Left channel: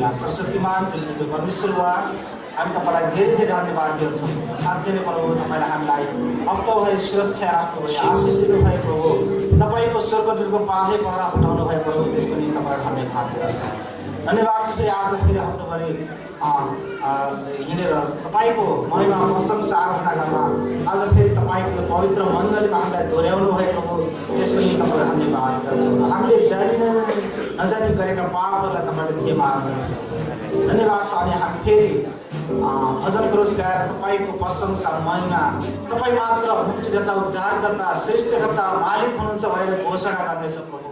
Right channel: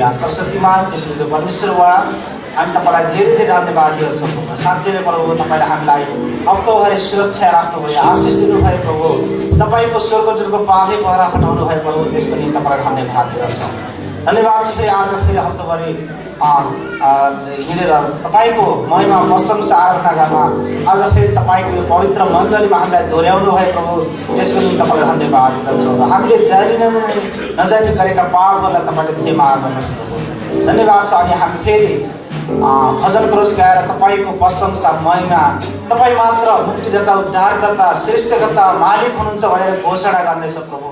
सरस्वती माँ जिम्मेदार परमेश्वर वा हामी तपाईलाई धेरै धेरै धन्यवाद दिन्छौँ प्रभु। साँच्चै नै प्रभु तपाईले हामीलाई हप्ताभरि सुरक्षा राख्नुभयो, आशिष दिनुभयो प्रभु। तपाईको स्वर्गदूतको पाले पहरा हटाउनु भयो प्रभु, त्यसको निम्ति तपाईलाई धन्यवाद दिन्छौँ। धन्यवाद छ फेरि आज फेरि हप्ताभरि हिँडेर तपाईको महिमा प्रशंसा आराधना गर्न आज फेरि तपाईको यो पवित्र मण्डलीमा हामीलाई दोहोऱ्याउनु भयो प्रभु, त्यसको निम्ति तपाईलाई धन्यवाद दिन्छौँ। र हामीले जानी नजानी गरेका पापहरूलाई तपाईले क्षमा गर्नुहोस् प्रभु। धन्यवाद छ। अनि हामी फेरि भजन क्रोस गाएर तपाईको प्रशंसा महिमा तपाई मात्र मुक्तिदाता उद्धारकर्ता श्रेष्ठकर्ता मालिक हुनुहुन्छ भनेर घोषणा गर्नेछ प्रभु।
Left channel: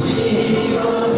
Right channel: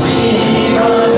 जीवन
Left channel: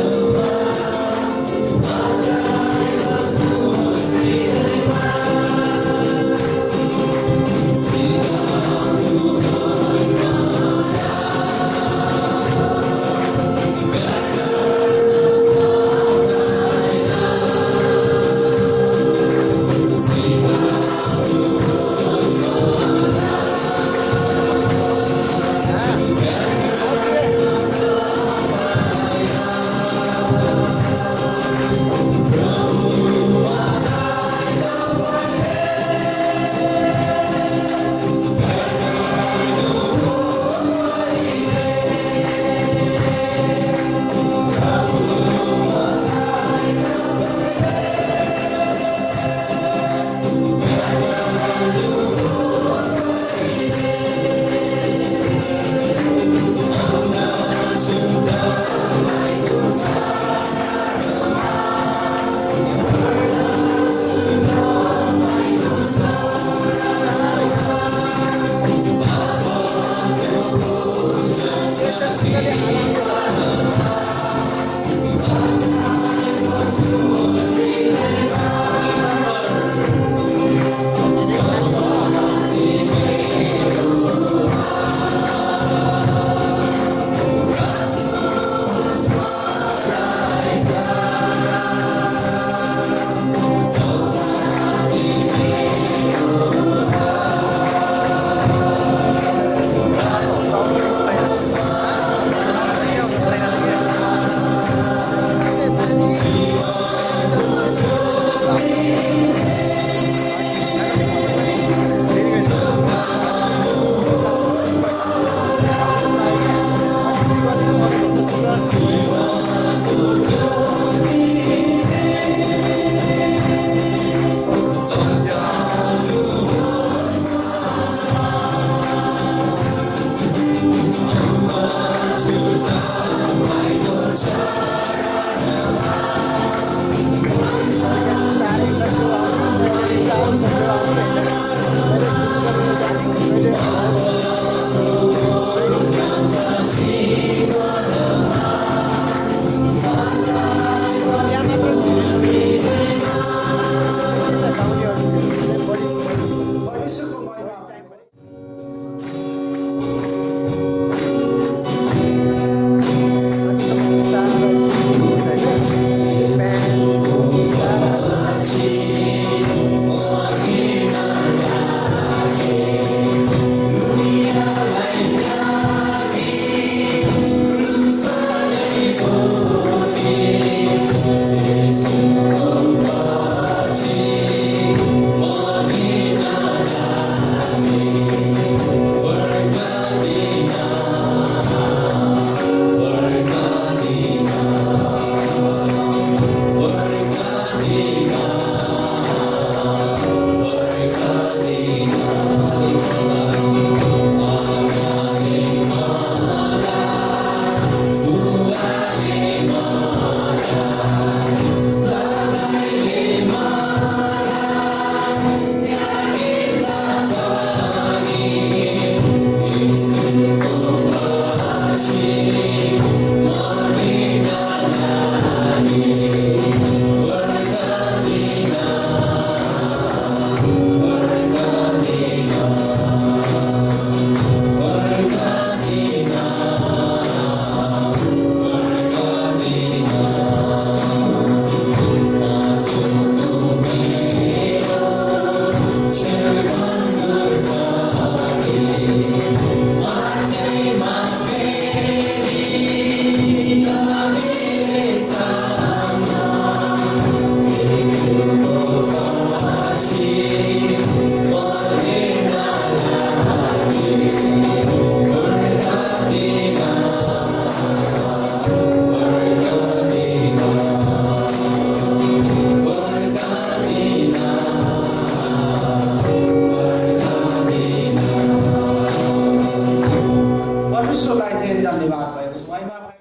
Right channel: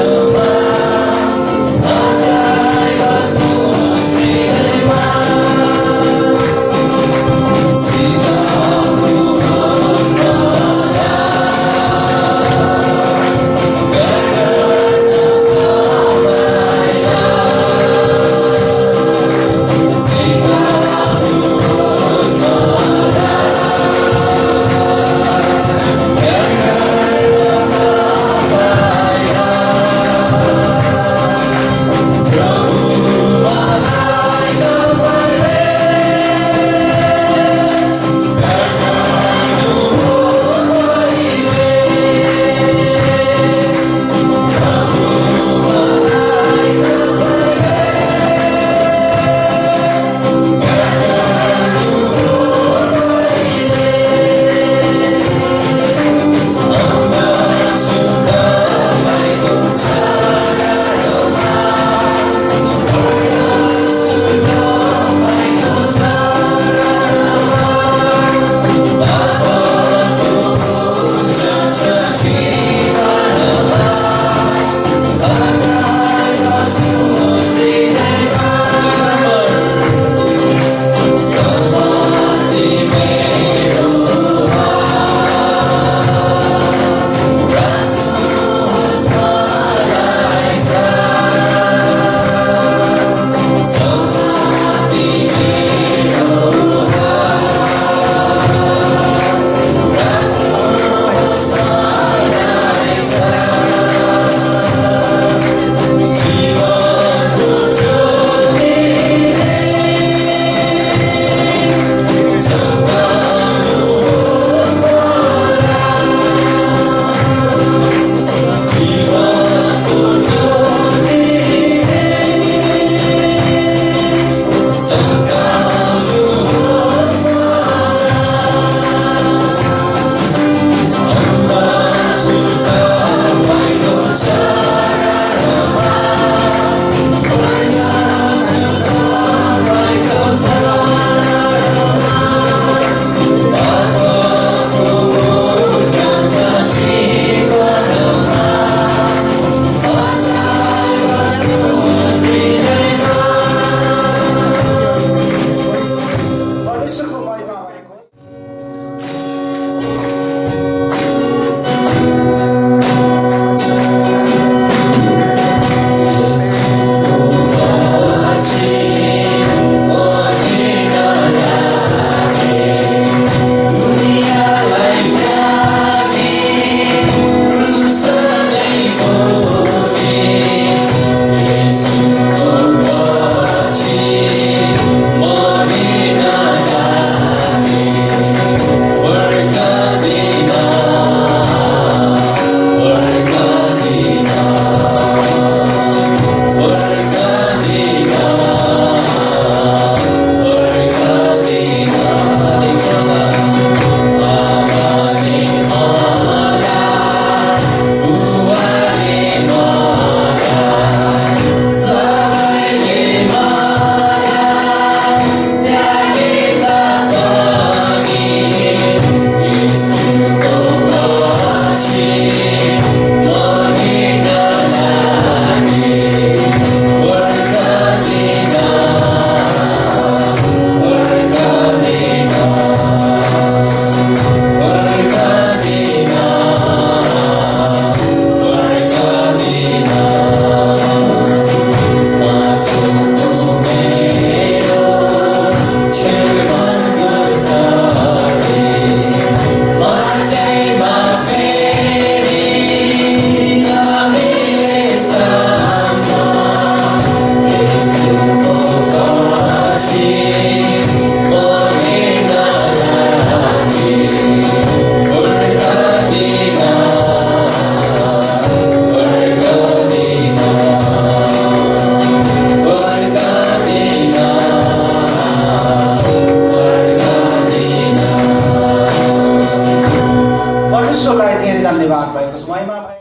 महिमा भए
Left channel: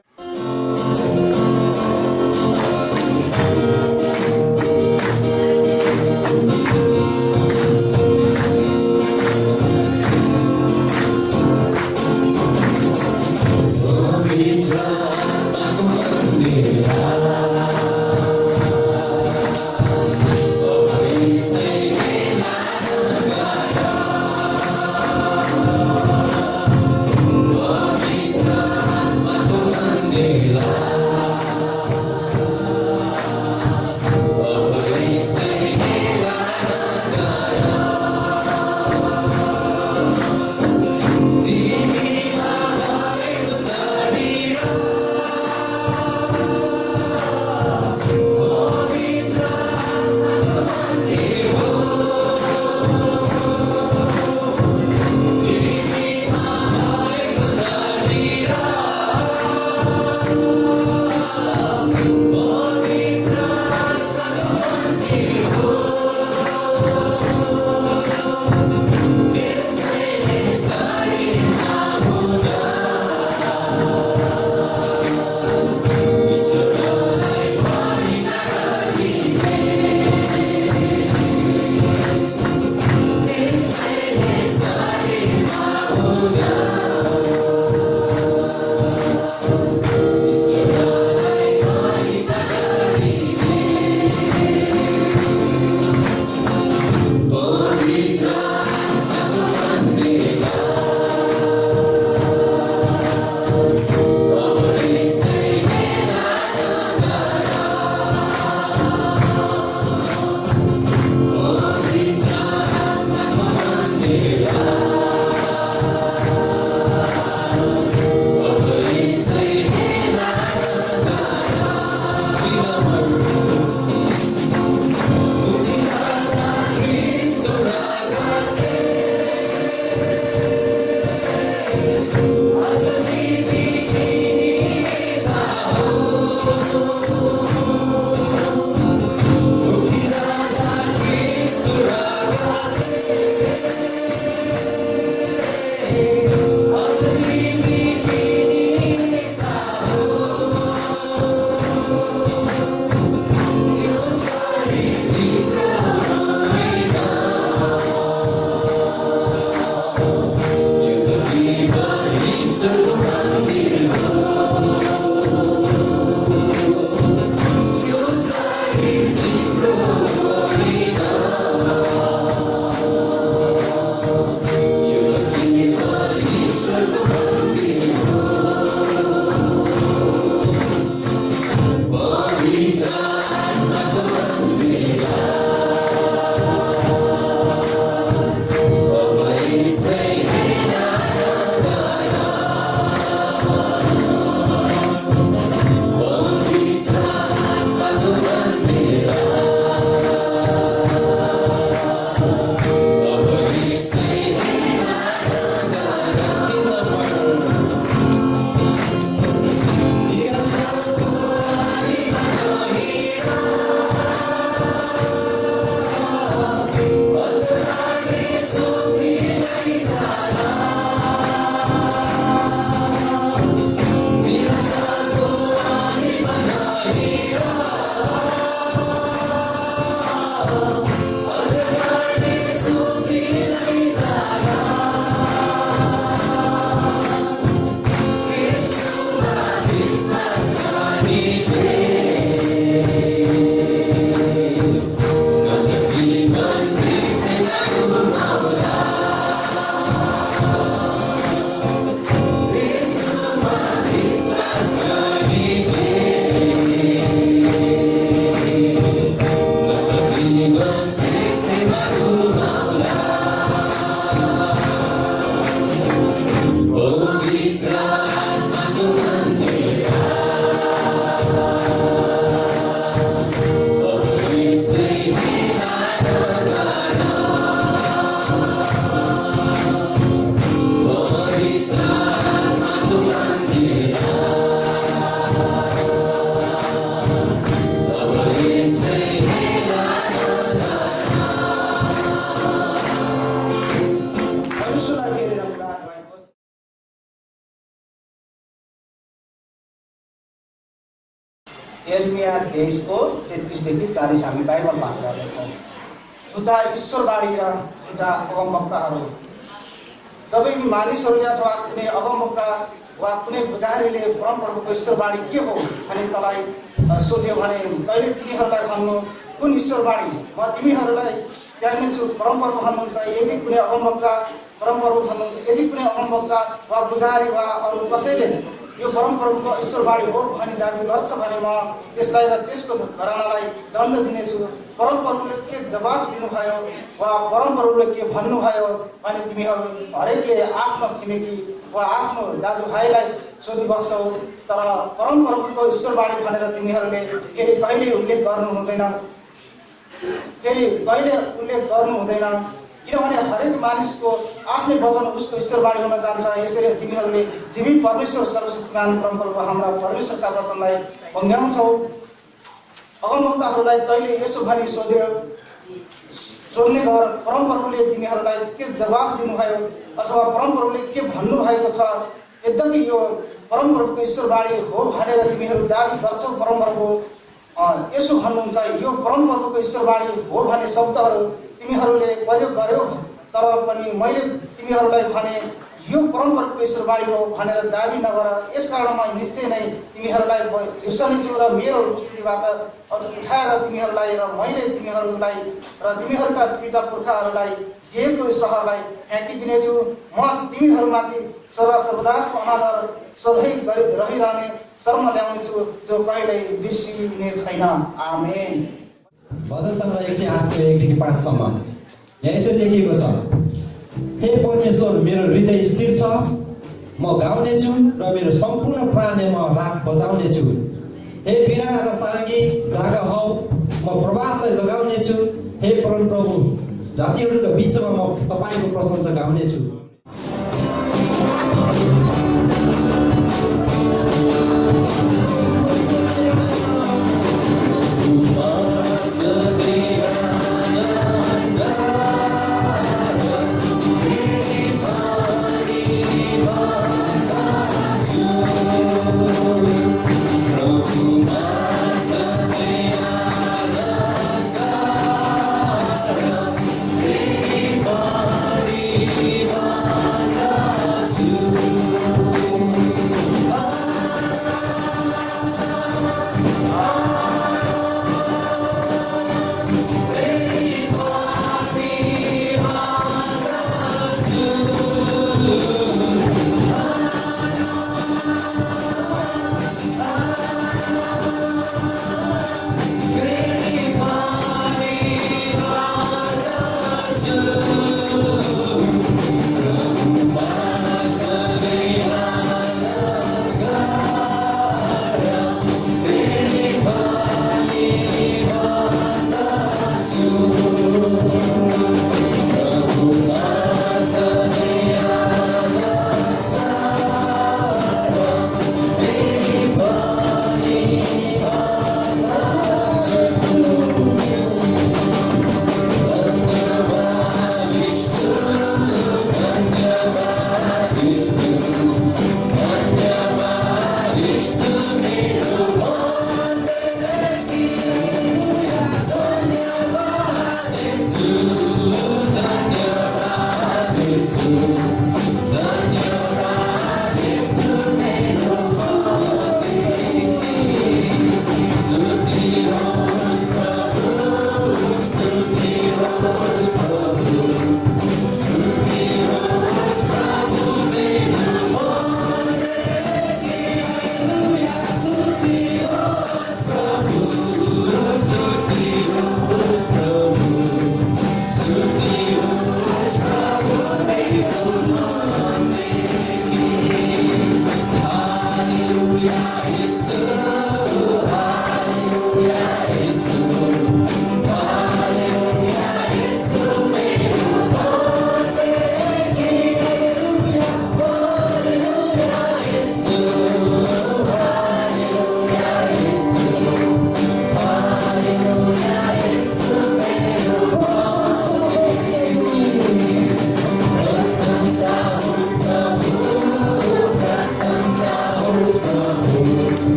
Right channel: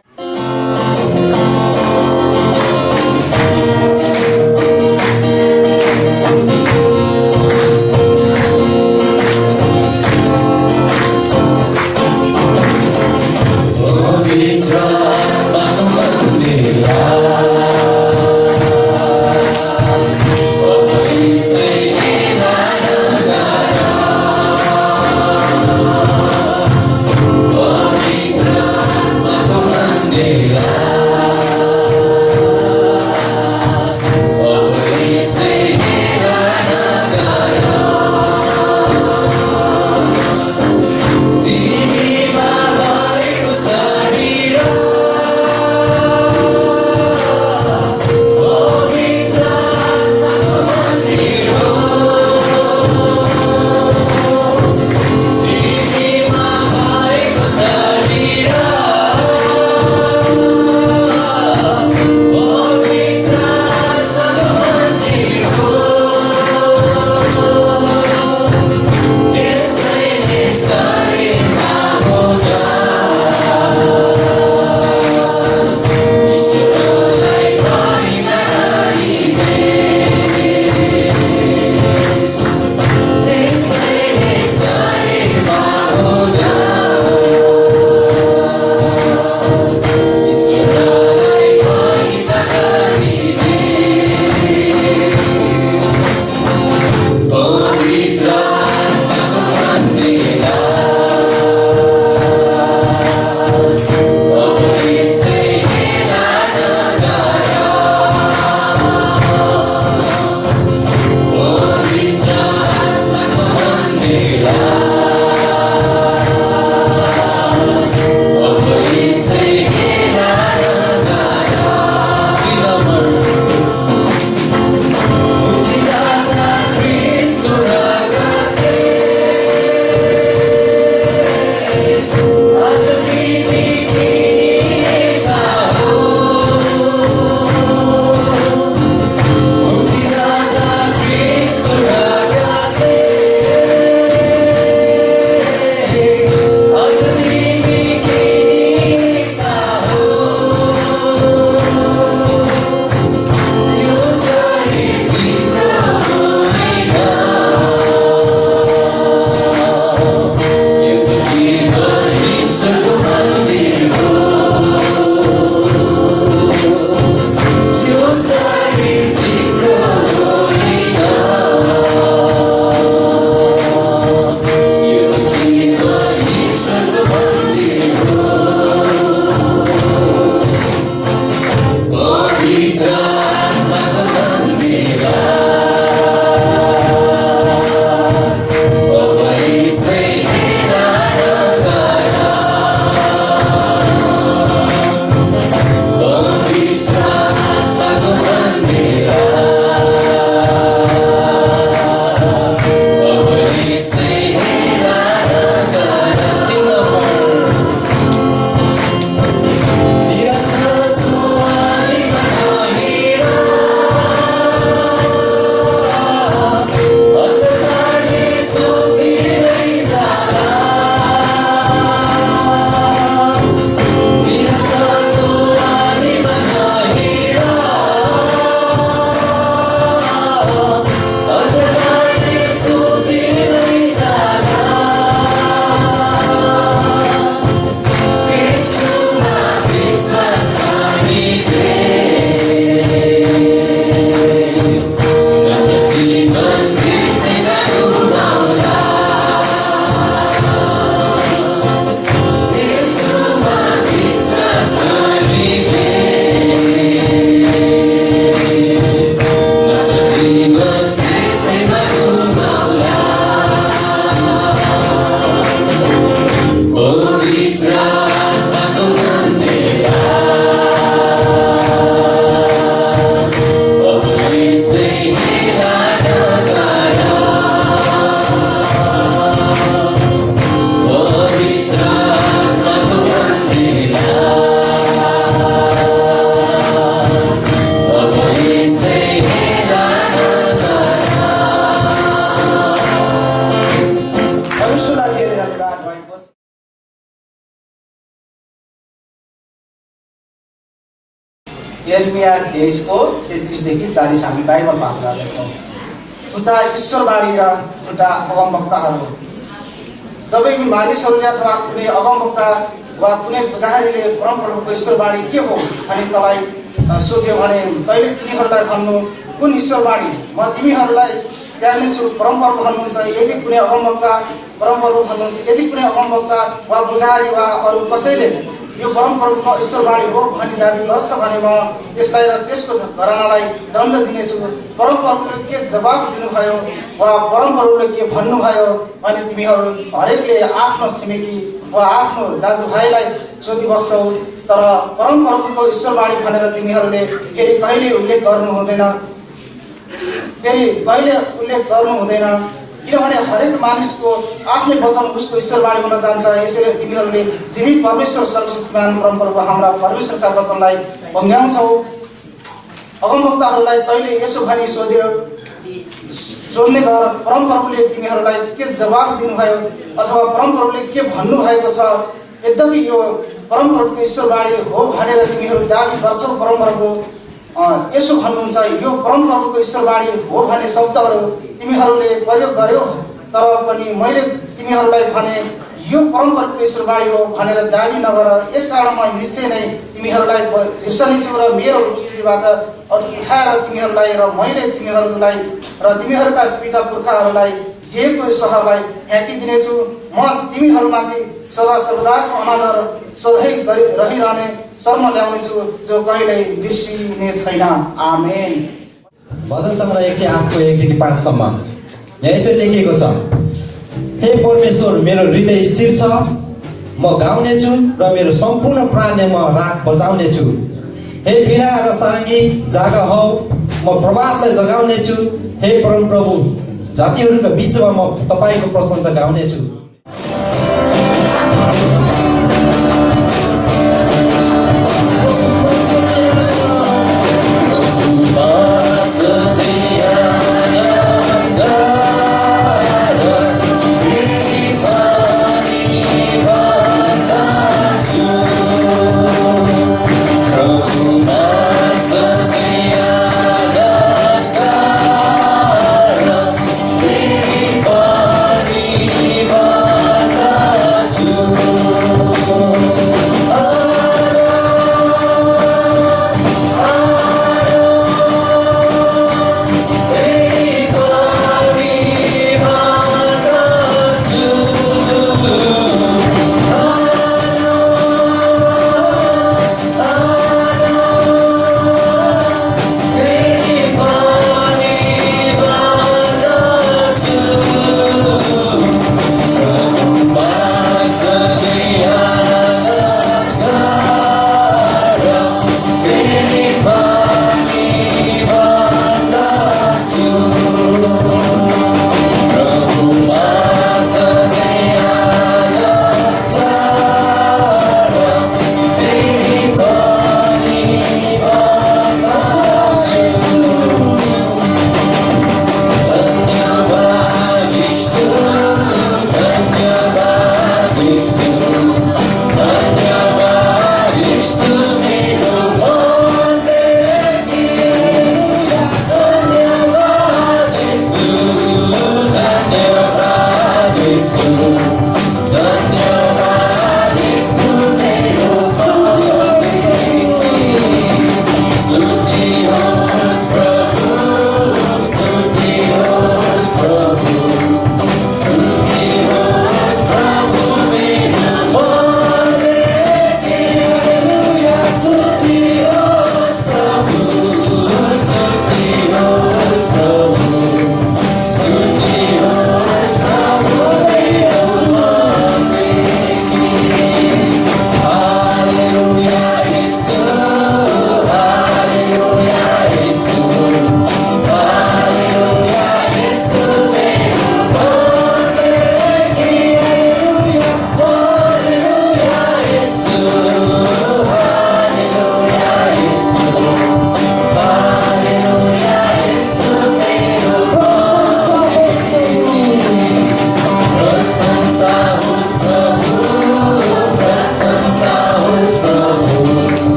Come on. यिर्मया 23 देखि 40 हामी बाइबल पाठ गर्दैछौँ। झुटा ईश्वरवाणी र झुटा अगमवक्ताहरू। जब यी मानिसहरूले अथवा कुनै अगमवक्ता वा कुनै पुजारीले परमप्रभुको ईश्वरवाणी के हो अनि तँलाई सोध्यो भने तैँले तिनीहरूलाई भन्नु, कुन ईश्वरवाणी? म तिमीहरूलाई त्याग्नेछु। परमप्रभु भन्नुहुन्छ, यदि कुनै अगमवक्ता परमप्रभु भन्नुहुन्छ, यदि कुनै अगमवक्ता वा पुजारी वा अरू कसैले यो परमप्रभुको ईश्वरवाणी हो भनी दाबी गर्छ भने म त्यसलाई र त्यसको घरानालाई दण्ड दिनेछु। परमप्रभुले के जवाब दिनुभयो वा परमप्रभुले के भन्नुभयो भने तिमीहरू हरेकले आफ्नो छिमेकी वा आफ्नो दाजुभाइलाई सोधिबस्छौ, तर परमप्रभुको ईश्वरवाणी भनेर तिमीहरूले फेरि कहिले उल्लेख गर्नु हुँदैन। किनभने हरेक मानिसको आफ्नै वचन उसको ईश्वरवाणी हुन जान्छ। यसैले तिमीहरूले जीवित परमेश्वर सर्वशक्तिमान परमप्रभु हाम्रा परमेश्वरका वचनलाई भङ्ग्याउँछौ। अगमवक्ताहरूलाई तैँले यसो भनी सोध्ने गर, परमप्रभुले तिमीहरूलाई के जवाब दिनुभयो अथवा परमप्रभुले के भन्नुभएको छ? यद्यपि यो परमप्रभुको ईश्वरवाणी हो भनेर तिमीहरू दाबी गर्छौ, परमप्रभु यसो भन्नुहुन्छ, यो परमप्रभुको ईश्वरवाणी हो भन्ने शब्दहरू तिमीहरूले प्रयोग गर्यौ, तर पनि मैले तिमीहरूलाई भने यो परमप्रभुको ईश्वरवाणी हो भनेर दाबी नगर। यसकारण म निश्चय नै तिमीहरूलाई बिर्सनेछु र मेरो उपस्थितिबाट उठाएर तिमीहरूलाई र मैले तिमीहरूलाई र तिमीहरूका पिता पुर्खाहरूलाई दिएको सहरलाई फ्याँकिदिनेछु। म तिमीहरूमाथि सदा सर्वदाको अनादर सधैँ रहिरहने शर्म ल्याउनेछु, जो कहिल्यै बिर्सिने छैन। आमेन। भजन सङ्ग्रह 108 को 1 देखि 5 सम्म यहाँ यसरी लेखिएको छ, हे परमेश्वर, मेरो हृदय स्थिर छ, म गाउनेछु र मेरो सम्पूर्ण प्राणले म राग बजाउनेछु। हे वीणा र सारङ्गी जाग हौ, म प्रभातलाई जगाउनेछु। हे परमप्रभु, जातिहरूका बिचमा म तपाईँको प्रशंसा गाउनेछु।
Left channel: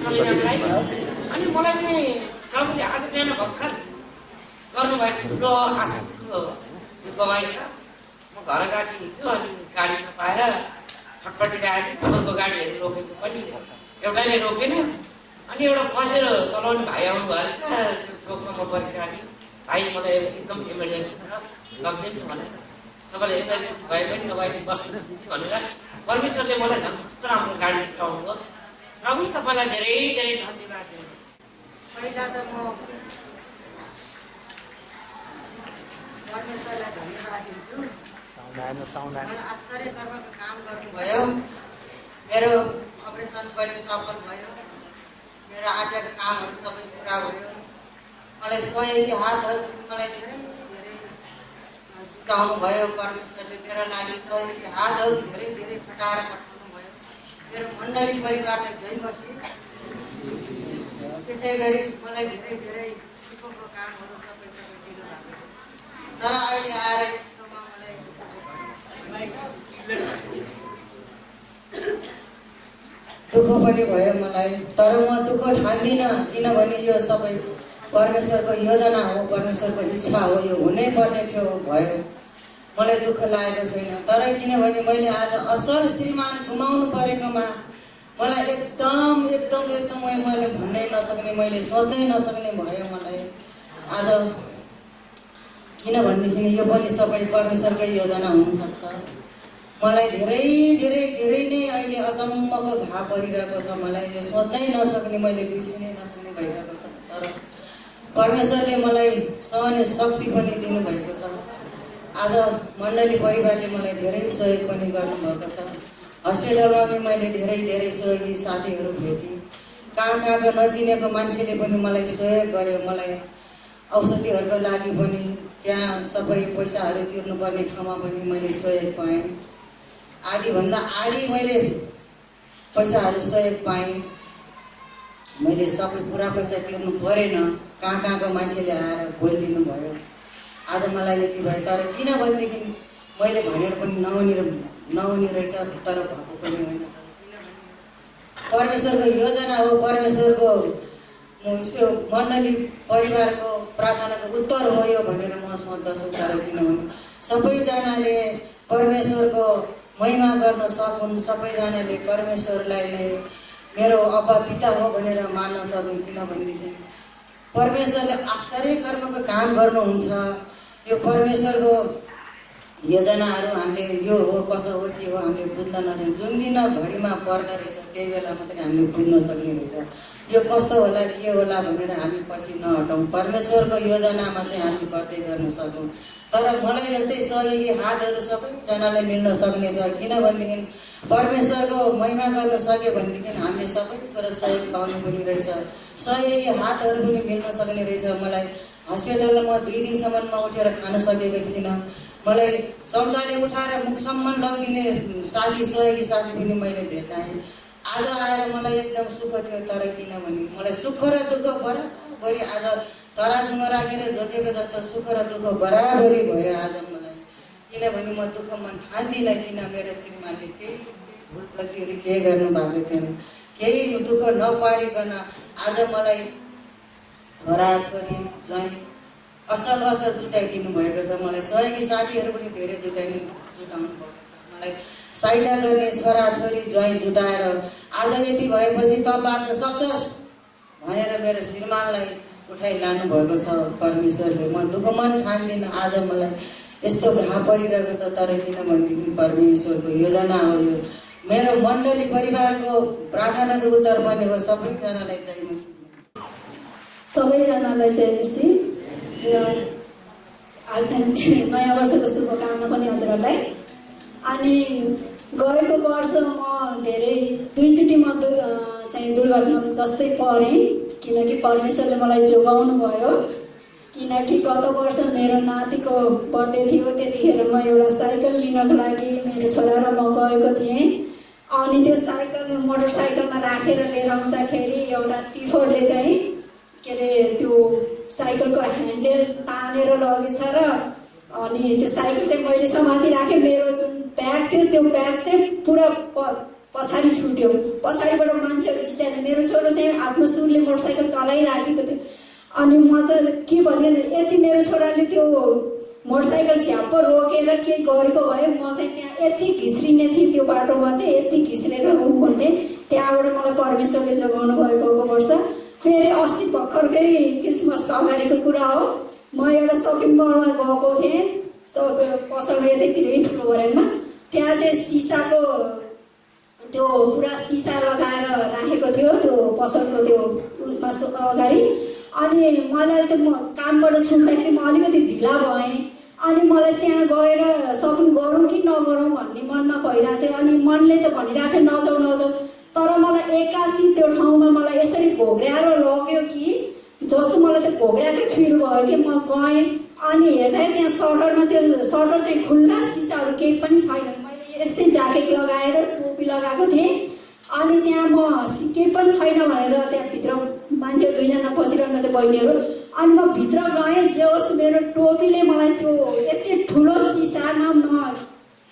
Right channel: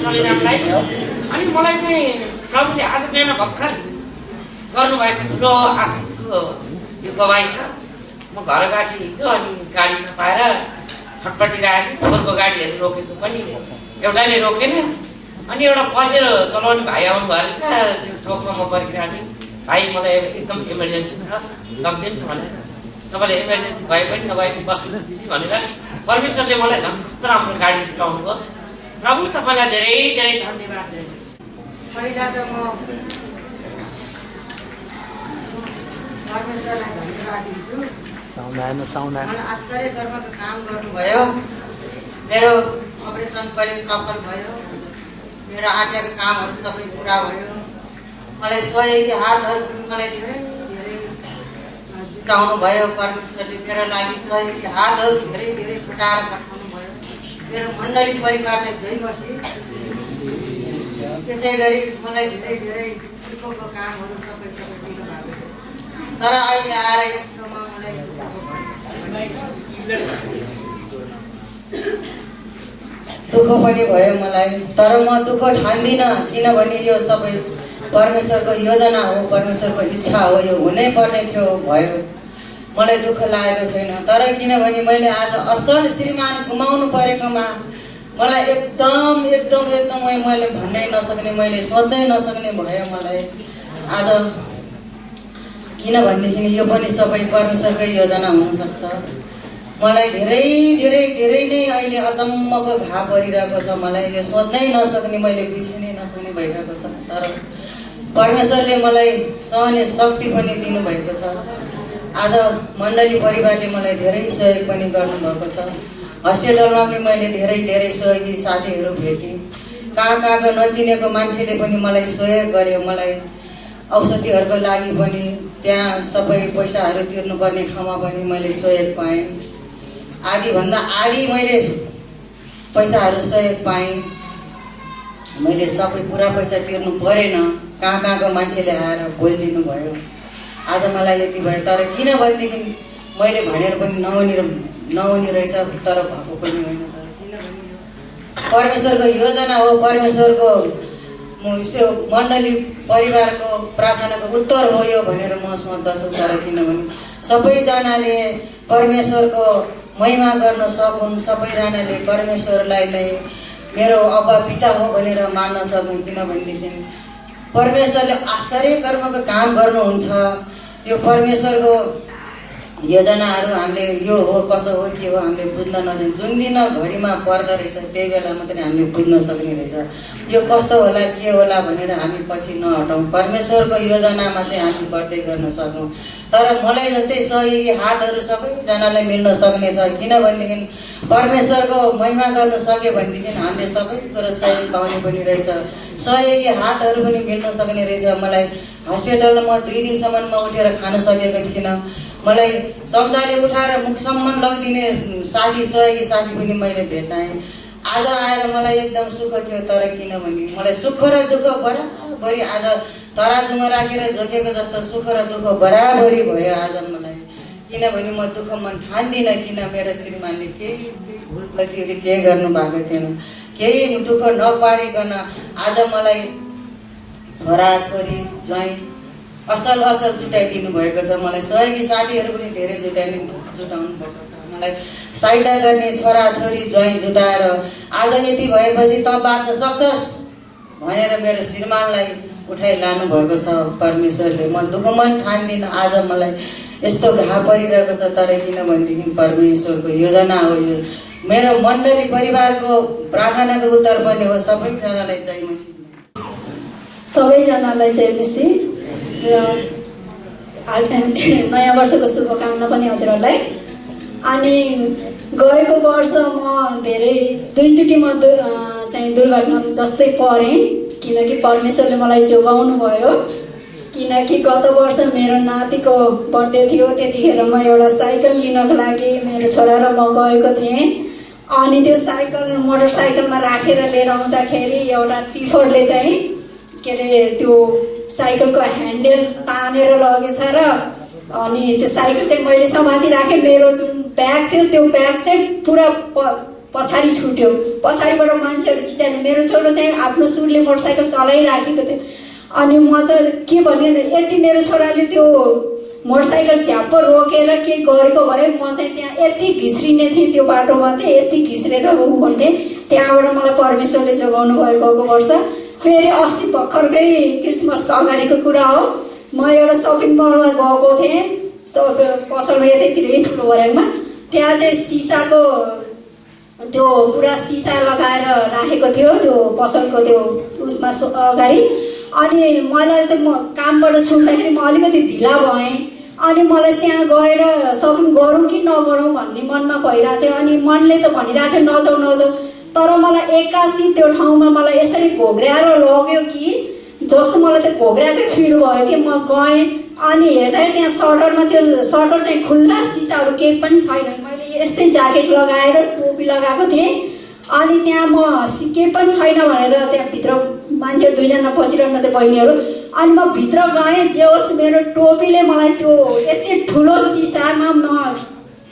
सबैजनालाई अनि मलाई चाहिँ प्रभुले आज बिहान भर्खर गर्नुभएको ठुलो आशिषको यो गवाई छ। म घर गएको थिएँ हिजो अनि गाडी नपाएर छटपटिरहेको थिएँ। पोहोरको गाडीहरू रोकेको पनि एउटाले रोकेन अनि एउटा बसेर चलाउने भाइ आउनुभयो रहेछ। त्यो चोकमा म पर्खिरहेको थिएँ। भाइ मलाई एकदम इमर्जेन्सी छ लगिदिनु भनेर, तपाईँले इमर्जेन्सी भए पनि नभए पनि बस्नुहोस् दिदी भनेर परमेश्वरले मलाई झन् कस्तो राम्रो गाडी जुटाउनु भयो। प्रभु तपाईँलाई धेरै धेरै धन्यवाद। पहिला त म परमेश्वरलाई धन्यवाद दिन्छु। मलाई आश्चर्य कर्मको काम गर्नुभयो। मेरो अपरेसन पनि सफल भयो। मेरो आँटेका कामहरू सबै पुरा भयो। मलाई सहयोगी हातहरू पनि मलाई धेरै धेरै जुटाउनु भयो। परमेश्वरले मेरो लागि सहयोगी हातहरू धेरै धेरै फटाएर पठाउनु भयो। मेरो मण्डली परिवारलाई जय मसी। त्यसै गरी मलाई धेरै धेरै दुःखको कामहरू सबै दिनुभएको थियो। तर अहिले आएर एक ठाउँमा मलाई दुःख पनि भयो मलाई। तर म दुःख ठान्दिनँ, किनभने यो सबै परमेश्वरको योजना हो, परमेश्वरको इच्छा हो। यो हुनै पर्ने थियो, भयो। मलाई दुःख लागेको छैन। तर किनभने मैले आज असल श्रीमान गुमाउनु परेकोमा मलाई एकदम एकदम एकदम मैले भन्नै नसक्ने, मैले सोच्नै नसक्ने भयो मलाई आज। किनभनेदेखि यो पनि सबै परमेश्वरकै योजना हुनसक्छ। मलाई धेरै धेरै धेरै नै अहिले अचम्मको घाउ परिरहेको छ। मलाई यो सोच्नै नसक्ने, मैले बिर्सिनै नसक्ने भइरहेको छ। तर परमेश्वरले मलाई सहने शक्ति पनि दिनुभएको छ। आज मण्डली परिवारले मलाई धेरै सहयोग पनि गर्नुभएको छ। हस्पिटलमा पनि मैले धेरै धेरै सहयोगी साथीहरू भेटेँ। कहाँ कहाँको नचिनेको मान्छेले पनि मलाई सहयोग गर्यो। मलाई औषधिहरूको लागि पनि त्यहाँ सबै पैसाहरू तिर्नुपर्ने ठाउँमा पनि मैले सहयोग पाएँ। आधीभन्दा आधी मैले पैसाहरू सहयोग पाएँ। मैले सबै पुरा पैसा तिर्नु परेन। कहाँ कहाँको मान्छेले आएर बोलिदिनु भयो। आज मलाई यति भयो। तर किनभनेदेखि मैले भनेर पनि नहुने रहेछ, तर भएको पनि होइन। तर किनभने यो परमेश्वरको योजना हो, परमेश्वरको यस्तो मण्डली परिवारको प्रार्थनाको उत्तर हो यो भनेर म सोच्दछु। तर किनभने सबैजनाले परमेश्वरको महिमा गर्न सकुन्, सबैजनाले परमेश्वरलाई नै मेरो अब्बा पिता हो भनेर मान्न सकुन्। किनभनेदेखि परमेश्वरले आश्चर्य कर्मको काम गर्नुहुन्छ। यो परमेश्वरको योजनाहरू हामीले यो हो कसो हो के हो हामीले बुझ्न नसक्ने, जुन दिन घडीमा पर्दो रहेछ त्यही बेला मात्रै हामीले बुझ्न सक्ने रहेछ। यो कस्तो होला के होला भनेर हामी पछि नहटौँ, परमेश्वरको योजनामा चाहिँ हामी बढ्दै गर्न सकौँ। तर मलाई जस्तै सहयोगी हातहरू सबैजनालाई मिल्न सक्ने छ। किनभनेदेखि परमेश्वरको महिमा गर्न सक्यो भनेदेखि हामीले सबै कुरो सहयोग पाउने पनि रहेछ, सहयोगी हातहरू पनि मिल्न सक्ने रहेछ। मलाई हस्पिटलमा 2 दिनसम्म म उठेर खान सकेको थिइनँ। मलाई चम्चाले उठाएर मुखसम्म लगिदिने साथी सहयोगी साथी पनि मैले भेटाएँ। आज आएर मलाई एकदम सुख थियो। तर किनभने मलाई सुख र दुःख बराबरी आज तराजुमा राखेर झोकेको जस्तो सुख र दुःख बराबरी भयो आज मलाई। किनभने म दुःख मन ठान्दिनँ, किन मेरो श्रीमानले केही भुल गल्तीहरू केही गर्नुभएको थिएन, केही दुःख नपारिकन आज मलाई छोराछोरी ज्वाइँ असल जुटाइदिनु भएको छ। मलाई सहयोगी साथीहरू पनि धेरै जुटाउनु भएको छ। मलाई सहायता गर्ने छोराछोरी ज्वाइँ जुटाएर आज यति भएपछि तँ बाँच्न सक्छस् भनेर मेरो श्रीमानलाई उठाइ लानु भएको छ परमेश्वरले। म दुःख मन ठान्दिनँ। आज मलाई यस्तो घा परिरहेको छ, तर किनभनेदेखि परमेश्वरको योजना हो यो। मेरो मण्डली परिवारको प्रार्थनाको उत्तर पनि हो। सबैजनालाई जय मसीह। सबैजनालाई जय मसीह र नयाँ वर्षको शुभकामना पनि हजुरहरूलाई। अनि गएको वर्ष म धेरै 2 चोटि म चाहिँ दुर्घटना जस्तै परेँ, किनकि परमेश्वरले मलाई जोगाउनु भयो। किनकि गत वर्ष मेरो नातिको बर्थडे थियो, त्यतिखेर म एउटा साइकल लिनको लागि मेरो छोरा र म गएको थिएँ। अनि त्यो साइकल मोटरसाइकलमा राखेर लिएर आउँदाखेरि एउटा टिफरले चाहिँ के अरे त्यो साइकलको ह्यान्डल तानेर लगेछ र अनि त्यो साइकल चाहिँ मैले समाति राखेँ। मेरो जुन ब्याग थियो त्यो ब्याग चाहिँ पुरा पछाडि छुट्यो। पछाडिबाट मान्छेहरू चिच्याएर मेरो छोरो चाहिँ आफ्नो सुरले मोटरसाइकल चलाइराखेको थियो। अनि म त के भने यति मेरो छोराले त्यो मोटरसाइकल झ्याप्प रोकेर केही गरेको भए म चाहिँ त्यहाँ यति घिस्रिने थिएँ, त्यो बाटोमा चाहिँ यति घिस्रेर हुन्थेँ। त्यहाँबाट मलाई परमेश्वरले जोगाउनु भयो गएको वर्ष। फेरि अस्ति भर्खरकै क्रिसमसको अगाडिको कुरा हो, म एउटा सपिङ मलमा गएको थिएँ, पसलमा यतैतिरै ठुलो बर्याङमा। त्यहाँ चाहिँ सिसाको त्यो पुरा सिसा लगाएर राखेको थियो त्यो पसलको त्यो उसमा अगाडि। अनि मलाई त म कामबाट छुट्दाखेरि म अलिकति ढिला भएँ। अनि मलाई त्यहाँ गएर सपिङ गरौँ कि नगरौँ भन्ने मनमा भइरहेको थियो। अनि मनले त भनिरहेको थियो नजाऊ। तर मलाई एक्कासी त्यो ठाउँमा मलाई यसरी घोघ्राएर लग्यो कि जस्तो मलाई त्यो घोघ्राएकै फिल भयो कि म गएँ। अनि हेर्दाखेरि त्यहाँ सटरमा त्यो सटर चाहिँ खुल्ला, सिसाहरू केही पनि छैन। मैले यस्तै ज्याकेट लगाएर टोपी लगाएको थिएँ। अनि त्यहाँ म केही पनि छैन भनेर त्यहाँभित्र मान्छेहरू 2 जना बसिरहनु थियो बहिनीहरू। अनि म भित्र गएँ, जे होस् मेरो टोपीले मलाई त्यो यति ठुलो सिसामा म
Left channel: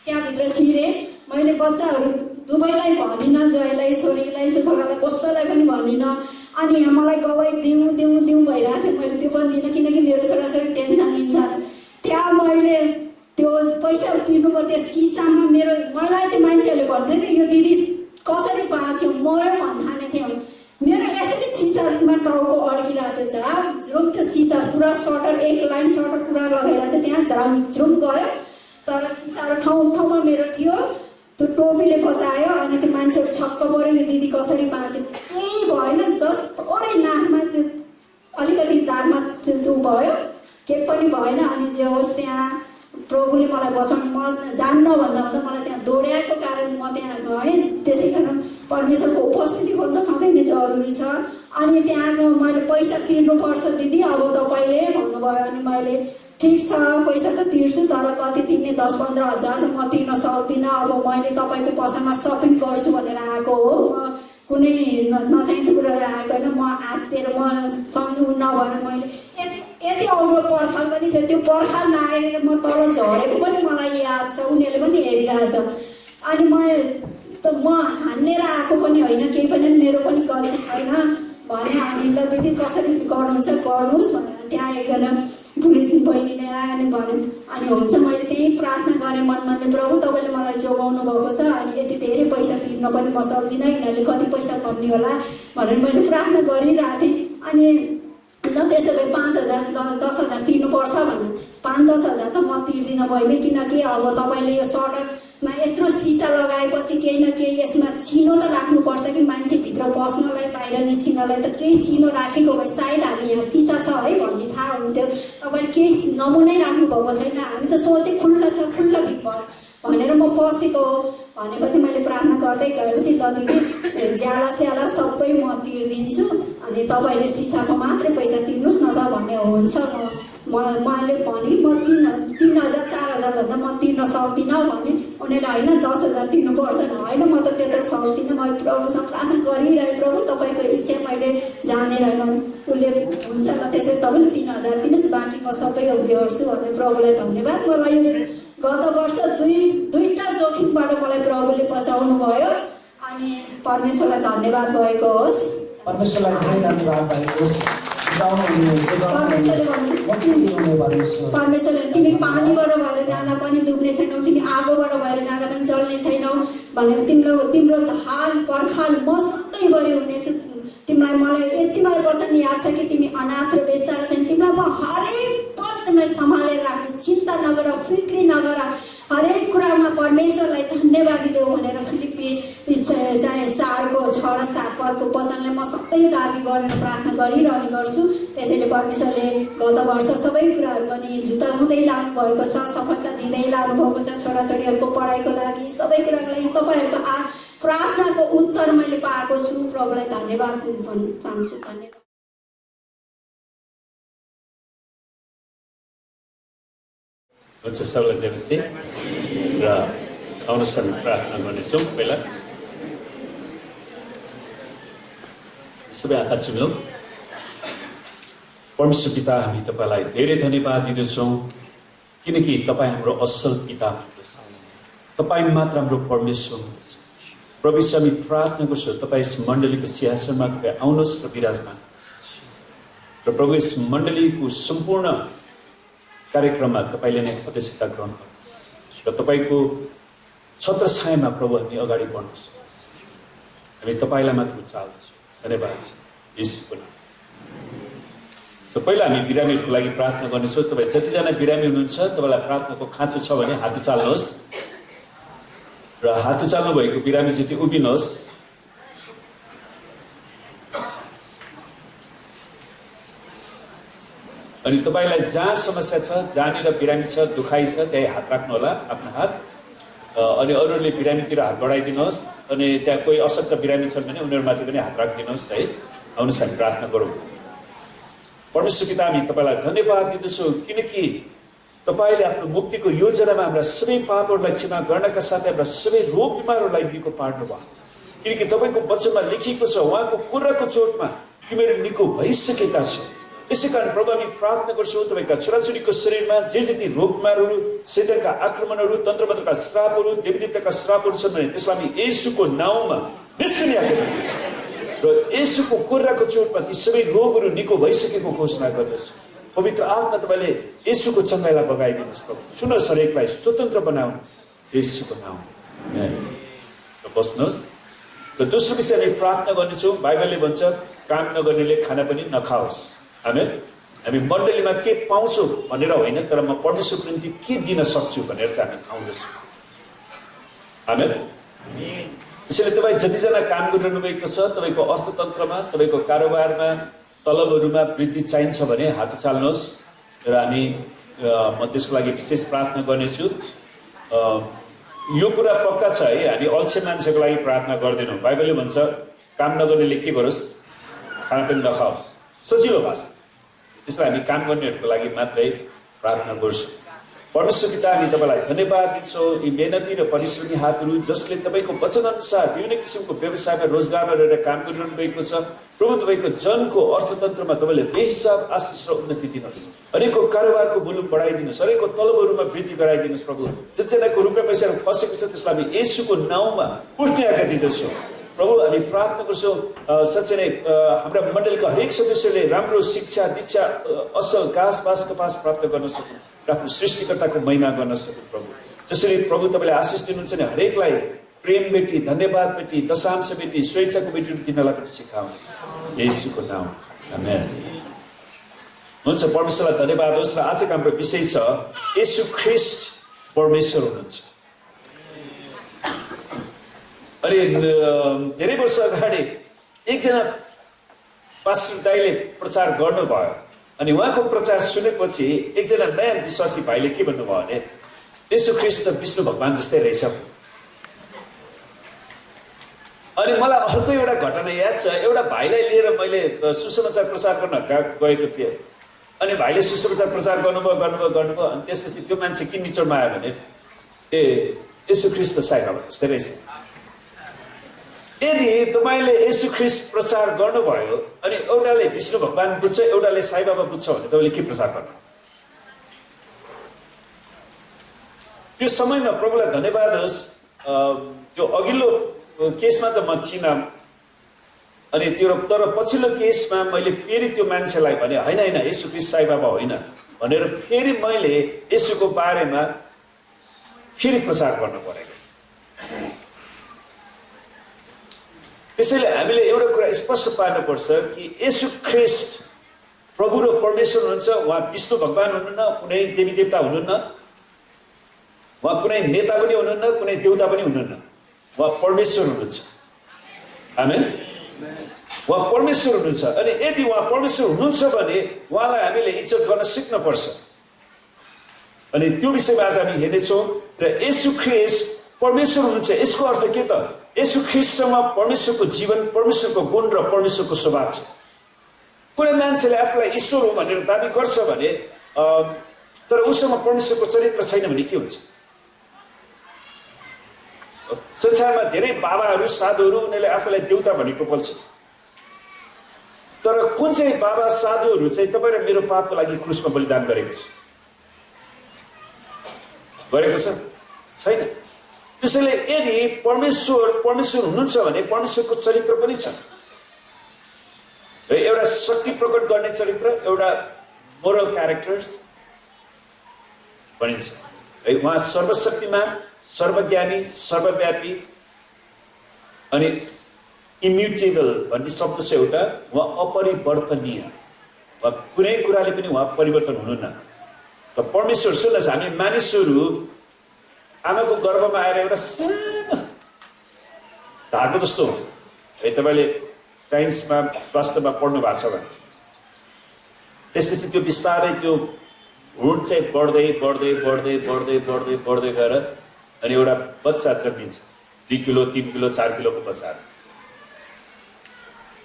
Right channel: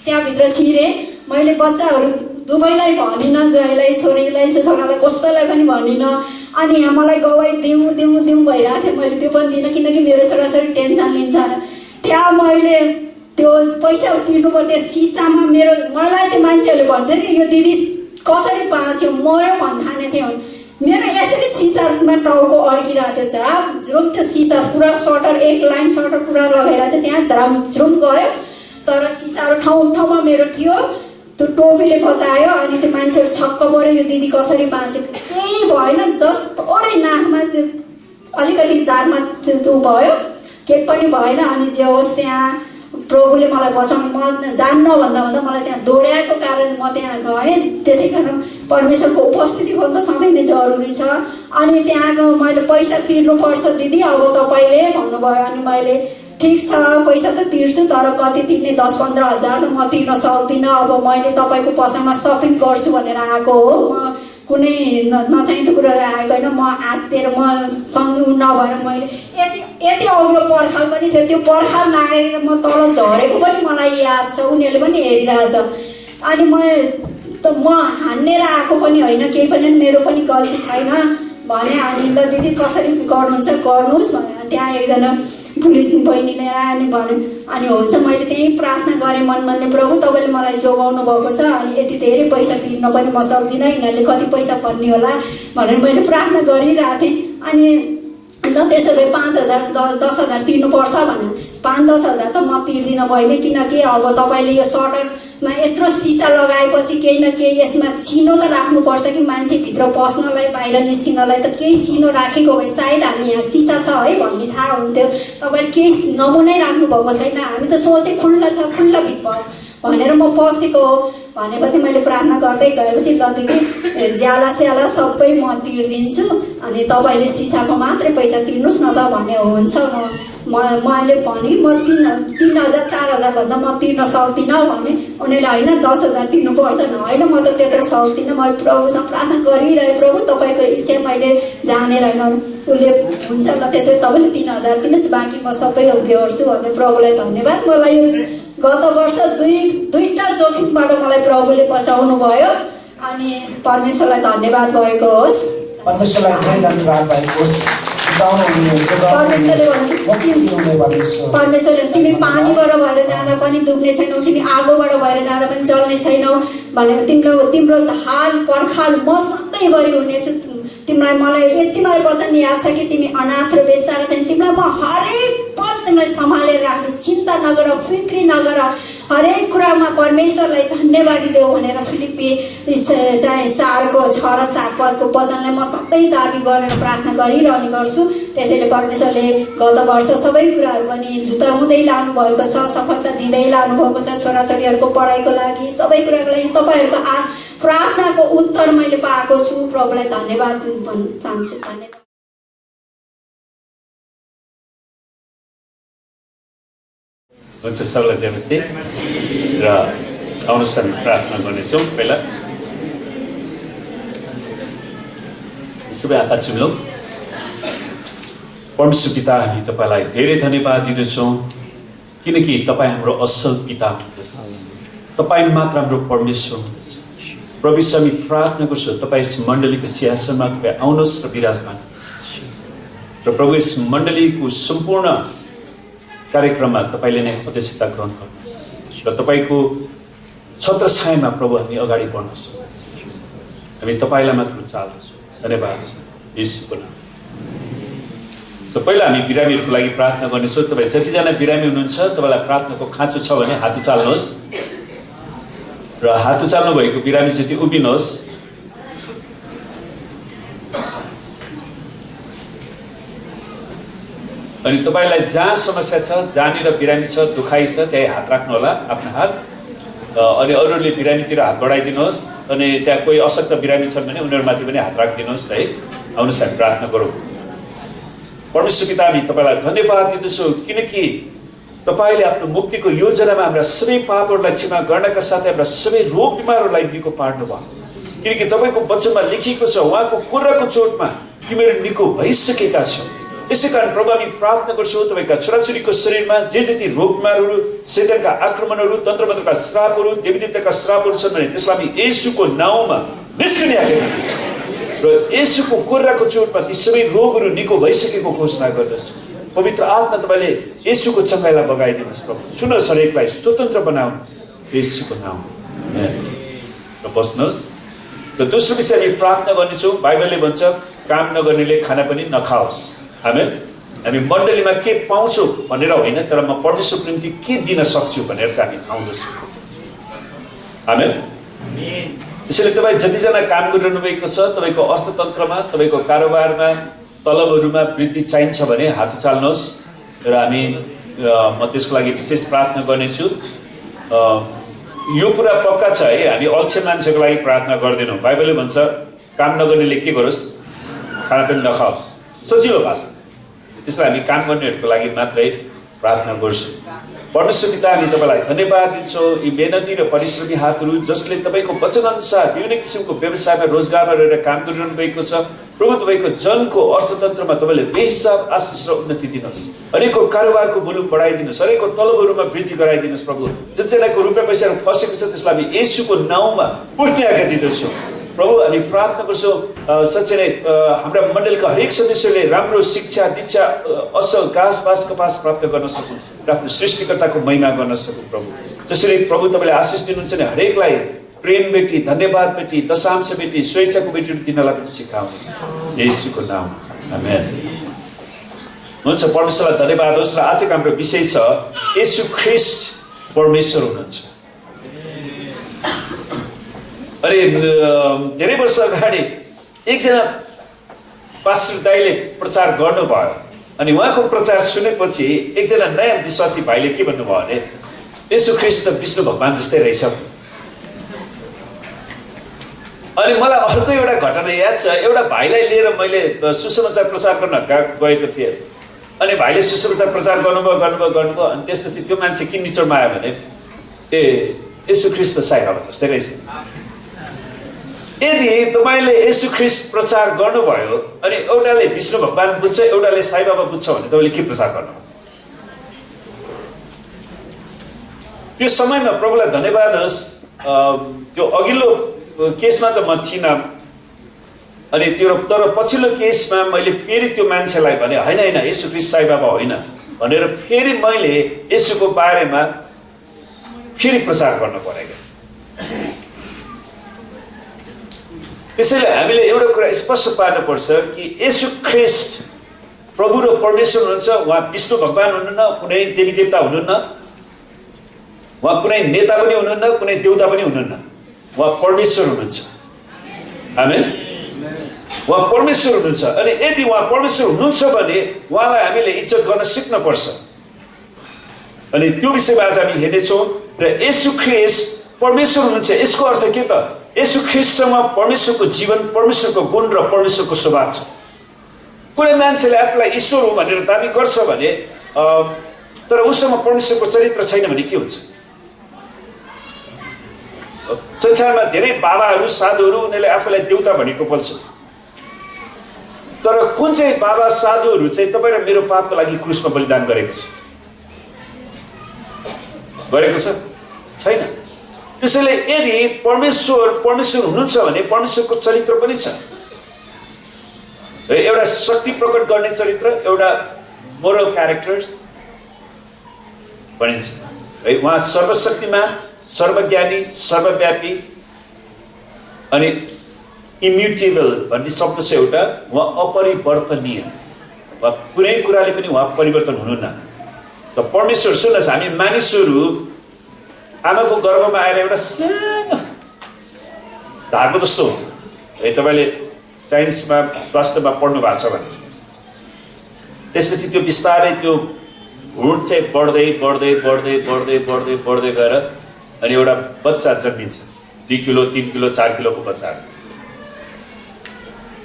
त्यहाँभित्र छिरेँ। मैले बच्चाहरू दुवैलाई भनिनँ, ज्वाइँलाई छोरीलाई छोरालाई कसैलाई पनि भनिनँ। अनि यहाँ मलाई गवाई दिउँ भइरहेको थियो। मैले त्यो पनि दिइनँ किनकि मेरो छोराछोरी टेन्सन लिन्छ। त्यहाँ मैले त्यो पैसा तिर्नुपर्ने सिसामा मलाई त्यो मान्छेहरूले भन्थ्यो कि यो दिदी कसरी बाँच्यो मऱ्यो भन्ठाने थियो। मेरो यसरी सिसामा टाउको अड्किरहेको थियो, झ्राम त्यो सिसा पुरा सटर एक लाइन सटर पुरा लगाइरहेको थियो, त्यहाँ झ्रुम गयो। तर सिसाहरू ठाउँमा मेरो थियो। त्यो टोपीले बचायो। अनि त्यो मान्छेहरू छक्क पऱ्यो यो दिदी कसरी बाँच्यो। केही भएन, जस्ट थोरै नाकमा त्यो अलिकति दागमा त्यो भयो, केही पनि भएन। अनि जे होस् त्यहाँ प्रभुले मलाई बचाउनु, म जान्न भन्दा मलाई त्यहाँ दोहोऱ्याएको कारण म त्यहाँ गएँ। त्यसै कारण परमेश्वरको उपस्थिति खोज्न सधैँ नै जरुरी छ। अनि त्यहाँको मैले पैसा तिर्नुपर्छ दिदी अब तपाईँले भन्नुभयो। अनि मैले ठिक छ पैसा त तिर्छु, तर कति तिर्ने 10-15 हजार त म तिर्न सक्दिनँ। अब मैले तपाईँको पसलमा सपिङ गर्छु भनेर आएको हो, म कुनै नचाहिँदो कुराहरू आएको होइन। म आत्तिएर म सँगै नभएर मैले यति अग्लो पर्खाल पनि थियो, त्यो पर्खाल नआएर म तल झरेको पनि मलाई याद छ, उनीहरूले पनि हेरिरहेछ। अनि म हान्नेर आएको पनि होइन, केही पनि मेरो पनि गल्ती छैन। भने अनि ल दिदी कसरी गर्नुहुन्छ गर्नुहोस् भने त्यहाँ एकजना पुलिस बहिनीले आयो अनि भन्यो अनि हुन्छ मैले त्यहीँ प्रार्थना गरेँ मनले प्रभु तपाईँले मलाई जोगाउनु भएको छ अनि यति धेरै पैसा तिर्न पनि म सक्दिनँ यिनीहरूले कति पैसा भन्ने होला भनेर मैले प्रार्थना गरिरहेको थिएँ अनि ल त्यसो भए 5,000 10,000 तिर्नुपर्छ भने 5-10,000 त म तिर्दिनँ बहिनी किनकि अब तपाईँले यो सटरमा यत्रो सिसा लगाएपछि केही न केही यसमा चिनो त राख्नुपर्छ कि मान्छे भित्र पस्नलाई बाहिर निस्किनलाई त केही चिनो राखेको भए सायद हामी यहाँ सिसा छ है भन्ने थाहा हुन्थ्यो तपाईँले केही नमुनै राख्नुभएको छैन हामी त सोचे खुल्ला छ खुल्ला भित्र भनेर म पसेको हो भनेपछि मैले प्रार्थना गर्दै गएपछि ल दिदी ज्याला स्याला सबै म तिर्दिन्छु अनि तपाईँले सिसाको मात्रै पैसा तिर्नुहोस् न त भने हुन्छ मैले भने म 3,000 4,000 भन्दा म तिर्न सक्दिनँ भने उनीहरूले होइन 10,000 तिर्नुपर्छ होइन म त त्यत्रो सक्दिनँ मैले प्रभुसँग प्रार्थना गरिरहेँ प्रभु तपाईँको इच्छा मैले जानेर होइन उसले हुन्छ ल त्यसो भए तपाईँले 3,000 दिनुहोस् बाँकी म सबै बेहोर्छु भने प्रभुलाई धन्यवाद मलाई यो गत वर्ष दुईटा जोखिमबाट मलाई प्रभुले बचाउनु भयो अनि परमेश्वरलाई धन्यवाद भएको होस् परमेश्वरलाई धेरै धन्यवाद भएको होस् परमेश्वरले तिमी पानीबाट भएर जाँदा पनि दुख्ने छैनौ तिमी आगोबाट भएर जाँदा पनि जल्ने छैनौ भनेर तिम्रो हाल पर्खाल म सधैँभरि हुनेछु तिमीलाई मलाई यति मलाई वचन याद छ कि तिमी अनाथ र बेस्सा छैन तिमीलाई म हरेक पल तिमीलाई सम्हालेर राख्नु चिन्ता नगर फिक्री नगर हरेक कुरामा परमेश्वरलाई धन्यवाद देऊ भनेर फिलिप्पी चाहिँ 4:6 र 7 पदको वचनलाई म सधैँ दाबी गरेर प्रार्थना गरिरहने गर्छु त्यसैले परमेश्वरले गत वर्ष सबै कुराहरू पनि जुटाउँदै लानु भएको छ सफलता दिँदै लानु भएको छ छोराछोरीहरूको पढाइको लागि सबै कुराको लागि तपाईँहरूको प्रार्थनाको उत्तर मैले पाएको छु प्रभुलाई धन्यवाद भन्न चाहन्छु धन्यवाद हुन्छ सबैलाई जयमसी र आउनुहोस् हामी प्रार्थना गर्नेछौँ पहिला सबै आँखा चिम्लौँ परमेश्वर पिता हामी तपाईँलाई धेरै धन्यवाद दिँदछौँ किनकि तपाईँ हाम्रो असल पिता हुनुहुन्छ तपाईँ मात्र हाम्रो परमेश्वर हुनुहुन्छ प्रभु हामी प्रार्थना गर्छौँ तपाईँ यस मण्डलीको सिंहासनमा तपाईँ आउनुहोस् र विराजमान र प्रभु यस मण्डलीको सम्पूर्ण कार्यक्रममा तपाईँले नै अध्यक्षता ग्रहण गर्नुहोस् र तपाईँको छत्र छायामा प्रभु हामी अगाडि बढ्छौँ हामी तपाईँलाई मात्र चाहन्छौँ धन्यवाद छ येशूको नाम सो पहिला हामी बिरामीहरूको लागि प्रार्थना गर्नेछौँ तपाईँ जतिजना बिरामी हुनुहुन्छ तपाईँलाई प्रार्थनाको खाँचो छ भने हात उचाल्नुहोस् र हात उचाल्नु भएको बिरामी जति उभिनुहोस् अनि तपाईलाई जहाँ समस्या छ जहाँनिर बिरामी छ दुखाइ छ त्यही हात राख्नु होला आफ्नो हात अनि अरूले बिरामीतिर हात बढाइदिनुहोस् अनि त्यहाँ कोही अशक्त बिरामी छन् भने उनीहरूमाथि पनि हात राखिदिनुहोस् है आउनुहोस् हामी प्रार्थना गरौँ परमेश्वर पिता हामी तपाईँलाई धन्यवाद दिँदछौँ किनकि तपाईँले आफ्नो मुक्तिको योजनामा हाम्रा सबै पापहरूलाई क्षमा गर्नका साथै हाम्रा सबै रोग बिमारहरूलाई निको पार्नुभयो किनकि तपाईँको वचनमा लेखिएको छ उहाँको कुर्राको चोटमा तिमीहरू निको भइसकेका छौ यसै कारण प्रभु हामी प्रार्थना गर्छौँ तपाईँका छोराछोरीको शरीरमा जे जति रोग बिमारहरू शैतानका आक्रमणहरू तन्त्रमन्त्रका श्रापहरू देवीदेवताका श्रापहरू छन् भने त्यसलाई हामी येशूको नाउँमा निस्कने आज्ञा दिँदछौँ र येशूको कुर्राको चोटमा ती सबै रोगहरू निको भइसकेको घोषणा गर्दछौँ पवित्र आत्मा तपाईँले येशूको चङ्गाइलाई बगाइदिनुहोस् प्रभु सुन्नुहोस् हरेकलाई स्वतन्त्र बनाउनुहोस् येशूको नाउँमा र बस्नुहोस् र दोस्रो विषय हामी प्रार्थना गर्नेछौँ बाइबलले भन्छ काम नगर्नेले खाना पनि नखाओस् आमेन हामी मण्डलीमा के पाउँछौँ भनेर होइन तर म परमेश्वरको निम्ति के दिन सक्छु भनेर चाहिँ हामी आउँदछौँ आमेन त्यसैले तपाईँ जतिजना काम गरिरहनु भएको छ तपाईँको अर्थतन्त्रमा तपाईँको कारोबारमा तलबहरूमा वृद्धि चाहिन्छ भने हात उचाल्नुहोस् र हामी म त्यसको लागि विशेष प्रार्थना गर्नेछु यो कुरा पक्का छ है हामी अल्छे मान्छेको लागि प्रार्थना गर्दैनौँ बाइबलले भन्छ काम नगर्नेले के गरोस् खाना पनि नखाओस् सजिलो भाषा त्यसलाई हामी काम गर्नेहरूको लागि मात्रै प्रार्थना गर्छौँ परमेश्वर पिता हामी तपाईँलाई धन्यवाद दिन्छौँ यी मेहनती र परिश्रमी हातहरू जसले तपाईँको वचनअनुसार विभिन्न किसिमको व्यवसायमा रोजगारमा रहेर काम गरिरहनु भएको छ प्रभु तपाईँको जनको अर्थतन्त्रमा तपाईँले बेहिसाब आशिष र उन्नति दिनुहोस् हरेकको कारोबारको भोल्युम बढाइदिनुहोस् हरेकको तलबहरूमा वृद्धि गराइदिनुहोस् प्रभु जतिजनाको रुपियाँ पैसाहरू फसेको छ त्यसलाई हामी येशूको नाउँमा पुट्ने आज्ञा दिँदछौँ प्रभु हामी प्रार्थना गर्छौँ साँच्चै नै हाम्रा मण्डलका हरेक सदस्यले राम्रो शिक्षा दीक्षा असल घाँस कपास प्राप्त गर्न सकुन् र आफ्नो सृष्टिकर्ताको महिमा गर्न सकुन् प्रभु। जसरी प्रभु तपाईँले आशिष दिनुहुन्छ नि हरेकलाई प्रेम बेटी, धन्यवाद बेटी, दशांश बेटी, स्वेच्छाको बेटीहरू दिनलाई पनि सिकाउनु येशूको नाम आमेन। हुन्छ, परमेश्वरलाई धन्यवाद होस्। र आजको हाम्रो विषय छ येशू ख्रीष्ट परमेश्वर हुनुहुन्छ। अनि धेरै वर्ष अगाडि एकजना पास्टर दाइले प्रचार गर्नुभयो अनि उहाँको प्रचार सुनेपछि एकजना नयाँ विश्वासी भाइले के भन्नुभयो भने येशू ख्रीष्ट त विष्णु भगवान जस्तै रहेछ। अनि मलाई अर्को एउटा घटना याद छ। एउटा भाइलाई लिएर मैले सुसमाचार प्रचार गर्न गएको थिएँ। अनि भाइले सुसमाचार प्रचार गर्नुभयो अनि त्यसपछि त्यो मान्छे के निचोडमा आयो भने येशू ख्रीष्ट त साई बाबा जस्तै रहेछ। यदि तपाईँले येशू ख्रीष्ट प्रचार गर्नुभयो अनि एउटाले विष्णु भगवान बुझ्छ एउटाले साई बाबा बुझ्छ भने तपाईँले के प्रचार गर्नुभयो? त्यो समयमा प्रभुलाई धन्यवाद होस्। त्यो अघिल्लो केसमा त म थिइनँ। अनि त्यो तर पछिल्लो केसमा मैले फेरि त्यो मान्छेलाई भने होइन होइन येशू ख्रीष्ट साई बाबा होइन भनेर फेरि मैले येशूको बारेमा फेरि प्रचार गर्न परेको। त्यसैले हामीले एउटा कुरा स्पष्ट पार्नुपर्छ कि येशू ख्रीष्ट प्रभु र परमेश्वर हुनुहुन्छ। उहाँ विष्णु भगवान हुनुहुन्न, कुनै देवी देवता हुनुहुन्न, उहाँ कुनै नेता पनि हुनुहुन्न, कुनै देवता पनि हुनुहुन्न। उहाँ परमेश्वर हुनुहुन्छ। आमेन। उहाँ परमेश्वर हुनुहुन्छ। अनि यदि उहाँ परमेश्वर हुनुहुन्छ भने उहाँलाई हामीले इज्जत गर्न सिक्नुपर्छ। अनि त्यो विषयमा आज हामी हेर्नेछौँ। र येशू ख्रीष्ट परमेश्वर हुनुहुन्छ यसको अर्थ के त? येशू ख्रीष्टसँग परमेश्वरको जीवन, परमेश्वरको गुण र परमेश्वरको स्वभाव छ। कुनै मान्छेले आफूलाई ईश्वर हो भनेर दाबी गर्छ भने तर उसँग परमेश्वरको चरित्र छैन भने के हुन्छ? संसारमा धेरै बाबाहरू साधुहरू उनीहरूले आफूलाई देवता भनी टोपल्छन्। तर कुन चाहिँ बाबा साधुहरू चाहिँ तपाईँ र मेरो पापको लागि क्रुसमा बलिदान गरेको छ? छैन। त्यसैले यदि परमेश्वर हुनुहुन्छ भने परमेश्वरको चरित्र पनि छ। एउटा शक्ति प्रकट गर्ने चरित्र, एउटा मोरल क्यारेक्टर्स भनिन्छ है। उहाँ सर्वशक्तिमान, सर्वज्ञानी, सर्वव्यापी अनि इम्युटेबल भन्ने शब्द छ एउटा। उहाँ अपरिवर्तनीय, उहाँ कुनै कुराले पनि उहाँ परिवर्तन हुनुहुन्न। त परमेश्वर सुन्नुहोस्, हामी मानिसहरू आमाको गर्भमा आएर एउटा सानो धागो जस्तो हुन्छ है। तपाईँले साइन्समा स्वास्थ्यमा पढ्नु भएको छ भने त्यसपछि त्यो बिस्तारै त्यो भ्रूण चाहिँ बढ्दै बढ्दै बढ्दै बढ्दै बढ्दै बढ्दै गएर अनि एउटा बच्चा जन्मिन्छ। 2 किलो 3 किलो 4 किलोको बच्चा।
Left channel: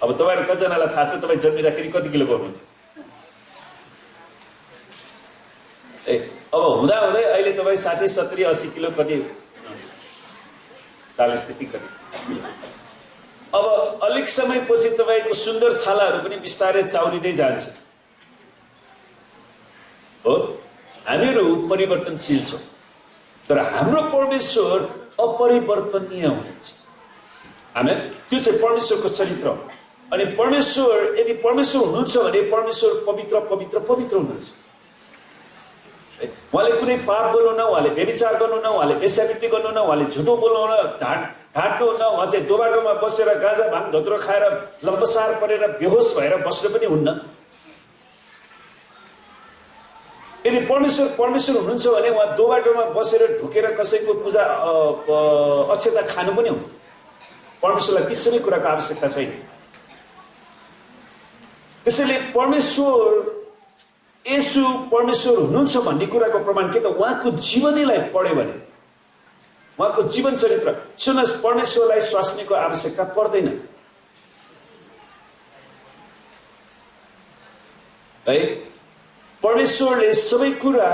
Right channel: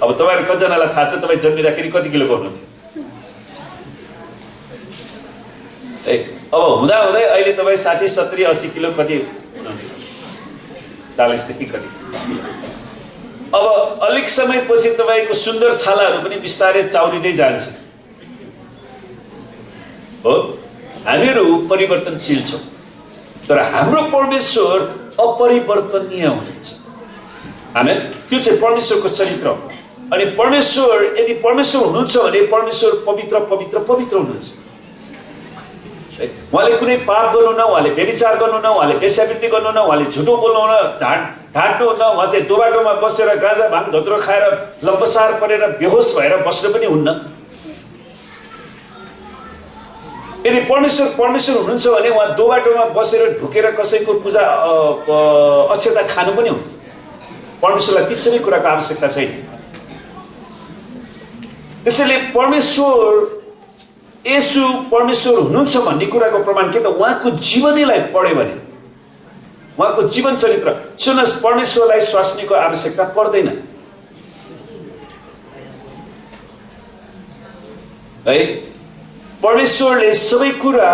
अब तपाईँहरू कतिजनालाई थाहा छ तपाईँ जन्मिँदाखेरि कति किलोको हुनुहुन्थ्यो? अब हुँदा हुँदै अहिले तपाईँ 60 70 80 किलो कति हुनुहुन्छ? 40 देखि कति किलो। अब अलिक समयपछि तपाईँको सुन्दर छालाहरू पनि बिस्तारै चाउरिँदै जान्छ। हो, हामीहरू परिवर्तनशील छौँ तर हाम्रो परमेश्वर अपरिवर्तनीय हुनुहुन्छ। आमेन। त्यो चाहिँ परमेश्वरको चरित्र हो। अनि परमेश्वर यदि परमेश्वर हुनुहुन्छ भने परमेश्वर पवित्र पवित्र पवित्र हुनुहुन्छ। उहाँले कुनै पाप गर्नुहुन्न, उहाँले व्यभिचार गर्नुहुन्न, उहाँले वेश्यावृत्ति गर्नुहुन्न, उहाँले झुटो बोल्नुहुन्न, ढाँट्नुहुन्न। उहाँ चाहिँ दोबाटोमा बसेर गाँजा भाङ धोत्रो खाएर लम्पसार परेर बेहोस भएर बस्न पनि हुन्न। यदि परमेश्वर हुनुहुन्छ भने उहाँ दोबाटोमा बसेर ढुकेर कसैको पूजा अक्षता खानु पनि हुन्न। परमेश्वरलाई ती सबै कुराको आवश्यकता छैन। त्यसैले येशू परमेश्वर हुनुहुन्छ भन्ने कुराको प्रमाण के त? उहाँको जीवनीलाई पढ्यो भने, उहाँको जीवन चरित्र सुन्नुहोस्, परमेश्वरलाई स्वास्नीको आवश्यकता पर्दैन है। परमेश्वरले सबै कुरा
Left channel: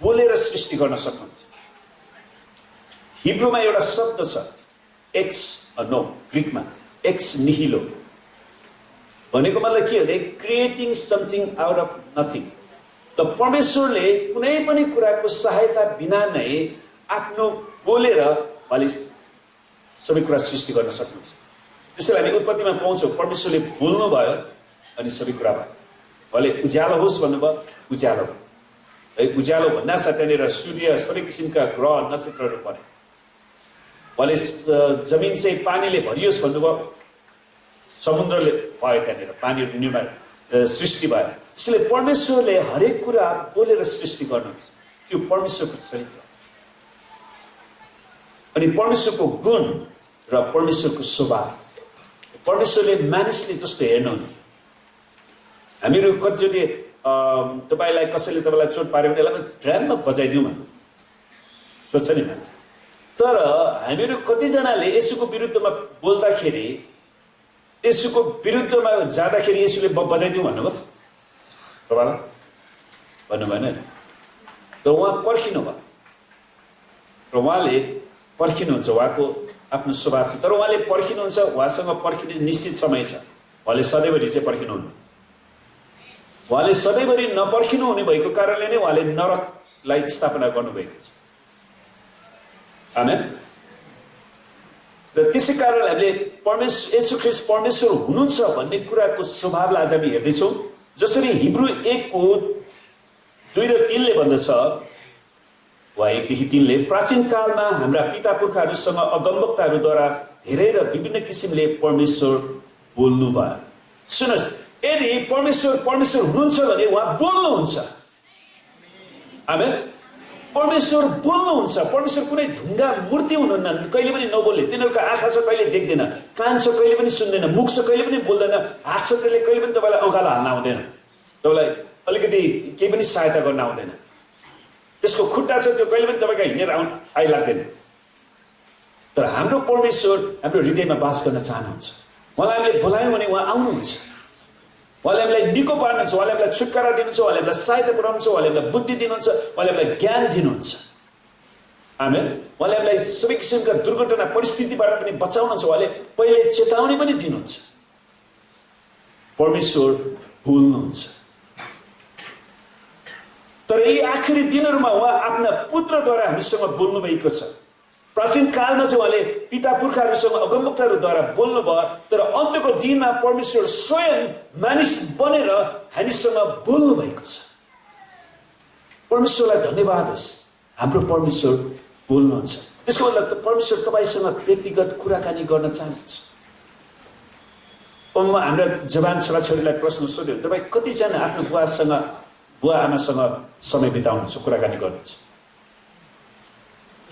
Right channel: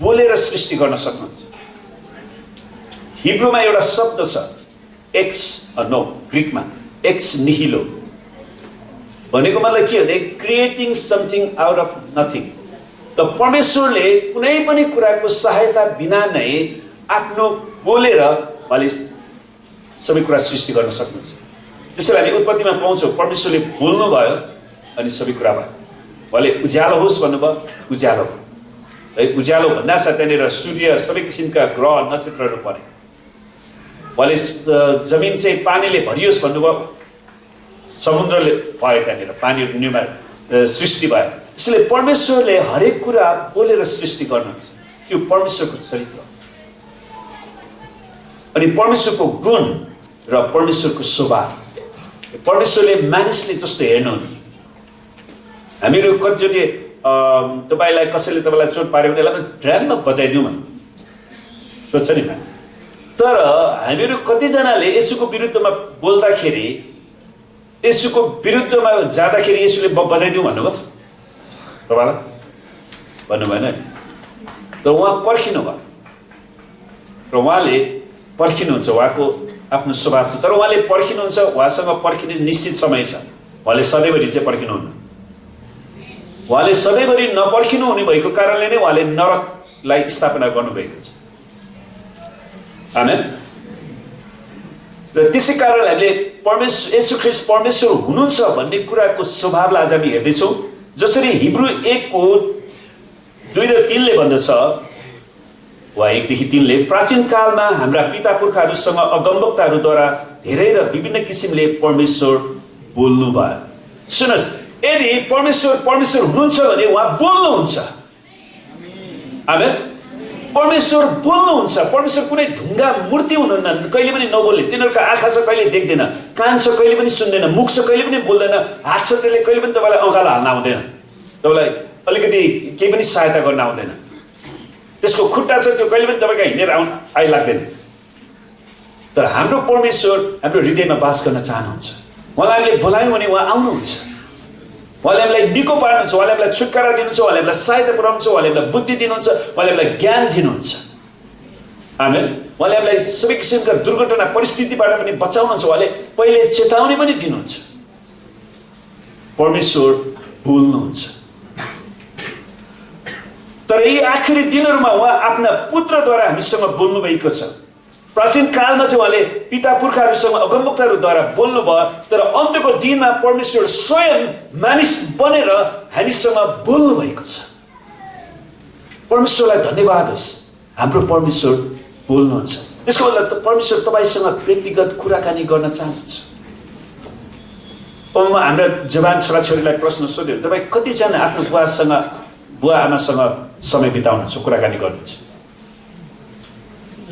बोलेर सृष्टि गर्न सक्नुहुन्छ। हिब्रूमा एउटा शब्द छ ग्रीकमा एक्स निहिलो भनेको मतलब के हो? Creating something out of nothing. त परमेश्वरले कुनै पनि कुराको सहायता बिना नै आफ्नो बोलेर उहाँले सबै कुरा सृष्टि गर्न सक्नुहुन्छ। त्यसैले हामी उत्पत्तिमा पाउँछौँ परमेश्वरले बोल्नुभयो अनि सबै कुरा भयो। उहाँले उज्यालो होस् भन्नुभयो, उज्यालो भयो है। उज्यालो भन्नासाथ त्यहाँनिर सूर्य सबै किसिमका ग्रह नक्षत्रहरू परे। उहाँले जमिन चाहिँ पानीले भरियोस् भन्नुभयो, समुद्रले भयो, त्यहाँनिर पानीहरू निर्माण सृष्टि भयो। त्यसैले परमेश्वरले हरेक कुरा बोलेर सृष्टि गर्नुहुन्छ, त्यो परमेश्वरको चरित्र हो। अनि परमेश्वरको गुण र परमेश्वरको स्वभाव, परमेश्वरले मानिसले जस्तो हेर्नुहुन्न। हामीहरू कतिचोटि तपाईँलाई कसैले तपाईँलाई चोट पार्यो भने यसलाई ड्राममा बजाइदिउँ भने सोध्छ नि मान्छे। तर हामीहरू कतिजनाले यसुको विरुद्धमा बोल्दाखेरि, यसुको विरुद्धमा जाँदाखेरि यसुले बजाइदिउँ भन्नुभयो तपाईँलाई भन्नु भएन नि। तर उहाँ पर्खिनु भयो र उहाँले पर्खिनुहुन्छ, उहाँको आफ्नो स्वभाव छ। तर उहाँले पर्खिनुहुन्छ, उहाँसँग पर्खिने निश्चित समय छ। उहाँले सधैँभरि चाहिँ पर्खिनुहुन्न। उहाँले सधैँभरि नपर्खिनु हुने भएको कारणले नै उहाँले नरकलाई स्थापना गर्नुभएको छ। आमेन। र त्यसै कारणले हामीले परमेश्वर येशू ख्रीष्ट परमेश्वर हुनुहुन्छ भन्ने कुराको स्वभावलाई आज हामी हेर्दैछौँ। जसरी हिब्रू 1:2 र 3ले भन्दछ, वा 1देखि 3ले, प्राचीन कालमा हाम्रा पिता पुर्खाहरूसँग अगमवक्ताहरूद्वारा धेरै र विभिन्न किसिमले परमेश्वर बोल्नु भयो। सुन्नुहोस्, यदि परमेश्वर हुनुहुन्छ भने उहाँ बोल्नुहुन्छ। आमेन। परमेश्वर बोल्नुहुन्छ। परमेश्वर कुनै ढुङ्गा मूर्ति हुनुहुन्न, कहिले पनि नबोल्ने। तिनीहरूको आँखा छ, कहिले देख्दैन, कान छ, कहिले पनि सुन्दैन, मुख छ, कहिले पनि बोल्दैन, हात छ, त्यसले कहिले पनि तपाईँलाई अँगालो हाल्न आउँदैन, तपाईँलाई अलिकति केही पनि सहायता गर्न आउँदैन, त्यसको खुट्टा छ, त्यो कहिले पनि तपाईँको हिँडेर आइलाग्दैन। तर हाम्रो परमेश्वर हाम्रो हृदयमा बास गर्न चाहनुहुन्छ। उहाँलाई हामीले बोलायौँ भने उहाँ आउनुहुन्छ। उहाँले हामीलाई निको पार्नुहुन्छ, उहाँले हामीलाई छुटकारा दिनुहुन्छ, उहाँले हामीलाई सहायता पुर्याउनुहुन्छ, उहाँले हामीलाई बुद्धि दिनुहुन्छ, उहाँले हामीलाई ज्ञान दिनुहुन्छ। आमेन। उहाँले हामीलाई सबै किसिमका दुर्घटना परिस्थितिबाट पनि बचाउनुहुन्छ, उहाँले पहिले चेतावनी पनि दिनुहुन्छ। परमेश्वर बोल्नुहुन्छ। तर यी आखिरी दिनहरूमा उहाँ आफ्ना पुत्रद्वारा हामीसँग बोल्नु भएको छ। प्राचीन कालमा चाहिँ उहाँले पिता पुर्खाहरूसँग अगमवक्ताहरूद्वारा बोल्नुभयो। तर अन्त्यको दिनमा परमेश्वर स्वयं मानिस बनेर हामीसँग बोल्नु भएको छ। परमेश्वरलाई धन्यवाद होस्, हाम्रो परमेश्वर बोल्नुहुन्छ। त्यसको मतलब परमेश्वर तपाईँसँग व्यक्तिगत कुराकानी गर्न चाहनुहुन्छ। म हाम्रा जवान छोराछोरीलाई प्रश्न सोध्यो, तपाईँ कतिजना आफ्नो बुवा आमासँग समय बिताउनुहुन्छ, कुराकानी गर्नुहुन्छ?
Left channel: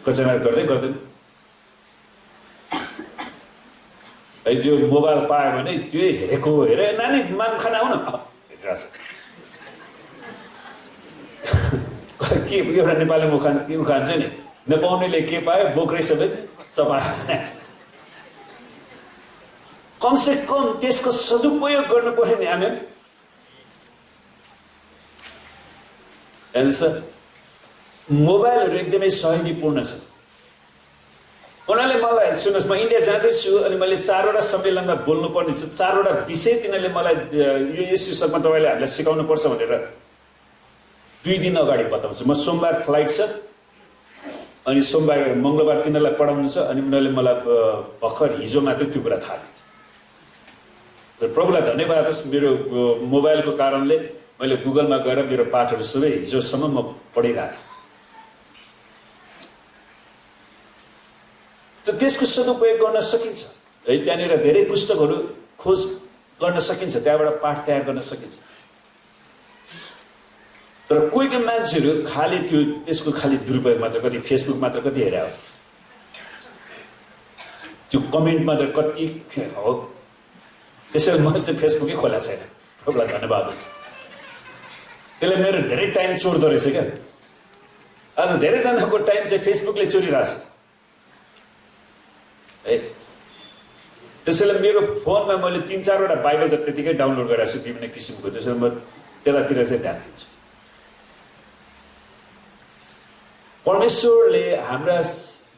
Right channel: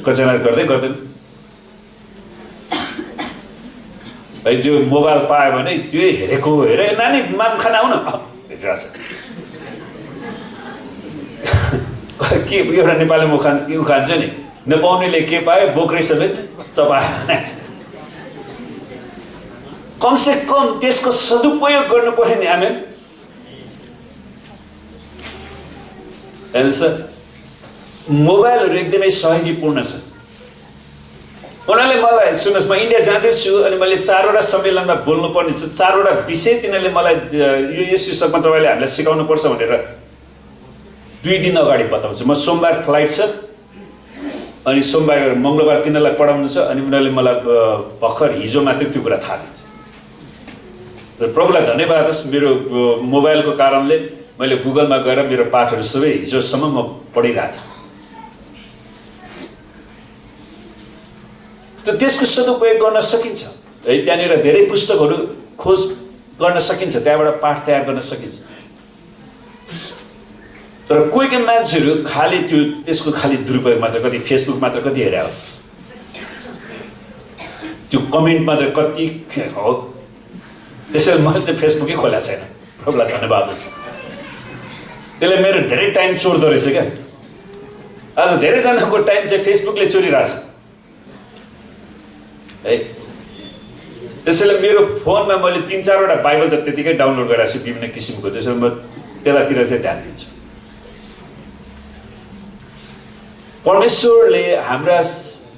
कतिजना गर्दैन भाइ। जो मोबाइल पायो भने त्यो हेरेको हेरे, नानी मान खाना आउन हेरिरहेछ के एउटा नेपालीमा खान्छ नि, नपाउनेले के पायो बोक्रै समेत चपायो। कमसे कम त्यसको सदुपयोग गर्नु पर्यो नि। आमेन। मोबाइलहरू एकदमै सहयोगीपूर्ण छ। उनीहरूले मलाई, सुन्नुहोस्, म इन्डिया जाँदैछु अनि मैले 4वटा सम्मेलनमा बोल्नुपर्ने छ, 4वटा विषय तिनीहरूले मलाई यो शीर्षकमा तपाईँले हामीलाई सिकाउनु पर्छ भनेर 2 दिन अगाडि बताउँछ। म सोमबार फ्लाइट छ अनि सोमबार मङ्गलबार तिनीहरूलाई पढाउनु छ अनि उनीहरूले मलाई भर्खर हिजो मात्रै त्यो कुरा थाहा दिन्छ। र प्रभुलाई धन्यवाद होस्, मेरो मोबाइलको कारणले मैले गुगलमा गएर मेरो पाठहरू सबै हिजोसम्म म पढिरहेको थिएँ। त त्यसको सदुपयोग गर्न सकिन्छ है। त्यहाँनिर धेरै पुस्तकहरू खोज गर्न सकिन्छ, त्यहाँबाट पाठ तयार गर्न सकिन्छ। तर कोही मान्छेहरू खालि त्यसको खालि दुरुपयोग मात्र, कति फेसबुक मात्र कति हेरे हो, त्यो कमेन्ट मात्र कति हो। त्यसैले मैले चाहिँ फेसबुकै खोलेको छैन। प्रभुलाई धन्यवाद होस्, त्यसले मेरो धेरै टाइम चोर्दो रहेछ क्या। आज धेरैजनाको टाइम चाहिँ फेसबुकले चोरिरहेछ है। त्यसैले मेरो फोनमा मैले 3-4वटा बाइबल त त्यतिकै डाउनलोड गरेको छु विभिन्न किसिमको। त्यसैले म त्यतातिर चाहिँ ध्यान दिन्छु। परमेश्वरले हाम्रा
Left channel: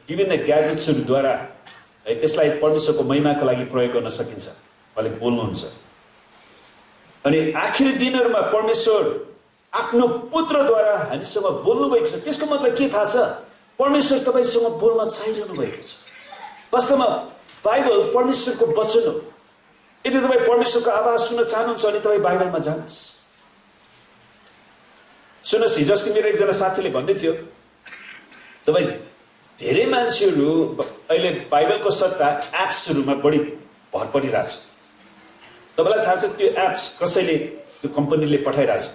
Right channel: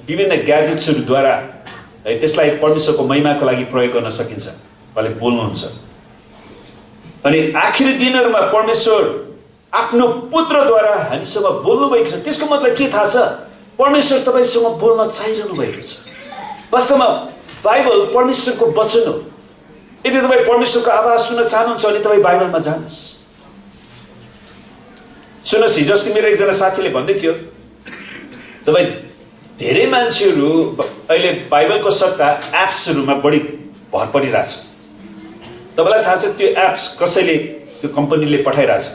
विभिन्न ग्याजेट्सहरूद्वारा है त्यसलाई परमेश्वरको महिमाको लागि प्रयोग गर्न सकिन्छ। उहाँले बोल्नुहुन्छ। अनि आखिरी दिनहरूमा परमेश्वर आफ्नो पुत्रद्वारा हामीसँग बोल्नु भएको छ। त्यसको मतलब के थाहा छ? परमेश्वर तपाईँसँग बोल्न चाहिरहनु भएको छ। वास्तवमा बाइबल परमेश्वरको वचन हो। यदि तपाईँ परमेश्वरको आवाज सुन्न चाहनुहुन्छ भने तपाईँ बाइबलमा जानुहोस्। सुन्नुहोस्, हिजो अस्ति मेरो एकजना साथीले भन्दै थियो, तपाईँ धेरै मान्छेहरू अहिले बाइबलको सट्टा एप्सहरूमा बढी भर परिरहेछ। तपाईँलाई थाहा छ त्यो एप्स कसैले, त्यो कम्पनीले पठाइरहेछ।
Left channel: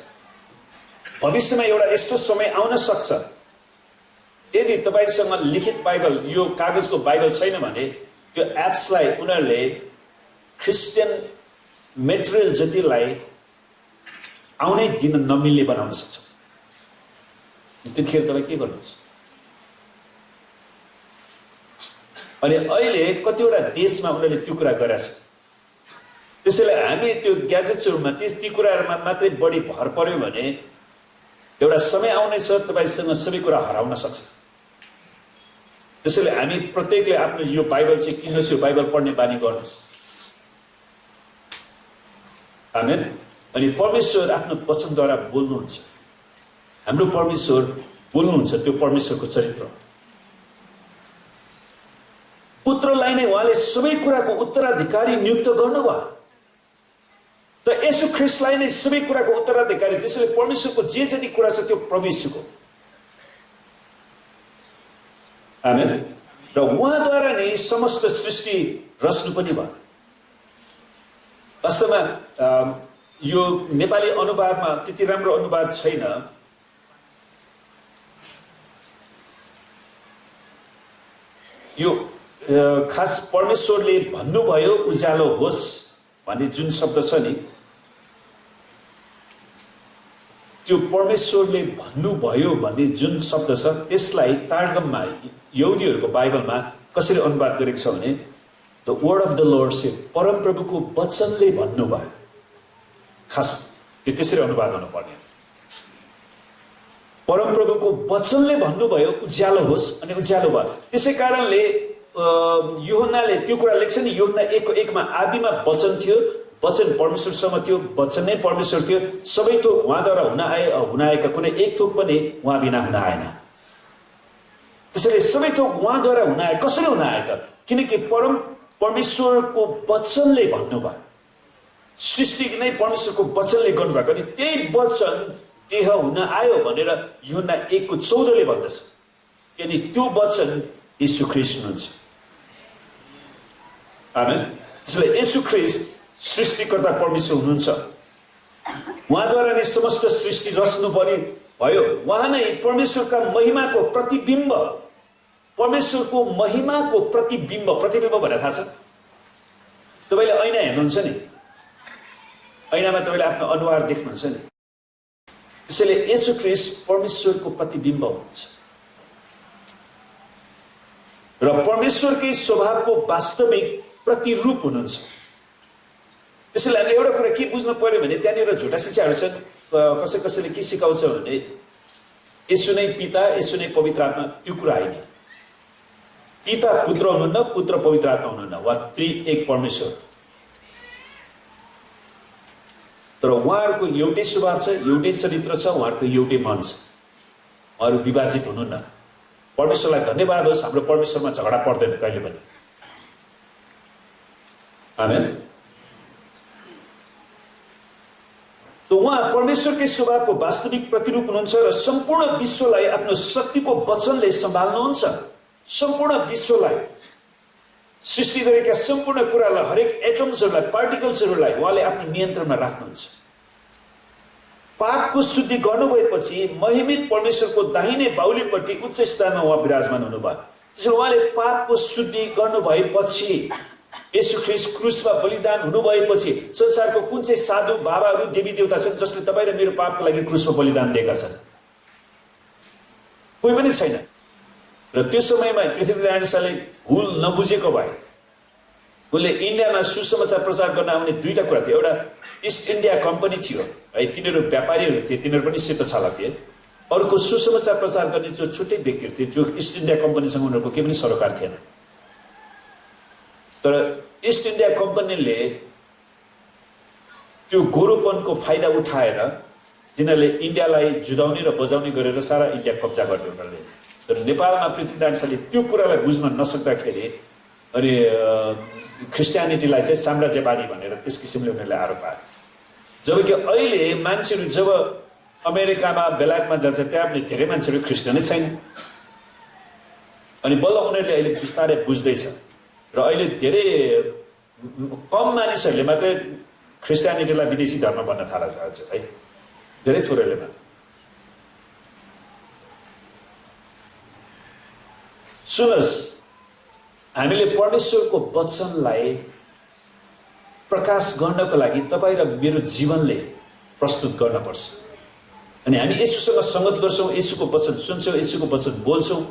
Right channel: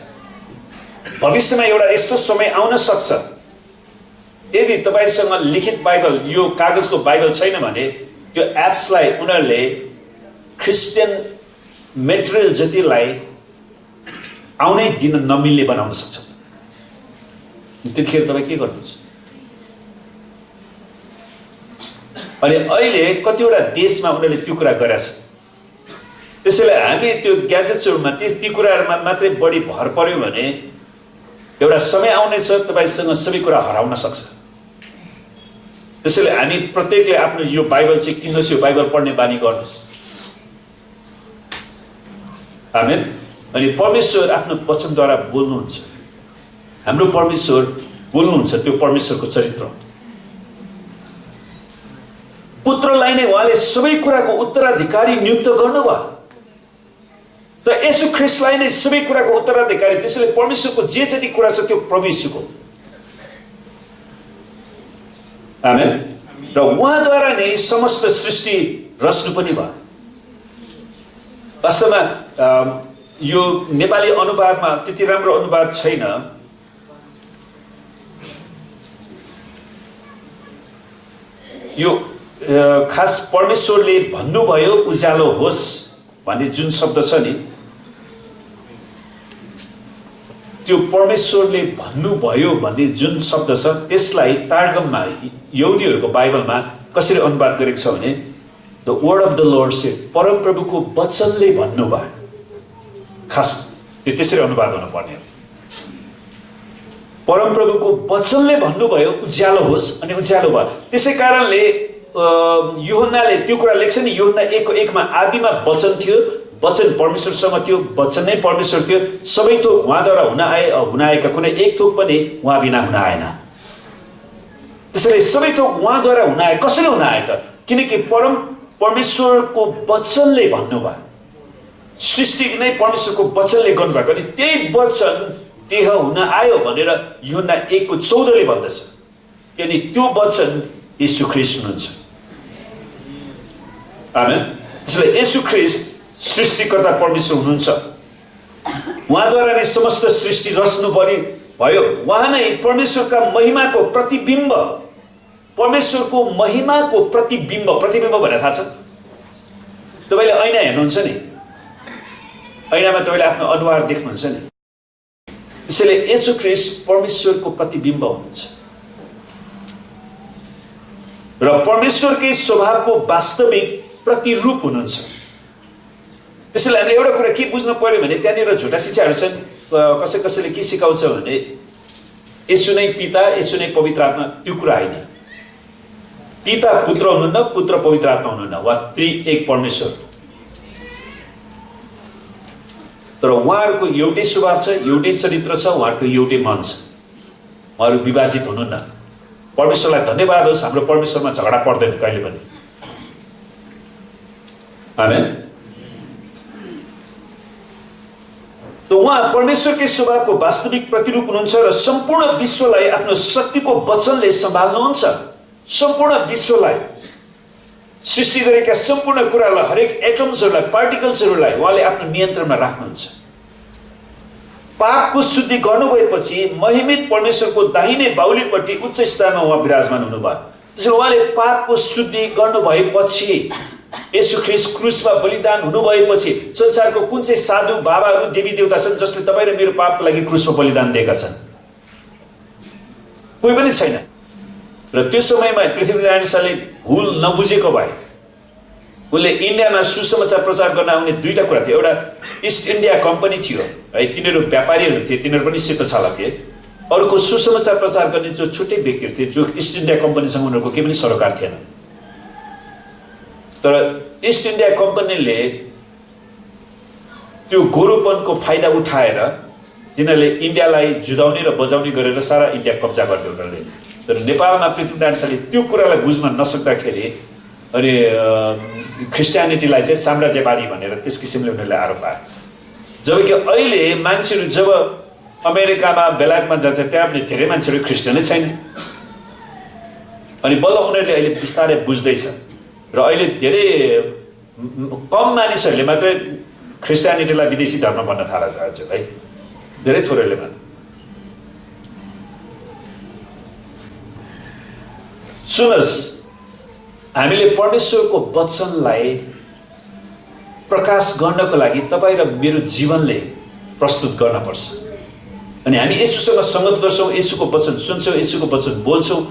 भविष्यमा एउटा यस्तो समय आउन सक्छ यदि तपाईँसँग लिखित बाइबल, यो कागजको बाइबल छैन भने त्यो एप्सलाई उनीहरूले क्रिस्चियन मेटेरियल जतिलाई आउनै दिन नमिल्ने बनाउन सक्छ। त्यतिखेर तपाईँ के गर्नुहुन्छ? अनि अहिले कतिवटा देशमा उनीहरूले त्यो कुरा गरेछ। त्यसैले हामी त्यो ग्याजेट्सहरूमा ती कुराहरूमा मात्रै बढी भर पर्यो भने एउटा समय आउनेछ तपाईँसँग सबै कुरा हराउन सक्छ। त्यसैले हामी प्रत्येकले आफ्नो यो बाइबल चाहिँ किन्नुहोस्, यो बाइबल पढ्ने बानी गर्नुहोस्। आमेन। अनि परमेश्वर आफ्नो वचनद्वारा बोल्नुहुन्छ। हाम्रो परमेश्वर बोल्नुहुन्छ, त्यो परमेश्वरको चरित्र। पुत्रलाई नै उहाँले सबै कुराको उत्तराधिकारी नियुक्त गर्नुभयो। त येशू ख्रीष्टलाई नै सबै कुराको उत्तराधिकारी। त्यसैले परमेश्वरको जे जति कुरा छ त्यो परमेश्वरको। आमेन। र उहाँद्वारा नै समस्त सृष्टि रच्नु पनि भयो। वास्तवमा यो नेपाली अनुवादमा त्यति राम्रो अनुवाद छैन। यो खास परमेश्वरले भन्नुभयो उज्यालो होस् भन्ने जुन शब्द छ नि, त्यो परमेश्वरले भन्नुभयो भन्ने जुन शब्द छ त्यसलाई तार्गममा, यहुदीहरूको बाइबलमा कसरी अनुवाद गरेको छ भने the word of the lord shed, परमप्रभुको वचनले भन्नुभयो। खास त्यो त्यसरी अनुवाद हुनुपर्ने हो। परमप्रभुको वचनले भन्नुभयो उज्यालो होस् अनि उज्यालो भयो। त्यसै कारणले यूहन्नाले त्यो कुरा लेख्छ नि, यूहन्ना 1:1 आदिमा वचन थियो, वचन परमेश्वरसँग थियो, वचन नै परमेश्वर थियो, सबै थोक उहाँद्वारा हुन आएका, कुनै एक थोक पनि उहाँ बिना हुन आएन। त्यसैले सबै थोक उहाँद्वारा हुन आए। कसरी हुन आए त? किनकि परमेश्वरको वचनले भन्नुभयो। सृष्टि नै परमेश्वरको वचनले गर्नुभएको। अनि त्यही वचन देह हुन आयो भनेर यूहन्ना 1:14 भन्दछ। यानी त्यो वचन येशू ख्रीष्ट हुनुहुन्छ। आमेन। त्यसैले येशू ख्रीष्ट सृष्टिकर्ता परमेश्वर हुनुहुन्छ। उहाँद्वारा नै समस्त सृष्टि रच्नु पनि भयो। उहाँ नै परमेश्वरका महिमाको प्रतिबिम्ब। परमेश्वरको महिमाको प्रतिबिम्ब। प्रतिबिम्ब भनेर थाहा छ? तपाईँले ऐना हेर्नुहुन्छ नि, ऐनामा तपाईँले आफ्नो अनुहार देख्नुहुन्छ नि। त्यसैले येशू ख्रीष्ट परमेश्वरको प्रतिबिम्ब हुनुहुन्छ र परमेश्वरकै स्वभावको वास्तविक प्रतिरूप हुनुहुन्छ। त्यसैले हामीले एउटा कुरा के बुझ्नु पर्यो भने त्यहाँनिर झुटा शिक्षाहरू छन्। कसैले के सिकाउँछ भने येशू नै पिता, येशू नै पवित्र आत्मा। त्यो कुरा होइन। पिता पुत्र हुनुहुन्न, पुत्र पवित्र आत्मा हुनुहुन्न, वा त्रिएक परमेश्वर। तर उहाँहरूको एउटै स्वभाव छ, एउटै चरित्र छ, उहाँहरूको एउटै मन छ। उहाँहरू विभाजित हुनुहुन्न। परमेश्वरलाई धन्यवाद होस्, हाम्रो परमेश्वरमा झगडा पर्दैन कहिले पनि। आमेन। त उहाँ परमेश्वरकै स्वभावको वास्तविक प्रतिरूप हुनुहुन्छ र सम्पूर्ण विश्वलाई आफ्नो शक्तिको वचनले सम्हाल्नुहुन्छ। सम्पूर्ण विश्वलाई, सृष्टि गरेका सम्पूर्ण कुरालाई, हरेक एटम्सहरूलाई, पार्टिकल्सहरूलाई उहाँले आफ्नो नियन्त्रणमा राख्नुहुन्छ। पापको शुद्धि गर्नुभएपछि महिमित परमेश्वरको दाहिने बाहुलीपट्टि उच्च स्थानमा उहाँ विराजमान हुनुभयो। त्यसैले उहाँले पापको शुद्धि गर्नुभएपछि, येशू ख्रीष्ट क्रुसमा बलिदान हुनुभएपछि संसारको कुन चाहिँ साधु बाबाहरू, देवी देवता छन् जसले तपाईँ र मेरो पापको लागि क्रुसमा बलिदान दिएका छन्? कोही पनि छैन। र त्यो समयमा पृथ्वीनारायण शाहले भुल नबुझेको भए उनले इन्डियामा सुसमाचार प्रचार गर्न आउने दुईटा कुरा थियो। एउटा इस्ट इन्डिया कम्पनी थियो है, तिनीहरू व्यापारीहरू थिए, तिनीहरू पनि सेतो छाला थिए। अर्को सुसमाचार प्रचार गर्ने जो छुट्टै व्यक्तिहरू थिए, जो इस्ट इन्डिया कम्पनीसँग उनीहरूको केही पनि सरोकार थिएन। तर इस्ट इन्डिया कम्पनीले त्यो गोरोपनको फाइदा उठाएर तिनीहरूले इन्डियालाई जुधाउने र बजाउने गरेर सारा इन्डिया कब्जा गर्थ्यो उनीहरूले। तर नेपालमा पृथ्वीनारायण शाहले त्यो कुरालाई बुझ्न नसक्दाखेरि अनि ख्रिस्टियानिटीलाई चाहिँ साम्राज्यवादी भनेर त्यस किसिमले उनीहरूले आरोप पाए। जबकि अहिले मान्छेहरू जब अमेरिकामा बेलायतमा जान्छ त्यहाँ पनि धेरै मान्छेहरू क्रिस्चियनै छैन। अनि बल्ल उनीहरूले अहिले बिस्तारै बुझ्दैछ र अहिले धेरै कम मानिसहरूले मात्रै ख्रिस्टियानिटीलाई विदेशी धर्म भन्न थालेछ अझ है, धेरै थोरैले मात्र। सुन्नुहोस्, हामीले परमेश्वरको वचनलाई प्रकाश गर्नको लागि तपाईँ र मेरो जीवनले प्रस्तुत गर्नुपर्छ। अनि हामी येशूसँग सङ्गत गर्छौँ, येशूको वचन सुन्छौँ, येशूको वचन बोल्छौँ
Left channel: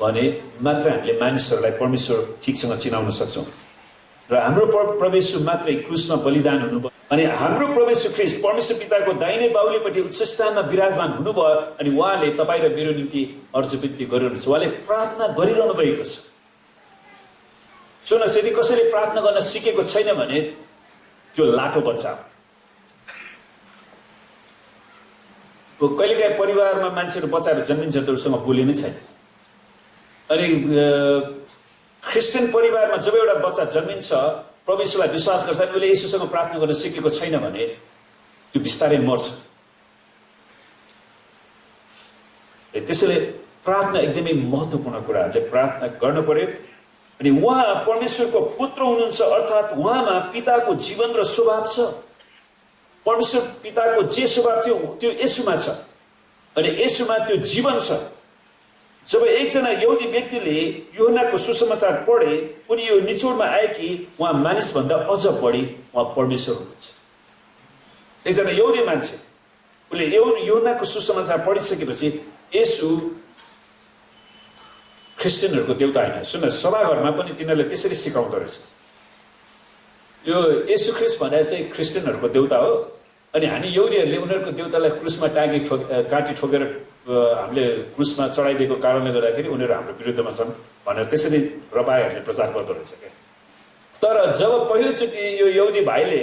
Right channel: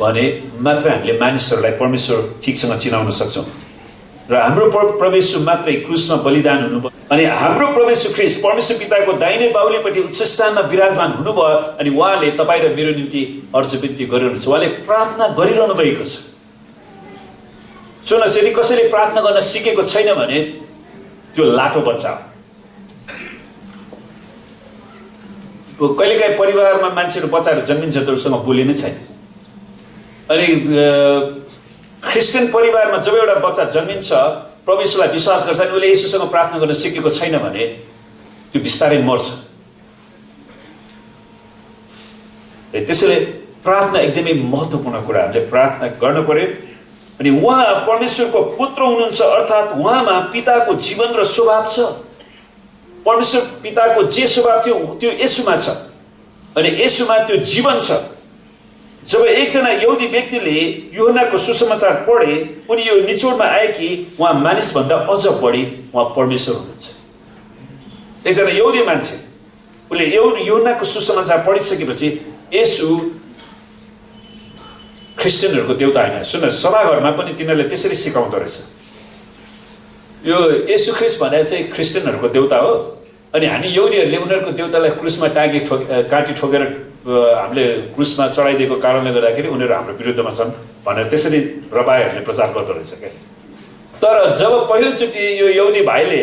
भने मात्र हामीले मानिसहरूलाई परमेश्वर ठिकसँग चिनाउन सक्छौँ। र हाम्रो प्रभु येशू मात्रै क्रुसमा बलिदान हुनुभयो अनि हाम्रो प्रभु येशू ख्रीष्ट परमेश्वर पिताको दाहिने बाहुलीपट्टि उच्च स्थानमा विराजमान हुनुभयो। अनि उहाँले तपाईँ र मेरो निम्ति अर्ज विन्ती गरिरहनुहुन्छ, उहाँले प्रार्थना गरिरहनु भएको छ। सुन्नुहोस्, यदि कसैले प्रार्थना गर्न सिकेको छैन भने त्यो लाटो बच्चा हो। कहिलेकाहीँ परिवारमा मान्छेहरू बच्चाहरू जन्मिन्छ त्योसँग बोलिनै छैन। अनि क्रिस्चियन परिवारमा जब एउटा बच्चा जन्मिन्छ प्रभु येशूलाई विश्वास गर्छ अनि उसले येशूसँग प्रार्थना गर्न सिकेको छैन भने त्यो बिस्तारै मर्छ। त्यसैले प्रार्थना एकदमै महत्त्वपूर्ण कुरा, हामीले प्रार्थना गर्नु पर्यो। अनि उहाँ परमेश्वरको पुत्र हुनुहुन्छ, अर्थात् उहाँमा पिताको जीवन र स्वभाव छ। परमेश्वर पिताको जे स्वभाव थियो त्यो येशूमा छ अनि येशूमा त्यो जीवन छ। जब एकजना यहुदी व्यक्तिले यूहन्नाको सुसमाचार पढे उनी यो निचोडमा आए कि उहाँ मानिसभन्दा अझ बढी उहाँ परमेश्वर हुनुहुन्छ। एकजना यहुदी मान्छे उसले यूहन्नाको सुसमाचार पढिसकेपछि येशू क्रिस्चियनहरूको देउता होइन। सुन्न, सभाघरमा पनि तिनीहरूले त्यसरी सिकाउँदो रहेछ, यो येशू ख्रीष्ट भनेर चाहिँ क्रिस्चियनहरूको देउता हो अनि हामी यहुदीहरूले उनीहरूको देउतालाई क्रुसमा काटी ठोकेर हामीले क्रुसमा चढाइदिएको कारणले गर्दाखेरि उनीहरू हाम्रो विरुद्धमा छन् भनेर त्यसरी रबाईहरूले प्रचार गर्दो रहेछ क्या। तर जब पहिलोचोटि यो यहुदी भाइले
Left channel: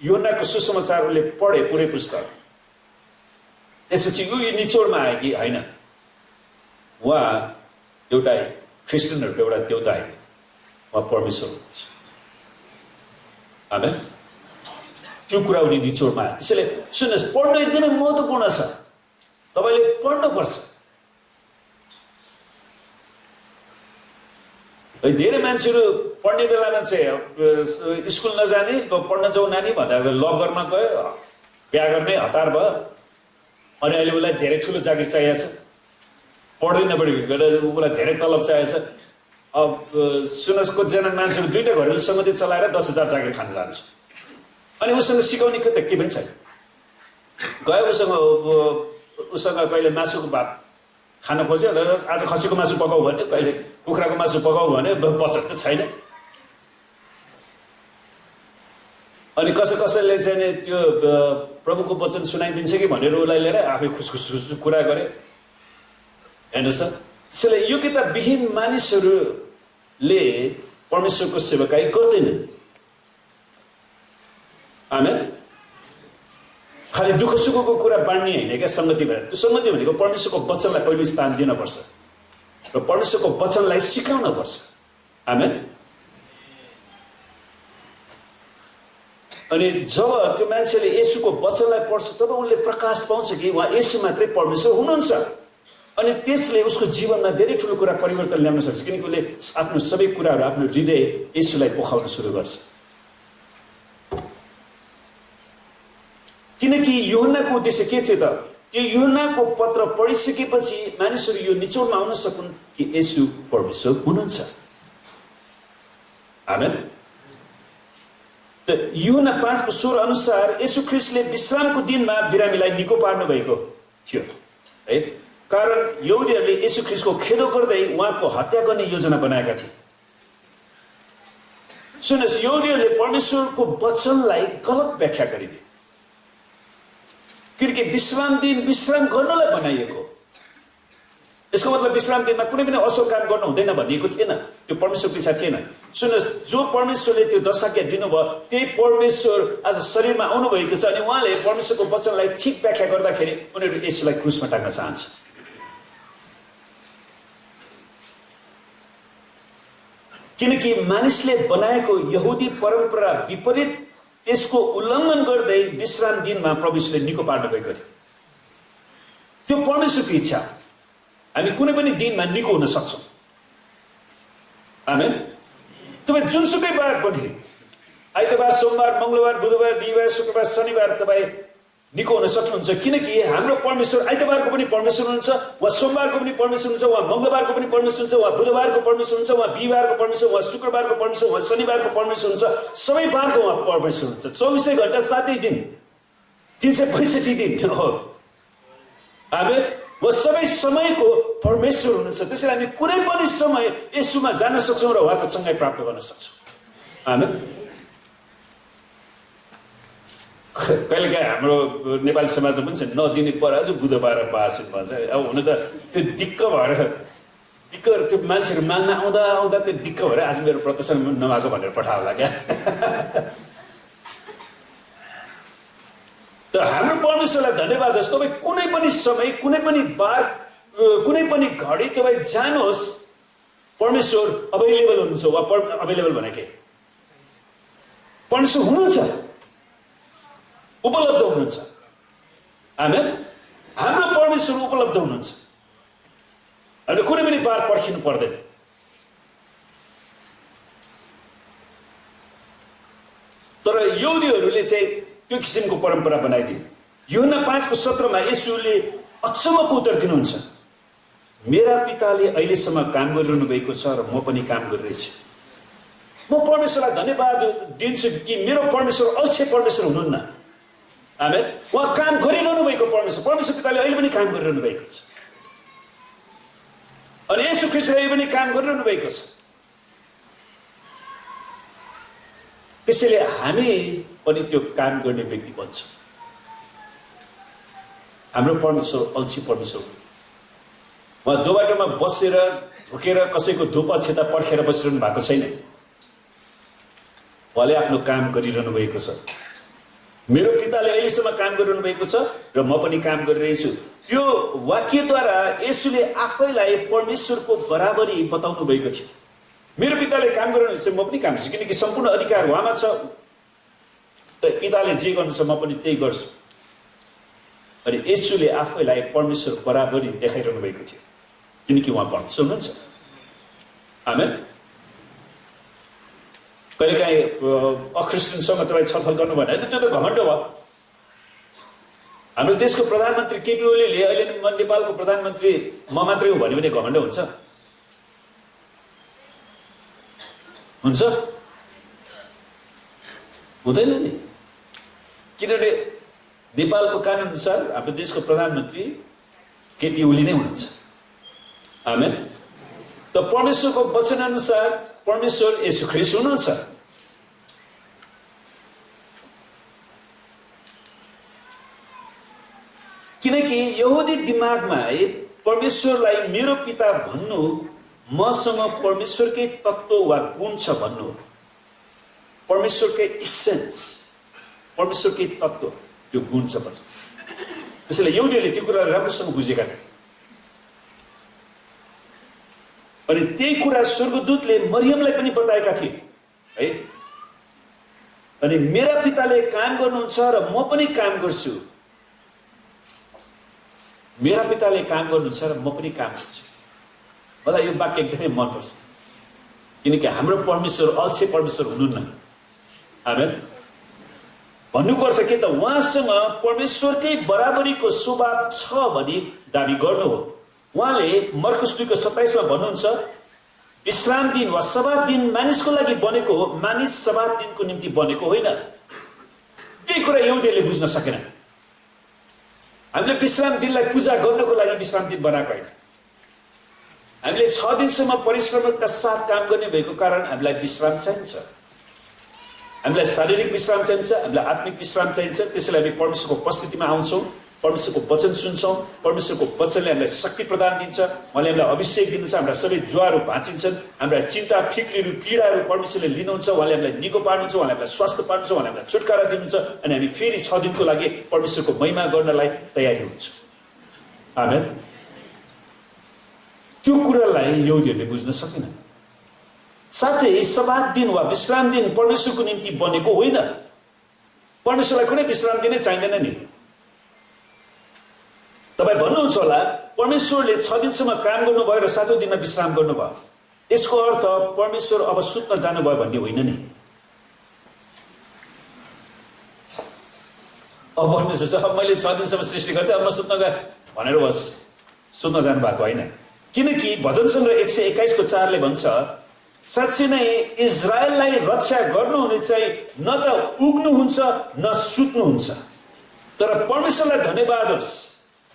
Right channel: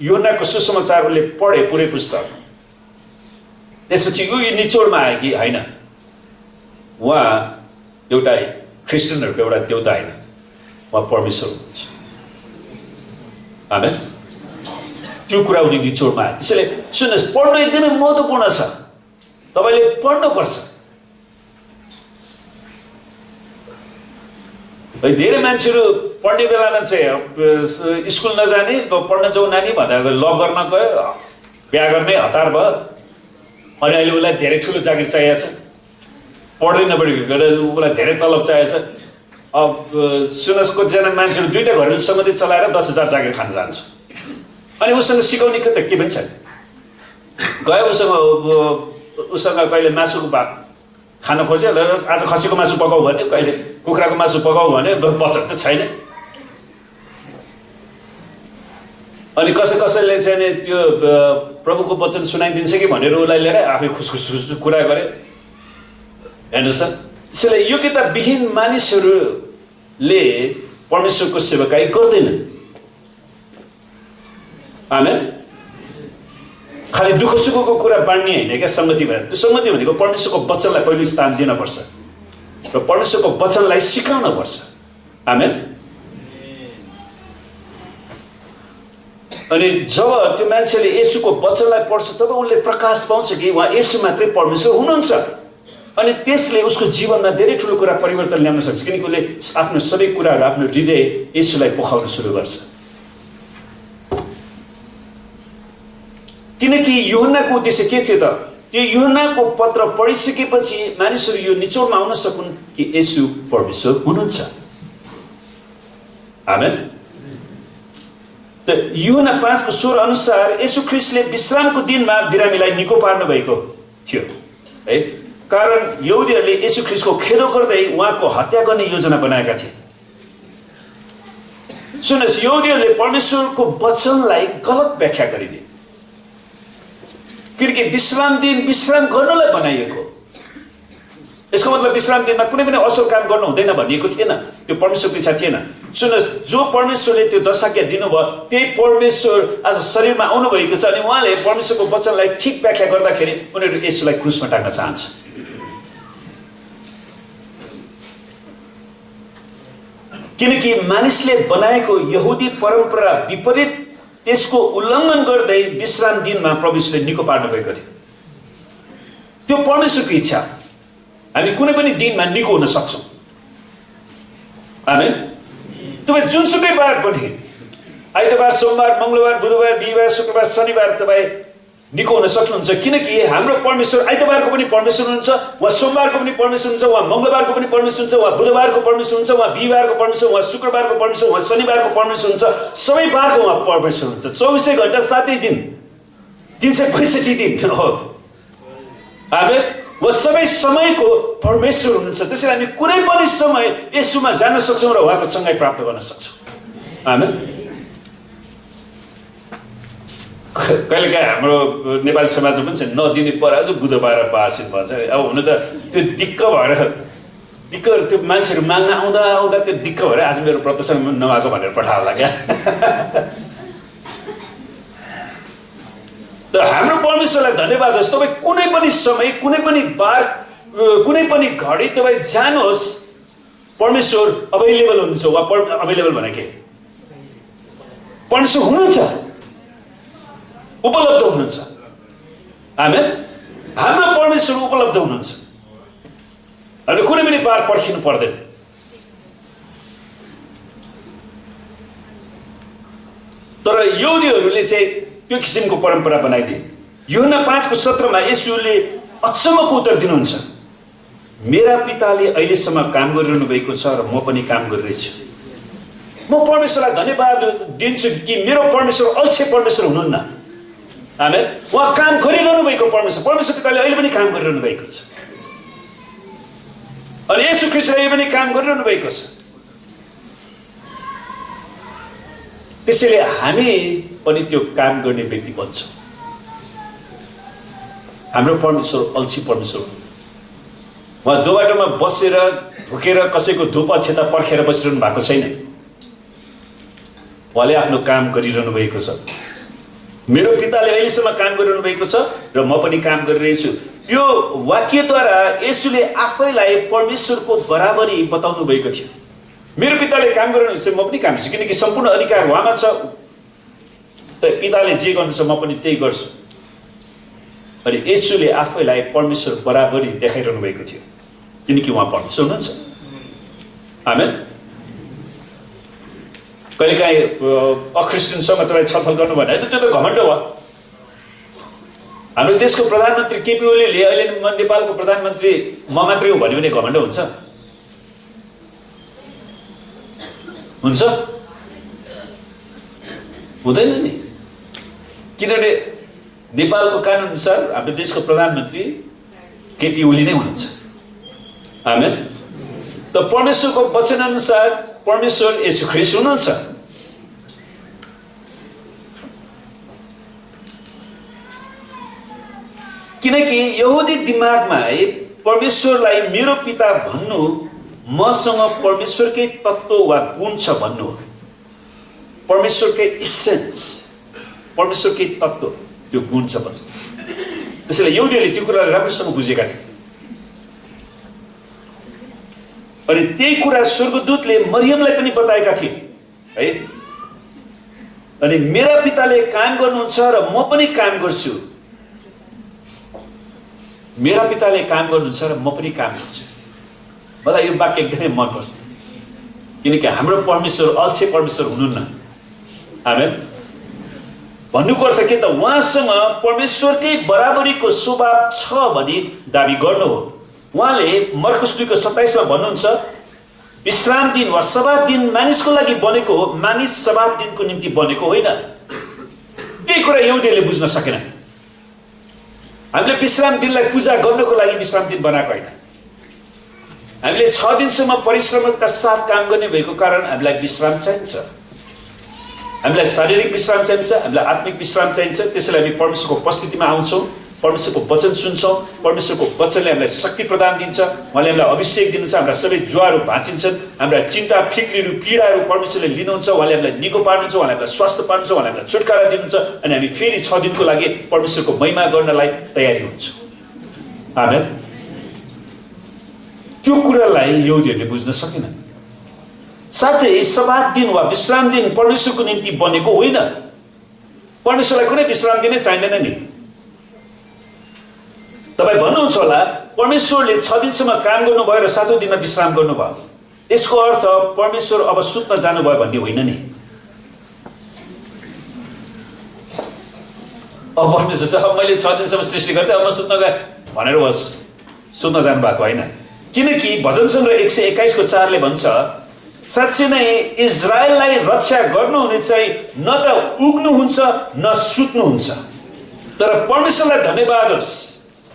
यूहन्नाको सुसमाचार उसले पढे पुरै पुस्तक, त्यसपछि यो निचोडमा आयो कि होइन उहाँ एउटा क्रिस्चियनहरूको एउटा देउता होइन, उहाँ परमेश्वर हुनुहुन्छ। आमेन। त्यो कुरा उनी निचोडमा आयो। त्यसैले सुन्नुहोस्, पढ्नु एकदमै महत्त्वपूर्ण छ, तपाईँले पढ्नुपर्छ। धेरै मान्छेहरू पढ्ने बेलामा चाहिँ स्कुल नजाने पढ्न जाउँ नानी भन्दा ल गर्न गयो, बिहा गर्ने हतार भयो अनि अहिले उसलाई धेरै ठुलो जागिर चाहिएको छ, पढ्दै नपढेको उसलाई धेरै तलब चाहिएको छ। अब सुन्नुहोस्, कतिजना मान्छेहरू दुईवटा घरेलु सम्बन्धी चलाएर 10,000 जागिर खान जान्छ अनि उसँग सिकाउने के त के पनि छैन। गयो उसँग कहिले मासुको भात खान खोज्यो, आज खसीको मासु पकाऊ भने, कहिले कुखुराको मासु पकाऊ भने बचत त छैन। अनि कसैले चाहिँ त्यो प्रभुको वचन सुनाइदिन्छ कि भनेर उसलाई लिएर आफै खुसखुस कुरा गरे। हेर्नुहोस् त, त्यसैले योग्यता विहीन मानिसहरूले परमेश्वरको सेवकाई गर्दैनन्। आमेन। खालि दुःख सुखको कुरा बाँड्ने होइन क्या सङ्गति भनेर। त्यो सङ्गति भनेको परमेश्वरको वचनलाई पहिलो स्थान दिनुपर्छ र परमेश्वरको वचनलाई सिकाउन पर्छ। आमेन। अनि जब त्यो मान्छेले येशूको वचनलाई पढ्छ तब उनले प्रकाश पाउँछ कि उहाँ येशू मात्रै परमेश्वर हुनुहुन्छ अनि त्यसले उसको जीवनमा धेरै ठुलो कुरा परिवर्तन ल्याउन सक्छ, किनकि उसले आफ्नो सबै कुराहरू आफ्नो हृदय येशूलाई पोखाउन सुरु गर्छ। किनकि यूहन्नाको उद्देश्य के थियो त? त्यो यूहन्नाको पत्र पढिसकेपछि मानिसहरू यो निचोडमा आउन सकुन् कि येशू परमेश्वर हुनुहुन्छ। आमेन। त यूहन्ना 5:16 अनुसार येशू ख्रीष्टले विश्रामको दिनमा बिरामीलाई निको पार्नु भएको थियो है, कारण यहुदीहरूले येशू ख्रीष्टको खेदो गर्दै उहाँको हत्या गर्ने योजना बनाएका थिए। सुन्नुहोस्, यहुदीहरूले परमेश्वरको वचनलाई गलत व्याख्या गरिदिए, किनकि विश्राम दिन विश्राम गर्नलाई बनाइएको। यसको मतलब विश्राम दिनमा कुनै पनि असल काम गर्नु हुँदैन भनिएको थिएन, त्यो परमेश्वरको इच्छा थिएन। सुन्नुहोस्, जो परमेश्वरले त्यो दशाज्ञा दिनुभयो त्यही परमेश्वर आज शरीरमा आउनुभएको छ अनि उहाँले परमेश्वरको वचनलाई ठिक व्याख्या गर्दाखेरि उनीहरू येशूलाई क्रुसमा टाङ्न चाहन्छ। किनकि मानिसले बनाएको यहुदी परम्परा विपरीत त्यसको उल्लङ्घन गर्दै विश्राम दिनमा प्रभु यीशुले निको पार्नु भएको थियो। त्यो परमेश्वरको इच्छा। हामी कुनै पनि दिनमा निको हुन सक्छौँ। आमेन। तपाईँ जुनसुकै बार पनि, आइतबार, सोमबार, मङ्गलबार, बुधबार, बिहिबार, शुक्रबार, शनिबार तपाईँ निको हुन सक्नुहुन्छ, किनकि हाम्रो परमेश्वर आइतबारको पनि परमेश्वर हुनुहुन्छ, वा सोमबारको पनि परमेश्वर हुन्छ, वा मङ्गलबारको पनि परमेश्वर हुन्छ, वा बुधबारको परमेश्वर हुन्छ, वा बिहिबारको परमेश्वर, वा शुक्रबारको परमेश्वर, वा शनिबारको परमेश्वर हुन्छ। सबै बारको उहाँ परमेश्वर हुन्छ। 24 घण्टा 7 दिन, 365 दिन हो। आमेन। वा सबै समयको परमेश्वर हुनुहुन्छ। त्यसैले हामी कुनै पनि समय येशूमा जान सक्छौँ र उहाँको चङ्गाई प्राप्त गर्न सक्छौँ। आमेन। कहिलेकाहीँ हाम्रो नेपाली समाजमा पनि छ नदिने पराजु बुधबार बासिन भन्छ। अब हुन त त्यो दिक्क भएर त्यो मान्छेहरू माग्न आउँदा त्यो दिक्क भएर आज मेरो व्रतसँग नभएको भनेर पठायो होला क्या। त हाम्रो परमेश्वरलाई धन्यवाद होस्। तपाईँ कुनै पनि समय, कुनै पनि बार, कुनै पनि घडी तपाईँ जानुहोस्, परमेश्वर अभाइलेबल हुनुहुन्छ। वा अभाइलेबल भने के, परमेश्वर हुनुहुन्छ, उपलब्ध हुनुहुन्छ। आमेन। हाम्रो परमेश्वर उपलब्ध हुनुहुन्छ। हामीले कुनै पनि बार पर्खिनु पर्दैन। तर यहुदीहरूले चाहिँ त्यो किसिमको परम्परा बनाइदिए। यूहन्ना 5:17 येशूले अचम्मको उत्तर दिनुहुन्छ, मेरा पिताले अहिलेसम्म काम गरिरहनु भएको छ र म पनि काम गरिरहेछु। म परमेश्वरलाई धन्यवाद दिन्छु कि मेरो परमेश्वर अल्छे परमेश्वर हुनुहुन्न। आमेन। उहाँ काम गरिरहनु भएको परमेश्वर पिताले अहिले पनि काम गरिरहनु भएको छ। अनि येशू ख्रीष्टले अहिले पनि काम गरिरहनु भएको छ। त्यसैले हामी पनि त्यो काम गर्ने व्यक्ति बन्छौँ। हाम्रो परमेश्वर अल्छी परमेश्वर हो। उहाँ दोबाटोमा बसेर ढुकेर कसैको धुप छेता पर्खेर बसिरहनु भएको छैन। उहाँले आफ्नो काम गरिरहनु भएको छ। मेरो पिताले अहिलेसम्म काम गरिरहनु भएको छ र म पनि काम गरिरहेछु। यो वाक्यद्वारा येशूले आफैलाई परमेश्वरको बराबरी बताउनु भएको थियो। मेरो पिताले काम गरिरहनु छ, म पनि काम गर्छु, किनकि सम्पूर्ण अधिकार उहाँमा छ। त पिताले जे गर्नुहुन्छ म पनि त्यही गर्छु। अनि येशूले आफैलाई परमेश्वर बराबरी देखाइरहनु भएको थियो, किनकि उहाँ परमेश्वर हुनुहुन्छ। आमेन। कहिलेकाहीँ अख्रिस्टियनसँग तपाईँ छलफल गर्नु भने त्यो त घमण्ड हो। हाम्रो देशको प्रधानमन्त्री केपी ओलीले अहिले नेपालको प्रधानमन्त्री म मात्रै हो भन्यो भने घमण्ड हुन्छ? हुन्छ? हुँदैन नि। किनभने नेपालको कानुन अनुसार हाम्रो देशको प्रधानमन्त्री केपी ओली नै हुनुहुन्छ। आमेन। त परमेश्वरको वचन अनुसार परमेश्वर येशू ख्रीष्ट हुनुहुन्छ। किनकि यहुदी दिमागमा परमेश्वरलाई मेरो पिता भन्नु मसँग परमेश्वरकै तत्त्व वा गुण छ भन्नु हो। परमेश्वरकै इसेन्स, परमेश्वरकै तत्त्व, त्यो गुण छ भन्नु। त्यसैले यहुदीहरूले त्यो कुरालाई राम्रोसँग बुझेका थिए। अनि त्यही कुरा स्वर्गदूतले मरियमलाई पनि बताएका थिए है। अनि मेरा पिताले काम गर्नुहुन्छ र म पनि काम गर्छु। मेरा पिताले काम गर्नुहुन्छ र म पनि काम गर्छु। मलाई यो वाक्य एकदमै मनपर्छ, किनकि हाम्रो परमेश्वर अल्छे परमेश्वर हुनुहुन्न। आमेन। भन्नुको अर्थ के त, उहाँसँग परमेश्वरकै बराबरीको स्वभाव छ भनी दाबी गर्नु हो। उहाँले मर्कुस 2:27 भन्नुहुन्छ, विश्राम दिन वा सब्बात दिन मानिसको लागि बनेको हो, मानिस सब्बात दिनको निम्ति बनेको होइन। त्यही कुरा यहुदीहरूले बुझ्न सकेन। हामीले विश्राम दिनलाई पूजा गर्नको लागि विश्राम दिन बनाएको होइन। हामीले 6 दिनसम्म परिश्रमका साथ काम गर्ने भएको कारण हामीलाई विश्राम चाहिन्छ। हामीलाई शारीरिक विश्राम चाहिन्छ, हामीलाई आत्मिक विश्राम चाहिन्छ। त्यसैले हामी परमेश्वरको उपस्थितिमा आउँछौँ, परमेश्वरको वचन सुन्छौँ। परमेश्वरको वचनले हामीलाई शक्ति प्रदान दिन्छ, उहाँले हामीलाई अभिषेक दिनुहुन्छ। हाम्रा सबै ज्वारहरू भाँचिन्छन्, हाम्रा चिन्ता फिक्रीहरू पीडाहरू परमेश्वरले लिनुहुन्छ। उहाँले हामीलाई निको पार्नुहुन्छ, उहाँले हामीलाई स्वास्थ्य पार्नुहुन्छ, उहाँले हामीलाई छुटकारा दिनुहुन्छ। अनि हामी फेरि 6 दिनको लागि परमेश्वरको महिमा गर्नलाई तयारी हुन्छौँ। आमेन। त्यो कुरालाई यहुदीहरूले बुझ्न सकेनन्। साथै सब्बात दिन वा विश्राम दिन परमेश्वरको निम्ति बनेको होइन। परमेश्वरलाई कुनै विश्राम दिनै चाहिँदैन नि। तपाईँ भन्नुहुन्छ होला परमेश्वरले 6 दिनसम्म काम गर्नुभयो र 7औं दिनमा विश्राम गर्नुभयो, यसको अर्थ परमेश्वर अब सुत्न जानुभयो भन्ने होइन नि। अब परमेश्वर चाहिँ अब मैले 6 दिनसम्म सृष्टि गरेँ, अब म सुत्न गएँ भनेर बस सुत्न जानु भएको होइन। किनकि भजन सङ्ग्रह 121 को 4 ले भन्छ, साँच्चै नै इजरायललाई रक्षा गर्नुहुने चाहिँ न त उग्नुहुन्छ न सुत्नुहुन्छ। तर परमेश्वरलाई धन्यवाद होस्,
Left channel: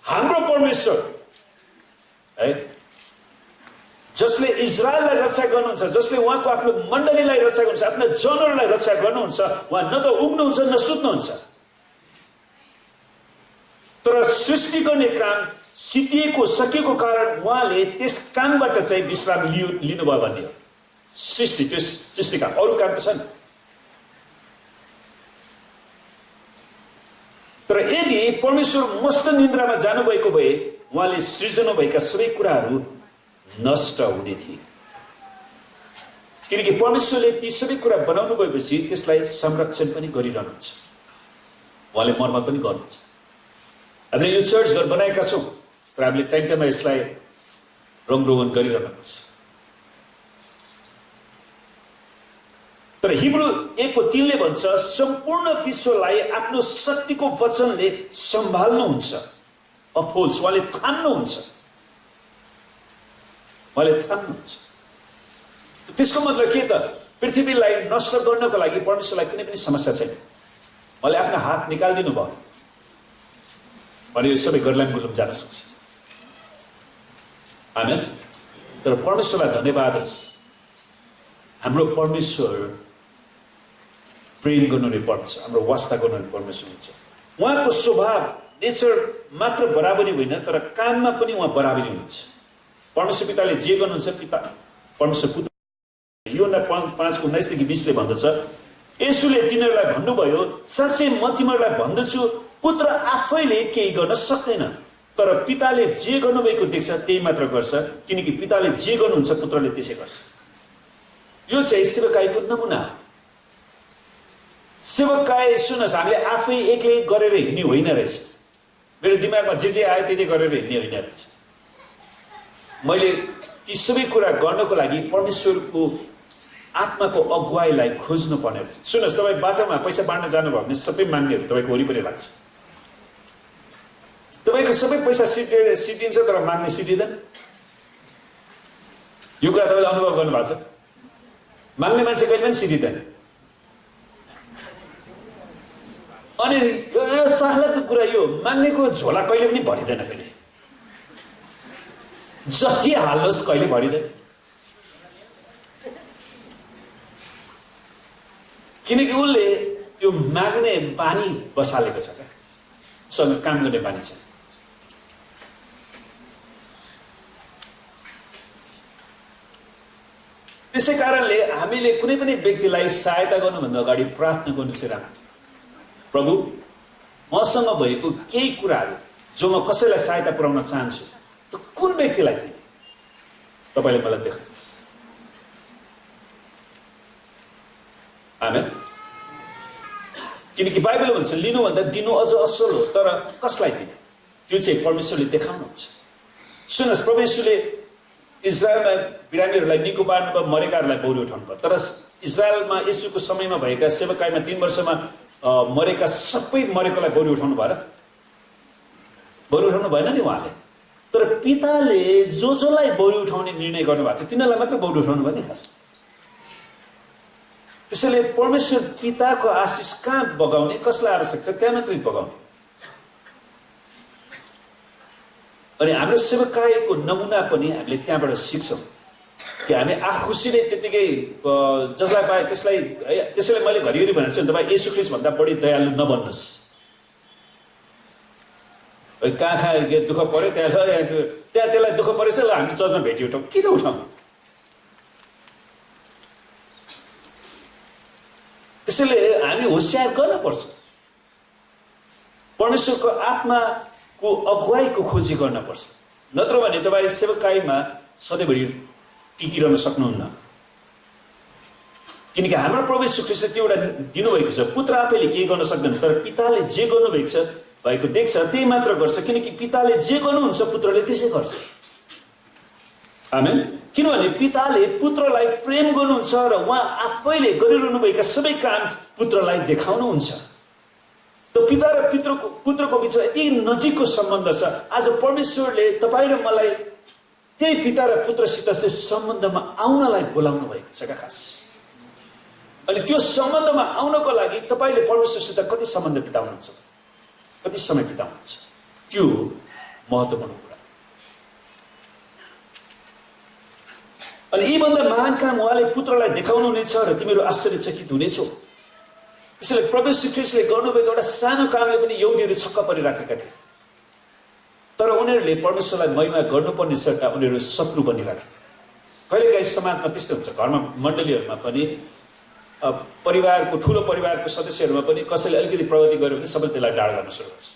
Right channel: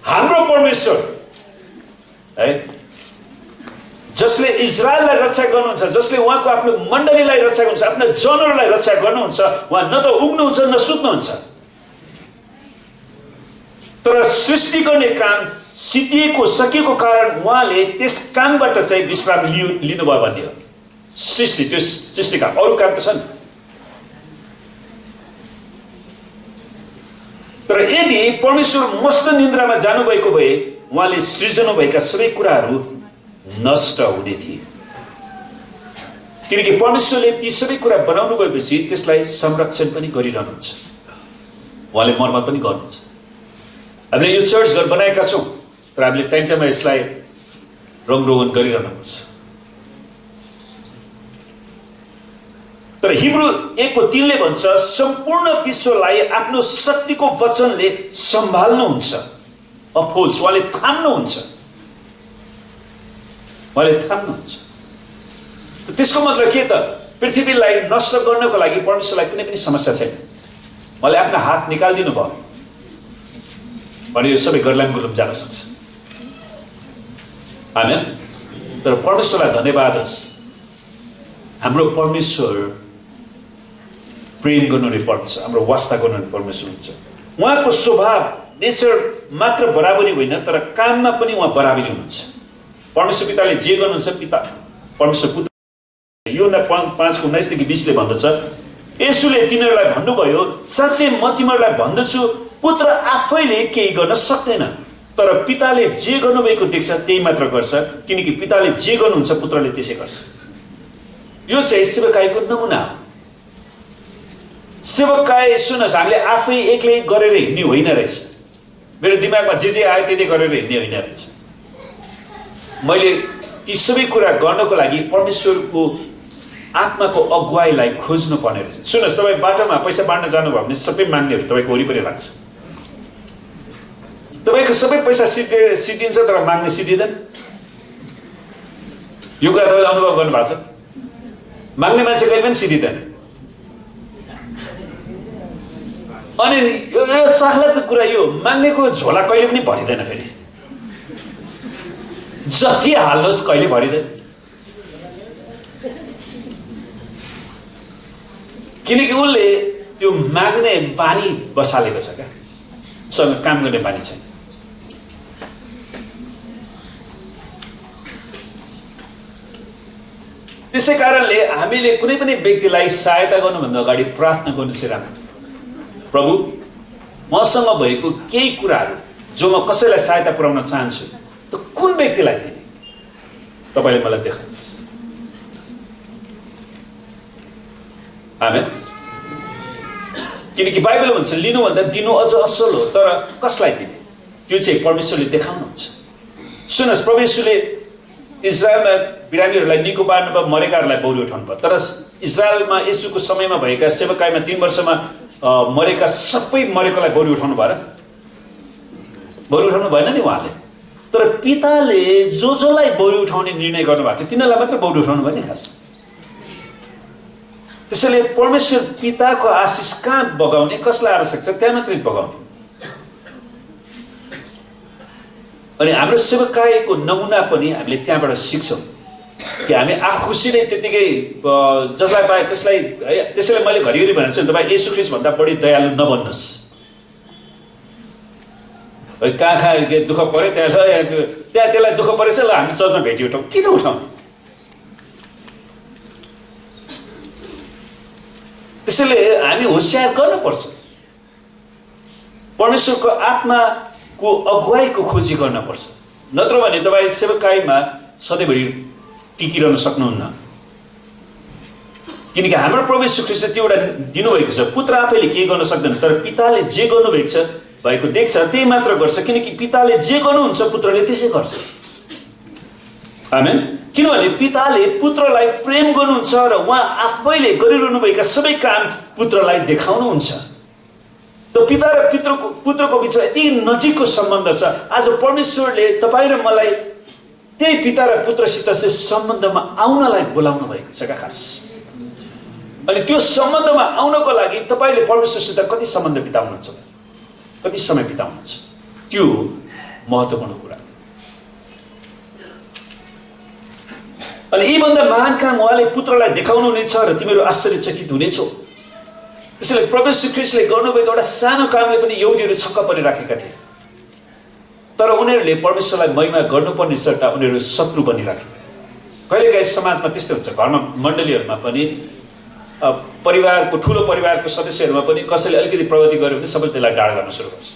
हाम्रो परमेश्वर है, जसले इजरायललाई रक्षा गर्नुहुन्छ, जसले उहाँको आफ्नो मण्डलीलाई रक्षा गर्नुहुन्छ, आफ्नो जनहरूलाई रक्षा गर्नुहुन्छ, उहाँ न त उग्नुहुन्छ न सुत्नुहुन्छ। तर सृष्टि गर्ने काम सिद्धिएको सकिएको कारण उहाँले त्यस कामबाट चाहिँ विश्राम लिनुभयो भन्ने हो। सृष्टि, त्यो सृष्टि काम, अरू काम त छन्। तर यदि परमेश्वर मस्त निन्द्रामा जानुभएको भए उहाँले सृजना भएका सबै कुराहरू नष्ट हुने थिए। किनकि परमेश्वरले ती सबै कुरा बनाउनु भएपछि त्यसलाई संरक्षण पनि गरिरहनुहुन्छ, उहाँले मर्मत पनि गर्नुहुन्छ। हामीले यो चर्च घर बनाएका छौँ, तर हामीले टाइम टाइममा यसलाई रङरोगन गरिरहनुपर्छ। तर हिब्रू 1:3 ले भन्छ, सम्पूर्ण विश्वलाई आफ्नो शक्तिको वचनले सम्हाल्नुहुन्छ। अफोल्स, उहाँले थाम्नुहुन्छ, उहाँले थाम्नुहुन्छ। त्यसको मतलब के त? पृथ्वीलाई नष्ट गर्नको लागि परमेश्वरलाई कुनै पनि समस्या छैन। उहाँले आफ्नो हात निकालिदिनु भयो भने यो सबै गर्लाम गुलम जान सक्छ। आमेन। तर परमेश्वरलाई धन्यवाद होस्, हाम्रो परमेश्वर प्रेम गर्नुहुने परमेश्वर, हाम्रो वास्ता गर्नुहुने परमेश्वर हुन्छ। उहाँको स्वभाव नेचर मात्र बराबरी होइन, तर काममा पनि उहाँ बराबरी हुनुहुन्छ। परमेश्वर पिताले जे गर्नुहुन्छ, पिता परमेश्वर पुत्र, योना 5:19-20 ले भन्दछ, येशूले तिनीहरूलाई भन्नुभयो, साँच्चै म तिमीहरूलाई भन्दछु, पुत्र आफैले केही गर्न सक्दैन, तर पिताले जे गर्नुभएको देख्छ त्यही मात्र गर्छ, किनकि पिताले जे गर्नुहुन्छ पुत्रले त्यसै गर्छ। यो चाहिँ सेवकाईको नमुना हो। सेवकाई सुन्नुहोस्, हामीले आफै एक्लै गरेर हिँड्ने होइन रहेछ। मेरो दिमागमा जे आयो त्यही गरेर हिँड्ने होइन रहेछ। मैले ती सबै कुरा गर्नको लागि परमेश्वरको आत्माको अगुवाईलाई खोज्नु पर्ने रहेछ। सुन्नुहोस्, तपाईँ बाटोमा पैसा बाँड्न जानुभयो भने सबै माग्नेहरू तपाईँको वरिपरि लाग्छ। तपाईँको सबै पैसा सिद्धिन्छ, तर माग्ने सिद्धिँदैन। यो कुरा तपाईँले अनुभव गर्नुभएको छ? माग्ने मान्छे कहिले पनि सिद्धिँदैन। अनि यो चाखलाग्दो कुरा यो, माग्नेको झोला कहिले पनि भरिँदैन। फेरि जति हाल्नुहोस् कहिले भरिँदैन, किनकि उसले त्यो माग्ने बानी बसालेको छ क्या, सँग काम गर्ने बानी छैन। त्यसै कारणले हामीले कुनै पनि व्यक्तिलाई सहायता गर्नुभन्दा अगाडि प्रार्थना गर्नु चाहिँ राम्रो। प्रभु, मसँग भएको केही कुराहरू जो म कसैलाई सहायता पुर्याउन चाहन्छु, त कुन व्यक्तिलाई दिने तपाईँले मलाई देखाउनुहोस्। आमेन। किनकि बाइबल भन्छ, लिनुभन्दा दिनु अझ असल हो, तर कसलाई दिने त्यो चाहिँ परमेश्वरले देखाउनुहुन्छ। सुन्नुहोस्, प्रभु येशूले इजरायलमा बिरामीहरूलाई निको पार्नुभयो, मरेकाहरूलाई बौरी उठाउनु भयो। तर इजरायलमा येशूको समयमा भएका सेवकाईमा 3 वर्षमा मरेका सबै मरेकोलाई बौरी उठाउनु भयो र? बौरी उठाउनु भएन नि उहाँले। तर पिताले जसलाई बौरी उठाउने निर्णय गर्नुभएको थियो तिनीहरूलाई मात्र बौरी उठाउनु भयो नि खास। त्यसैले परमेश्वर पिताको आशिष कहाँ बगाउने, कसलाई आवश्यक छ त्यहाँ मात्रै बगाउने। अनि हाम्रो सेवकाईको नमुना पनि हामीले त्यहाँबाट सिक्छौँ कि हामी आफू खुसी नै त्यतिकै जसलाई पाए त्यसलाई है। त्यसैले मैले घरिघरि भनेको छु, तपाईँ येशू ख्रीष्ट भन्दा बढी दयालु नबन्नुहोस्। कहाँ दुःख पऱ्यो त्यहाँ त्यसलाई दुःख परेछ, ल हामी चर्चमा भेटी उठाउँ। किन उठाउने? त्यसैले हामी होसियार गर्नुपर्छ। परमेश्वरको आत्माको अगुवाईको खोजी गर्नुपर्छ, नत्र भने तपाईँ सेवकाईमा सधैँभरि टिकिरहन सक्नुहुन्न। किनकि हाम्रो प्रभु येशू ख्रीष्टले त्यो एउटा दिनुभएको छ। पुत्र आफैले केही गर्न सक्दैन, तर पिताले जे गर्नुभएको छ भएको देख्छ त्यही मात्र गर्छ, किनकि पिताले जे गर्नुहुन्छ पुत्रले त्यसै गर्छ। आमेन। किनभने पिताले पुत्रलाई प्रेम गर्नुहुन्छ र उहाँ आफैले गरिरहनुभएका सबै काम पुत्रलाई देखाउनुहुन्छ। त पिता र पुत्रको बिचमा यति नजिकको सम्बन्ध छ। आज परमेश्वरले तपाईँ र मलाई त्यही पिता र पुत्रसित त्यो सम्बन्धमा आउनलाई बोलाउनु भएको छ खास। अनि त्यो सम्बन्धमा आउनको लागि तपाईँले परमेश्वरसित कति सम्बन्ध बिताउनुहुन्छ, कति समय बिताउनुहुन्छ, त्यो महत्त्वपूर्ण कुरा। अनि यीभन्दा महान काम उहाँले पुत्रलाई देखाउनु हुनेछ र तिमीहरू आश्चर्यचकित हुनेछौ। त्यसैले प्रभु येशू ख्रीष्टले गर्नुभएको एउटा सानो कामले पनि यहुदीहरू छक्क परिराखेका थिए, तर उनीहरूले परमेश्वरलाई महिमा गर्नुपर्ने सट्टा उनीहरू शत्रु बनिराखे। कहिलेकाहीँ समाजमा त्यस्तै हुन्छ, घरमा मण्डलीहरूमा पनि परिवारको ठुलो परिवारको सदस्यहरूमा पनि कसैले अलिकति प्रगति गर्यो भने सबैले त्यसलाई डाँड गर्न सुरु गर्छ।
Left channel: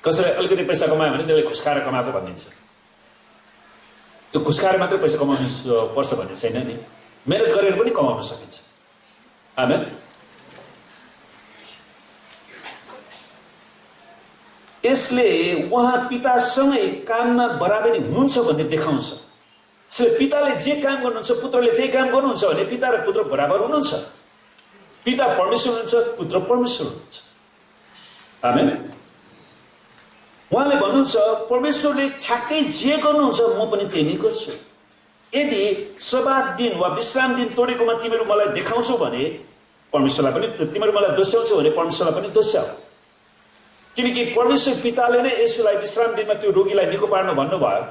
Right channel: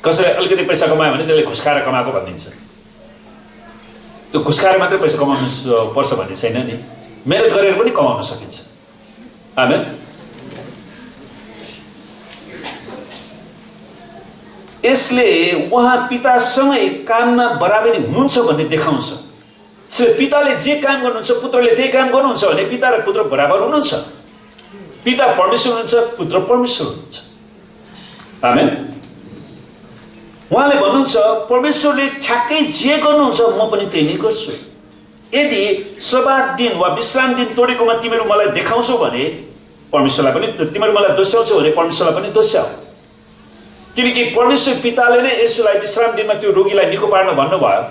कसैले अलिकति पैसा कमायो भने त्यसले घुस खाएर कमाएको भनिदिन्छ। त्यो घुस खाएर मात्रै पैसा कमाउनु पर्छ भन्ने छैन नि, मेहनत गरेर पनि कमाउन सकिन्छ। आमेन। यसले उहाँ पितासँगै काममा बराबरी हुनुहुन्छ भन्ने देखाउँछ। पिताले जे काम गर्नुहुन्छ पुत्रले त्यही काम गर्नुहुन्छ भने पिता र पुत्र बराबर हुनुहुन्छ। पिता परमेश्वर हुनुहुन्छ, पुत्र परमेश्वर हुनुहुन्छ। आमेन। उहाँले भन्नुहुन्छ परमेश्वरले ठ्याक्कै जे गर्नुहुन्छ म पनि त्यही नै गर्छु। यदि सब्बात दिन वा विश्राम दिन तोडेकोमा तिमीहरू मलाई देखाउँछौ भने परमेश्वरलाई पनि, तिमीहरू मलाई दोस्याउँछौ भने परमेश्वरलाई पनि दोस्याऊ। किनकि परमेश्वर पिताले नै यसुलाई विश्राम दिनमा त्यो रोगीलाई निको पार्न भन्नुभयो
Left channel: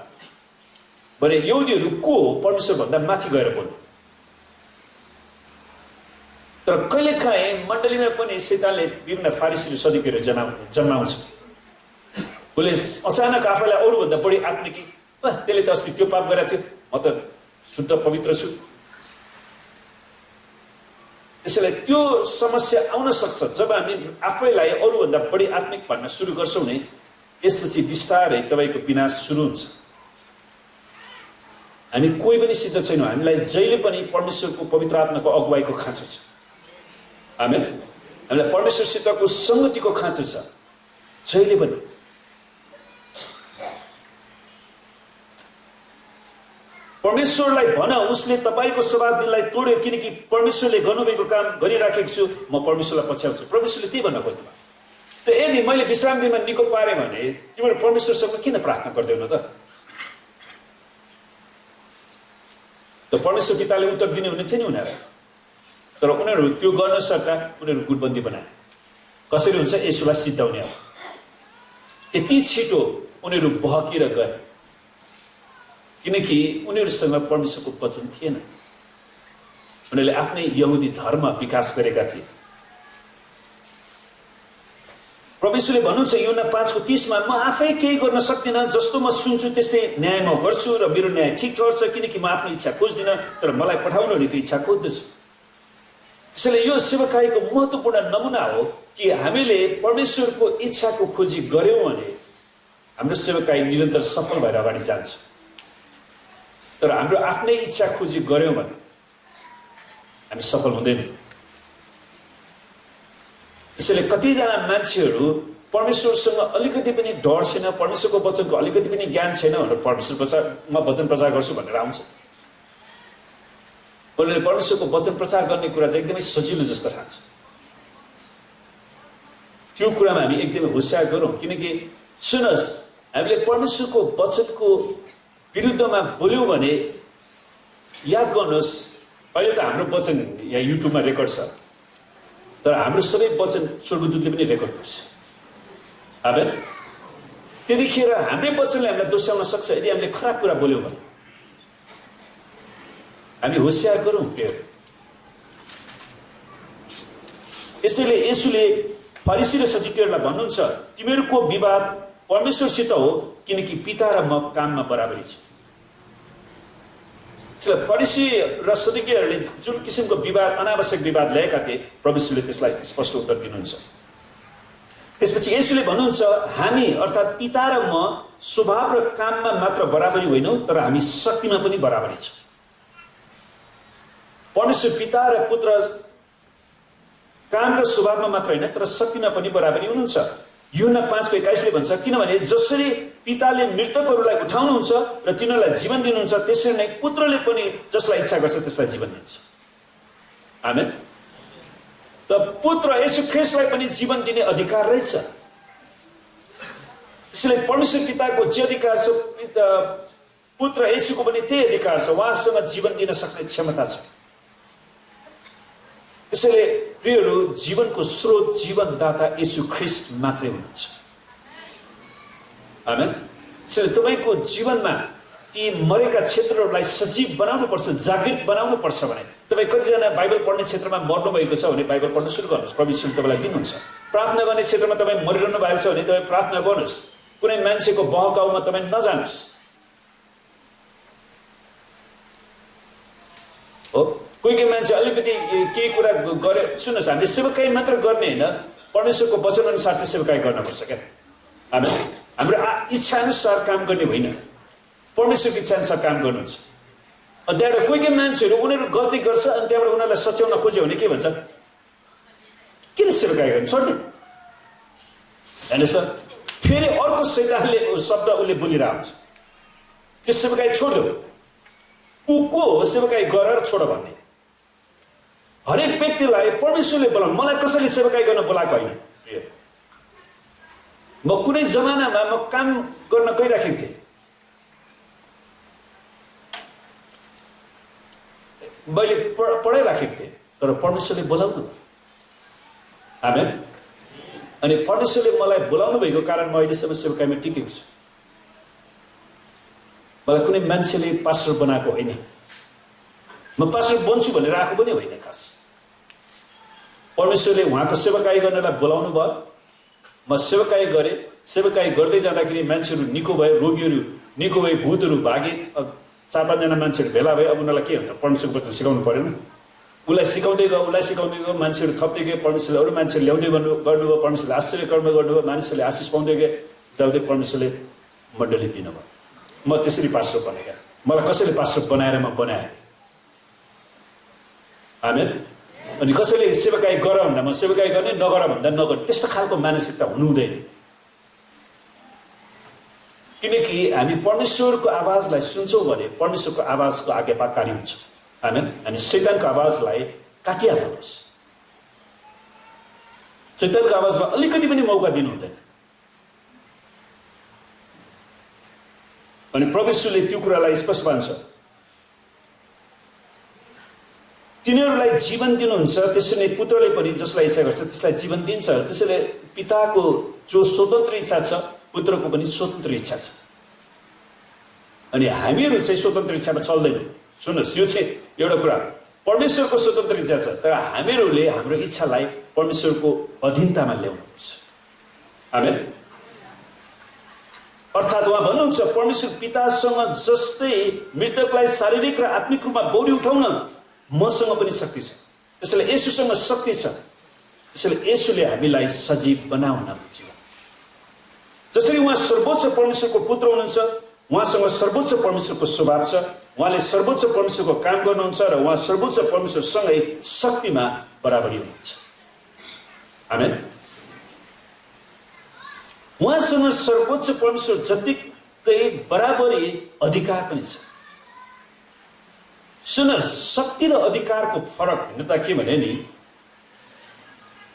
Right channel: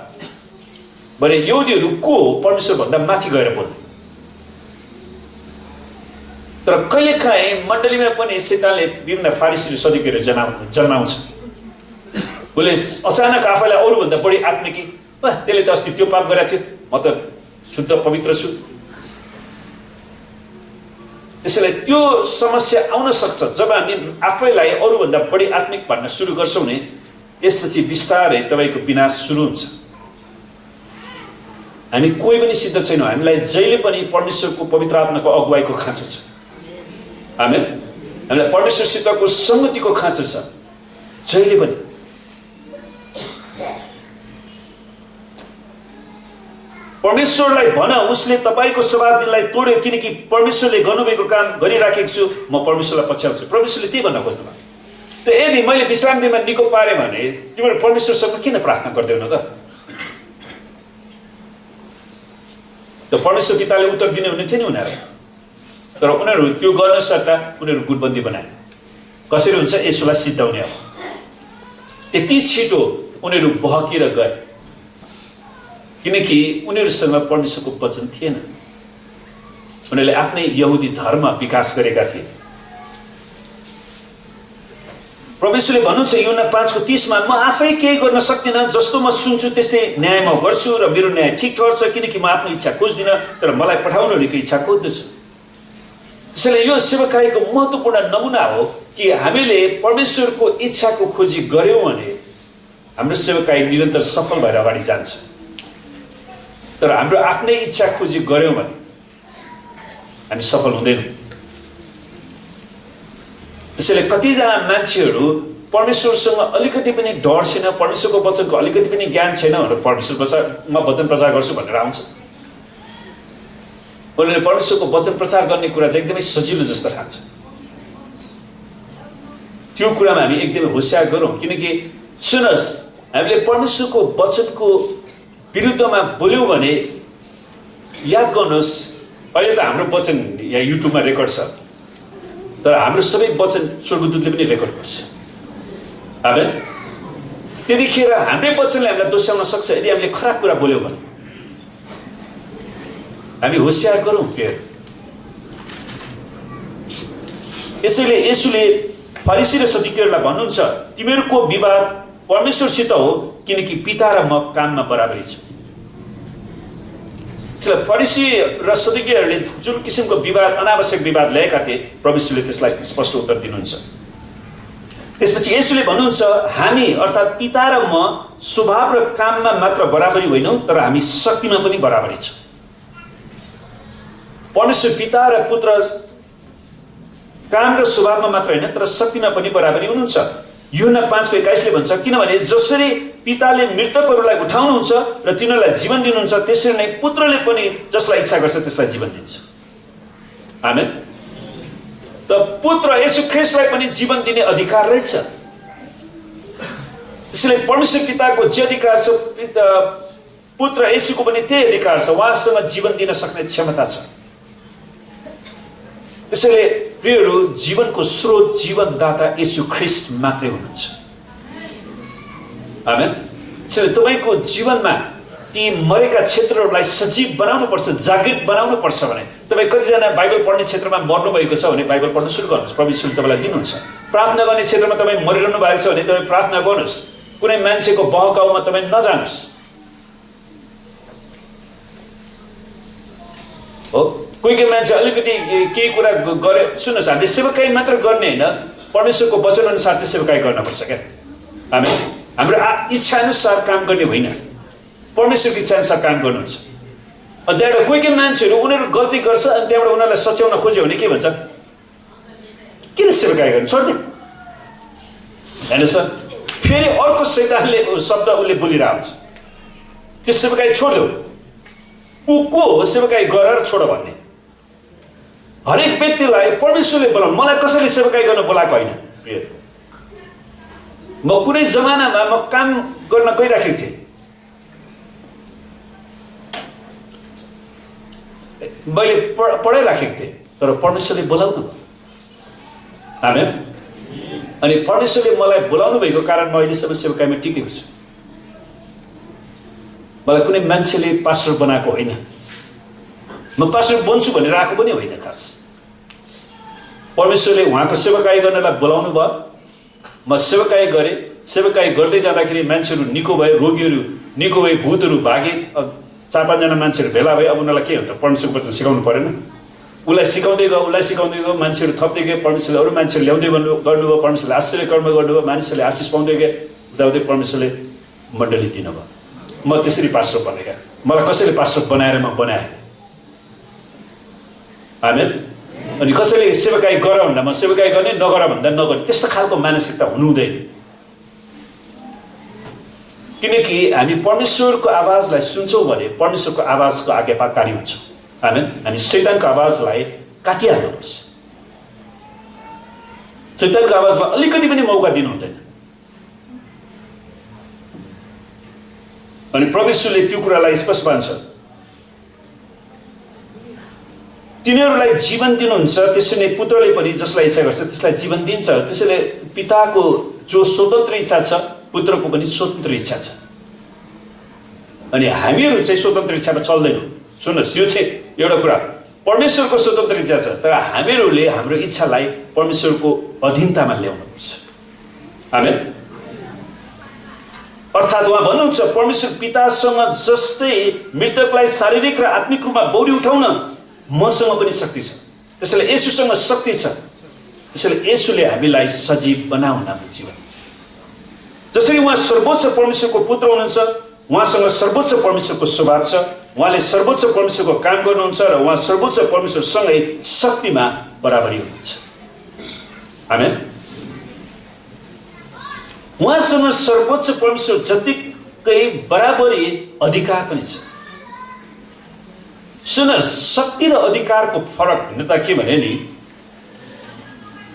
भने यहुदीहरू को परमेश्वर भन्दा माथि गएर बोल्ने। तर कहिलेकाहीँ मण्डलीमा पनि शैतानले विभिन्न फारिसीहरू सदुकीहरू जन्माउँछ। उसले अचानक आफैलाई अरूभन्दा बढी आत्मिकी, त्यसले त अस्ति त्यो पाप गरेको थियो, म त शुद्ध पवित्र छु। त्यसैले त्यो समस्या आउन सक्छ जब हामी आफैलाई अरूभन्दा बढी आत्मिक भन्न सुरु गर्छौँ नि, त्यसपछि बिस्तारै तपाईँको विनाश सुरु हुन्छ। हामी कोही पनि सिद्ध छैनौँ, हामीलाई जहिले पनि परमेश्वरको पवित्र आत्माको अगुवाईको खाँचो छ। आमेन। हामीलाई परमेश्वरसितको सङ्गतिको खाँचो छ जहिले पनि। परमेश्वरलाई भन उसले तपाईँको सब्बात दिनलाई तोड्यो, किनकि परमेश्वरले गर्नुभएको काम गरिराखेको छु, म परमेश्वरलाई पछ्याउँछु। परमेश्वरले त्यही भन्न खोज्नु भयो। त यदि मैले विश्राम दिनमा निको पारेँ भने तिमीहरू परमेश्वरसँग किन प्रार्थना गर्दैनौ त? परमेश्वर पिताले उत्तर दिने हुने थियो नि उनीहरू, तर उनीहरू त्यो गर्न सट्टा उनीहरू गुटबन्दी बनाए। कसरी हुन्छ? यसुलाई सिद्धाउने। अब यति छिटो उनीहरू बहकिएर गए किनकि उनीहरूसँग परमेश्वरको वचन थिएन। उनीहरूले आफ्नै यहुदी धर्म विकास गरेका थिए। परमेश्वरले भन्नुहुन्छ यूहन्ना 5:30 मा, म आफै केही गर्न सक्दिनँ, जस्तो म सुन्छु त्यस्तै न्याय म गर्छु र मेरो न्याय ठिक ठहर्छ, किनकि म आफ्नो इच्छा खोज्दिनँ तर मलाई पठाउनेहरूको इच्छा खोज्दछु। त्यसैले यो सेवकाईको महत्त्वपूर्ण नमुना हो कि हामीले परमेश्वरको इच्छाको खोजी गर्यौँ भने हाम्रो सेवकाई निरन्तर सफल भएर अगाडि जान्छ। तर हाम्रो आफ्नै इच्छा खोजी गर्यौँ भने हामी सफल हुँदैनौँ। त्यसैले कतिजना मान्छेहरू परमेश्वरसँग अलिकति पनि डर छैन, परमेश्वरको वचनको अलिकति पनि ज्ञान छैन भनेर म वचन प्रचार गर्छु भनेर आउँछ। उनीहरूले परमेश्वरको वचन प्रचार गर्ने कुरा चाहिँ एकदमै सजिलो जस्तो ठान्छ। त्यो कुरामा हामी एकदमै होसियार गरौँ, किनकि सुन्नुहोस्, हामीले परमेश्वरको वचनको विरुद्धमा बोल्यौँ भने याद गर्नुहोस्, अहिले त हाम्रो वचन यहाँ युट्युबमा रेकर्ड छ, तर हाम्रो सबै वचन स्वर्गदूतले पनि रेकर्ड गर्छ। आमेन। त्यतिखेर हाम्रै वचनले हामीलाई दोस्याउन सक्छ यदि हामीले खराब कुरा बोल्यौँ भने। हामी होसियार गरौँ के। यसैले यसुले फरिसी र सदुकीहरूलाई भन्नुहुन्छ तिमीहरूको विवाद परमेश्वरसित हो, किनकि पिता र म काममा बराबरी छु। फरिसी र सदुकीहरूले जुन किसिमको विवाद, अनावश्यक विवाद ल्याएका थिए, परमेश्वरले त्यसलाई स्पष्ट उत्तर दिनुहुन्छ। त्यसपछि यसुले भन्नुहुन्छ हामी अर्थात् पिता र म स्वभाव र काममा मात्र बराबरी होइनौँ, तर हामी शक्तिमा पनि बराबरी छौँ। परमेश्वर पिता र पुत्र काम र स्वभावमा मात्र होइन तर शक्तिमा पनि बराबरी हुनुहुन्छ। यूहन्ना 5:21 भन्छ, किनभने जसरी पिताले मृतकहरूलाई उठाउनुहुन्छ र तिनीहरूलाई जीवन दिनुहुन्छ त्यसरी नै पुत्रले पनि जसलाई इच्छा गर्छ त्यसलाई जीवन दिन्छ। आमेन। त पुत्र येशू ख्रीष्टलाई पनि जीवन दिने अधिकार रहेछ। त्यसैले परमेश्वर पिताको जे अधिकार छ पुत्र येशूको पनि त्यही अधिकार छ। उहाँसँग जीवन दिन सक्ने क्षमता छ। त्यसैले प्रियहरू, जीवनको स्रोत जीवनदाता येशू ख्रीष्ट मात्रै हुनुहुन्छ। आमेन। त्यसैले तपाईँको जीवनमा ती मरेका क्षेत्रहरूलाई सजीव बनाउनु पर्छ, जागृत बनाउनु पर्छ भने तपाईँ कतिजना बाइबल पढ्ने क्षेत्रमा मर्नु भएको छ भने बाइबल पढ्न सुरु गर्नुहोस्। प्रभु यीशुले तपाईँलाई दिनुहुन्छ। प्रार्थना गर्ने क्षेत्रमा तपाईँ मरिरहनु भएको छ भने तपाईँ प्रार्थना गर्नुहोस्। कुनै मान्छेको बहकाउमा तपाईँ नजानुहोस्। हो, कोही कोही मान्छे अलिकति केही कुरा गरे, सुन्नुहोस्, हामीले सेवकाई मात्र गर्ने होइन, परमेश्वरको वचन अनुसार चाहिँ सेवकाई गर्नुपर्छ क्या। हामी हाम्रो इच्छा अनुसार काम गर्ने होइन, परमेश्वरको इच्छा अनुसार काम गर्नुहुन्छ। अनि त्यहाँबाट कोही कोही मान्छेहरू उनीहरू गल्ती गर्छ अनि त्यहाँबाट उनीहरूलाई सच्याउन खोज्यो भने के भन्छ, किन सेवकाई गर्नु, छोडिदिए होइन सर। फेरि अर्को शैतानले शब्द उसले बोलिरहेको हुन्छ, त्यो सेवकाई छोड्देऊ। ऊ को हो सेवकाई गरेर छोड भन्ने? हरेक व्यक्तिलाई परमेश्वरले बोलाउनु। मलाई कसैले सेवकाई गर्न बोलाएको होइन प्रिय। म कुनै जमानामा म काम गर्न गइराखेको थिएँ, मैले पढाइराखेको थिएँ, तर परमेश्वरले बोलाउनु भयो। आमेन। अनि परमेश्वरले मलाई बोलाउनु भएको कारण म अहिलेसम्म सेवकाईमा टिकेको छु। मलाई कुनै मान्छेले पास्टर बनाएको होइन, म पास्टर बन्छु भनेर आएको पनि होइन। खास परमेश्वरले उहाँको सेवकाई गर्नलाई बोलाउनु भयो। म सेवकाई गरेँ। सेवकाई गर्दै जाँदाखेरि मान्छेहरू निको भए, रोगीहरू निको भए, भूतहरू भागे। 4-5 मान्छेहरू भेला भए। अब उनीहरूलाई के हुन्छ, परमेश्वरको वचन सिकाउनु परेन? उसलाई सिकाउँदै गयो, मान्छेहरू थप्दै गए। परमेश्वरले अरू मान्छेहरू ल्याउँदै गर्नुभयो। परमेश्वरले आश्चर्य कर्म गर्नुभयो। मानिसहरूले आशिष पाउँदै गए। उदाउँदै परमेश्वरले मण्डली दिनुभयो। म त्यसरी पास्टर बनेका। मलाई कसैले पास्टर बनाएर म बनाएँ। आमेन। अनि कसैले सेवकाई गर भन्दा म सेवकाई गर्ने, नगर भन्दा नगर्ने, त्यस्तो खालको मानसिकता हुनु हुँदैन। किनकि हामी परमेश्वरको आवाजलाई सुन्छौँ भने परमेश्वरको आवाजको आज्ञाकारी हुन्छौँ। आमेन। हामी शैतानको आवाजलाई काटिहाल्नुपर्छ। शैतानको आवाजलाई अलिकति पनि मौका दिनु हुँदैन। अनि परमेश्वरले त्यो कुरालाई स्पष्ट मान्छ, तिनीहरूलाई जीवन दिनुहुन्छ, त्यसरी नै पुत्रले पनि जसलाई इच्छा गर्छ त्यसलाई जीवन दिन्छ। त्यसैले पिताको जो स्वतन्त्र इच्छा छ पुत्रको पनि स्वतन्त्र इच्छा छ। अनि हामीहरू चाहिँ स्वतन्त्र इच्छामा चल्दैनौँ। सुन्नुहोस्, यो चाहिँ एउटा कुरा, परमेश्वरको स्वतन्त्र इच्छा छ, तर हामीहरूले हाम्रो इच्छालाई परमेश्वरको अधीनतामा ल्याउनुपर्छ। आमेन। अर्थात् उहाँ भन्नुहुन्छ, परमेश्वर पितासँग जस्तै मृतकलाई शारीरिक र आत्मिक रूपमा बौरी उठाउन मसँग पनि शक्ति छ। त्यसैले येशूसँग शक्ति छ। त्यसैले येशूले हामीलाई सजीव बनाउन हाम्रो जीवन। जसरी उहाँ सर्वोच्च परमेश्वरको पुत्र हुनुहुन्छ, उहाँसँग सर्वोच्च परमेश्वरको स्वभाव छ। उहाँले सर्वोच्च परमेश्वरको काम गर्नुहुन्छ र उहाँ सर्वोच्च परमेश्वरसँगै शक्तिमा बराबरी हुनुहुन्छ। आमेन। उहाँसँग सर्वोच्च परमेश्वर जतिकै बराबरी अधिकार पनि छ। सुन, शक्ति र अधिकारको फरक भिन्नता के भने नि,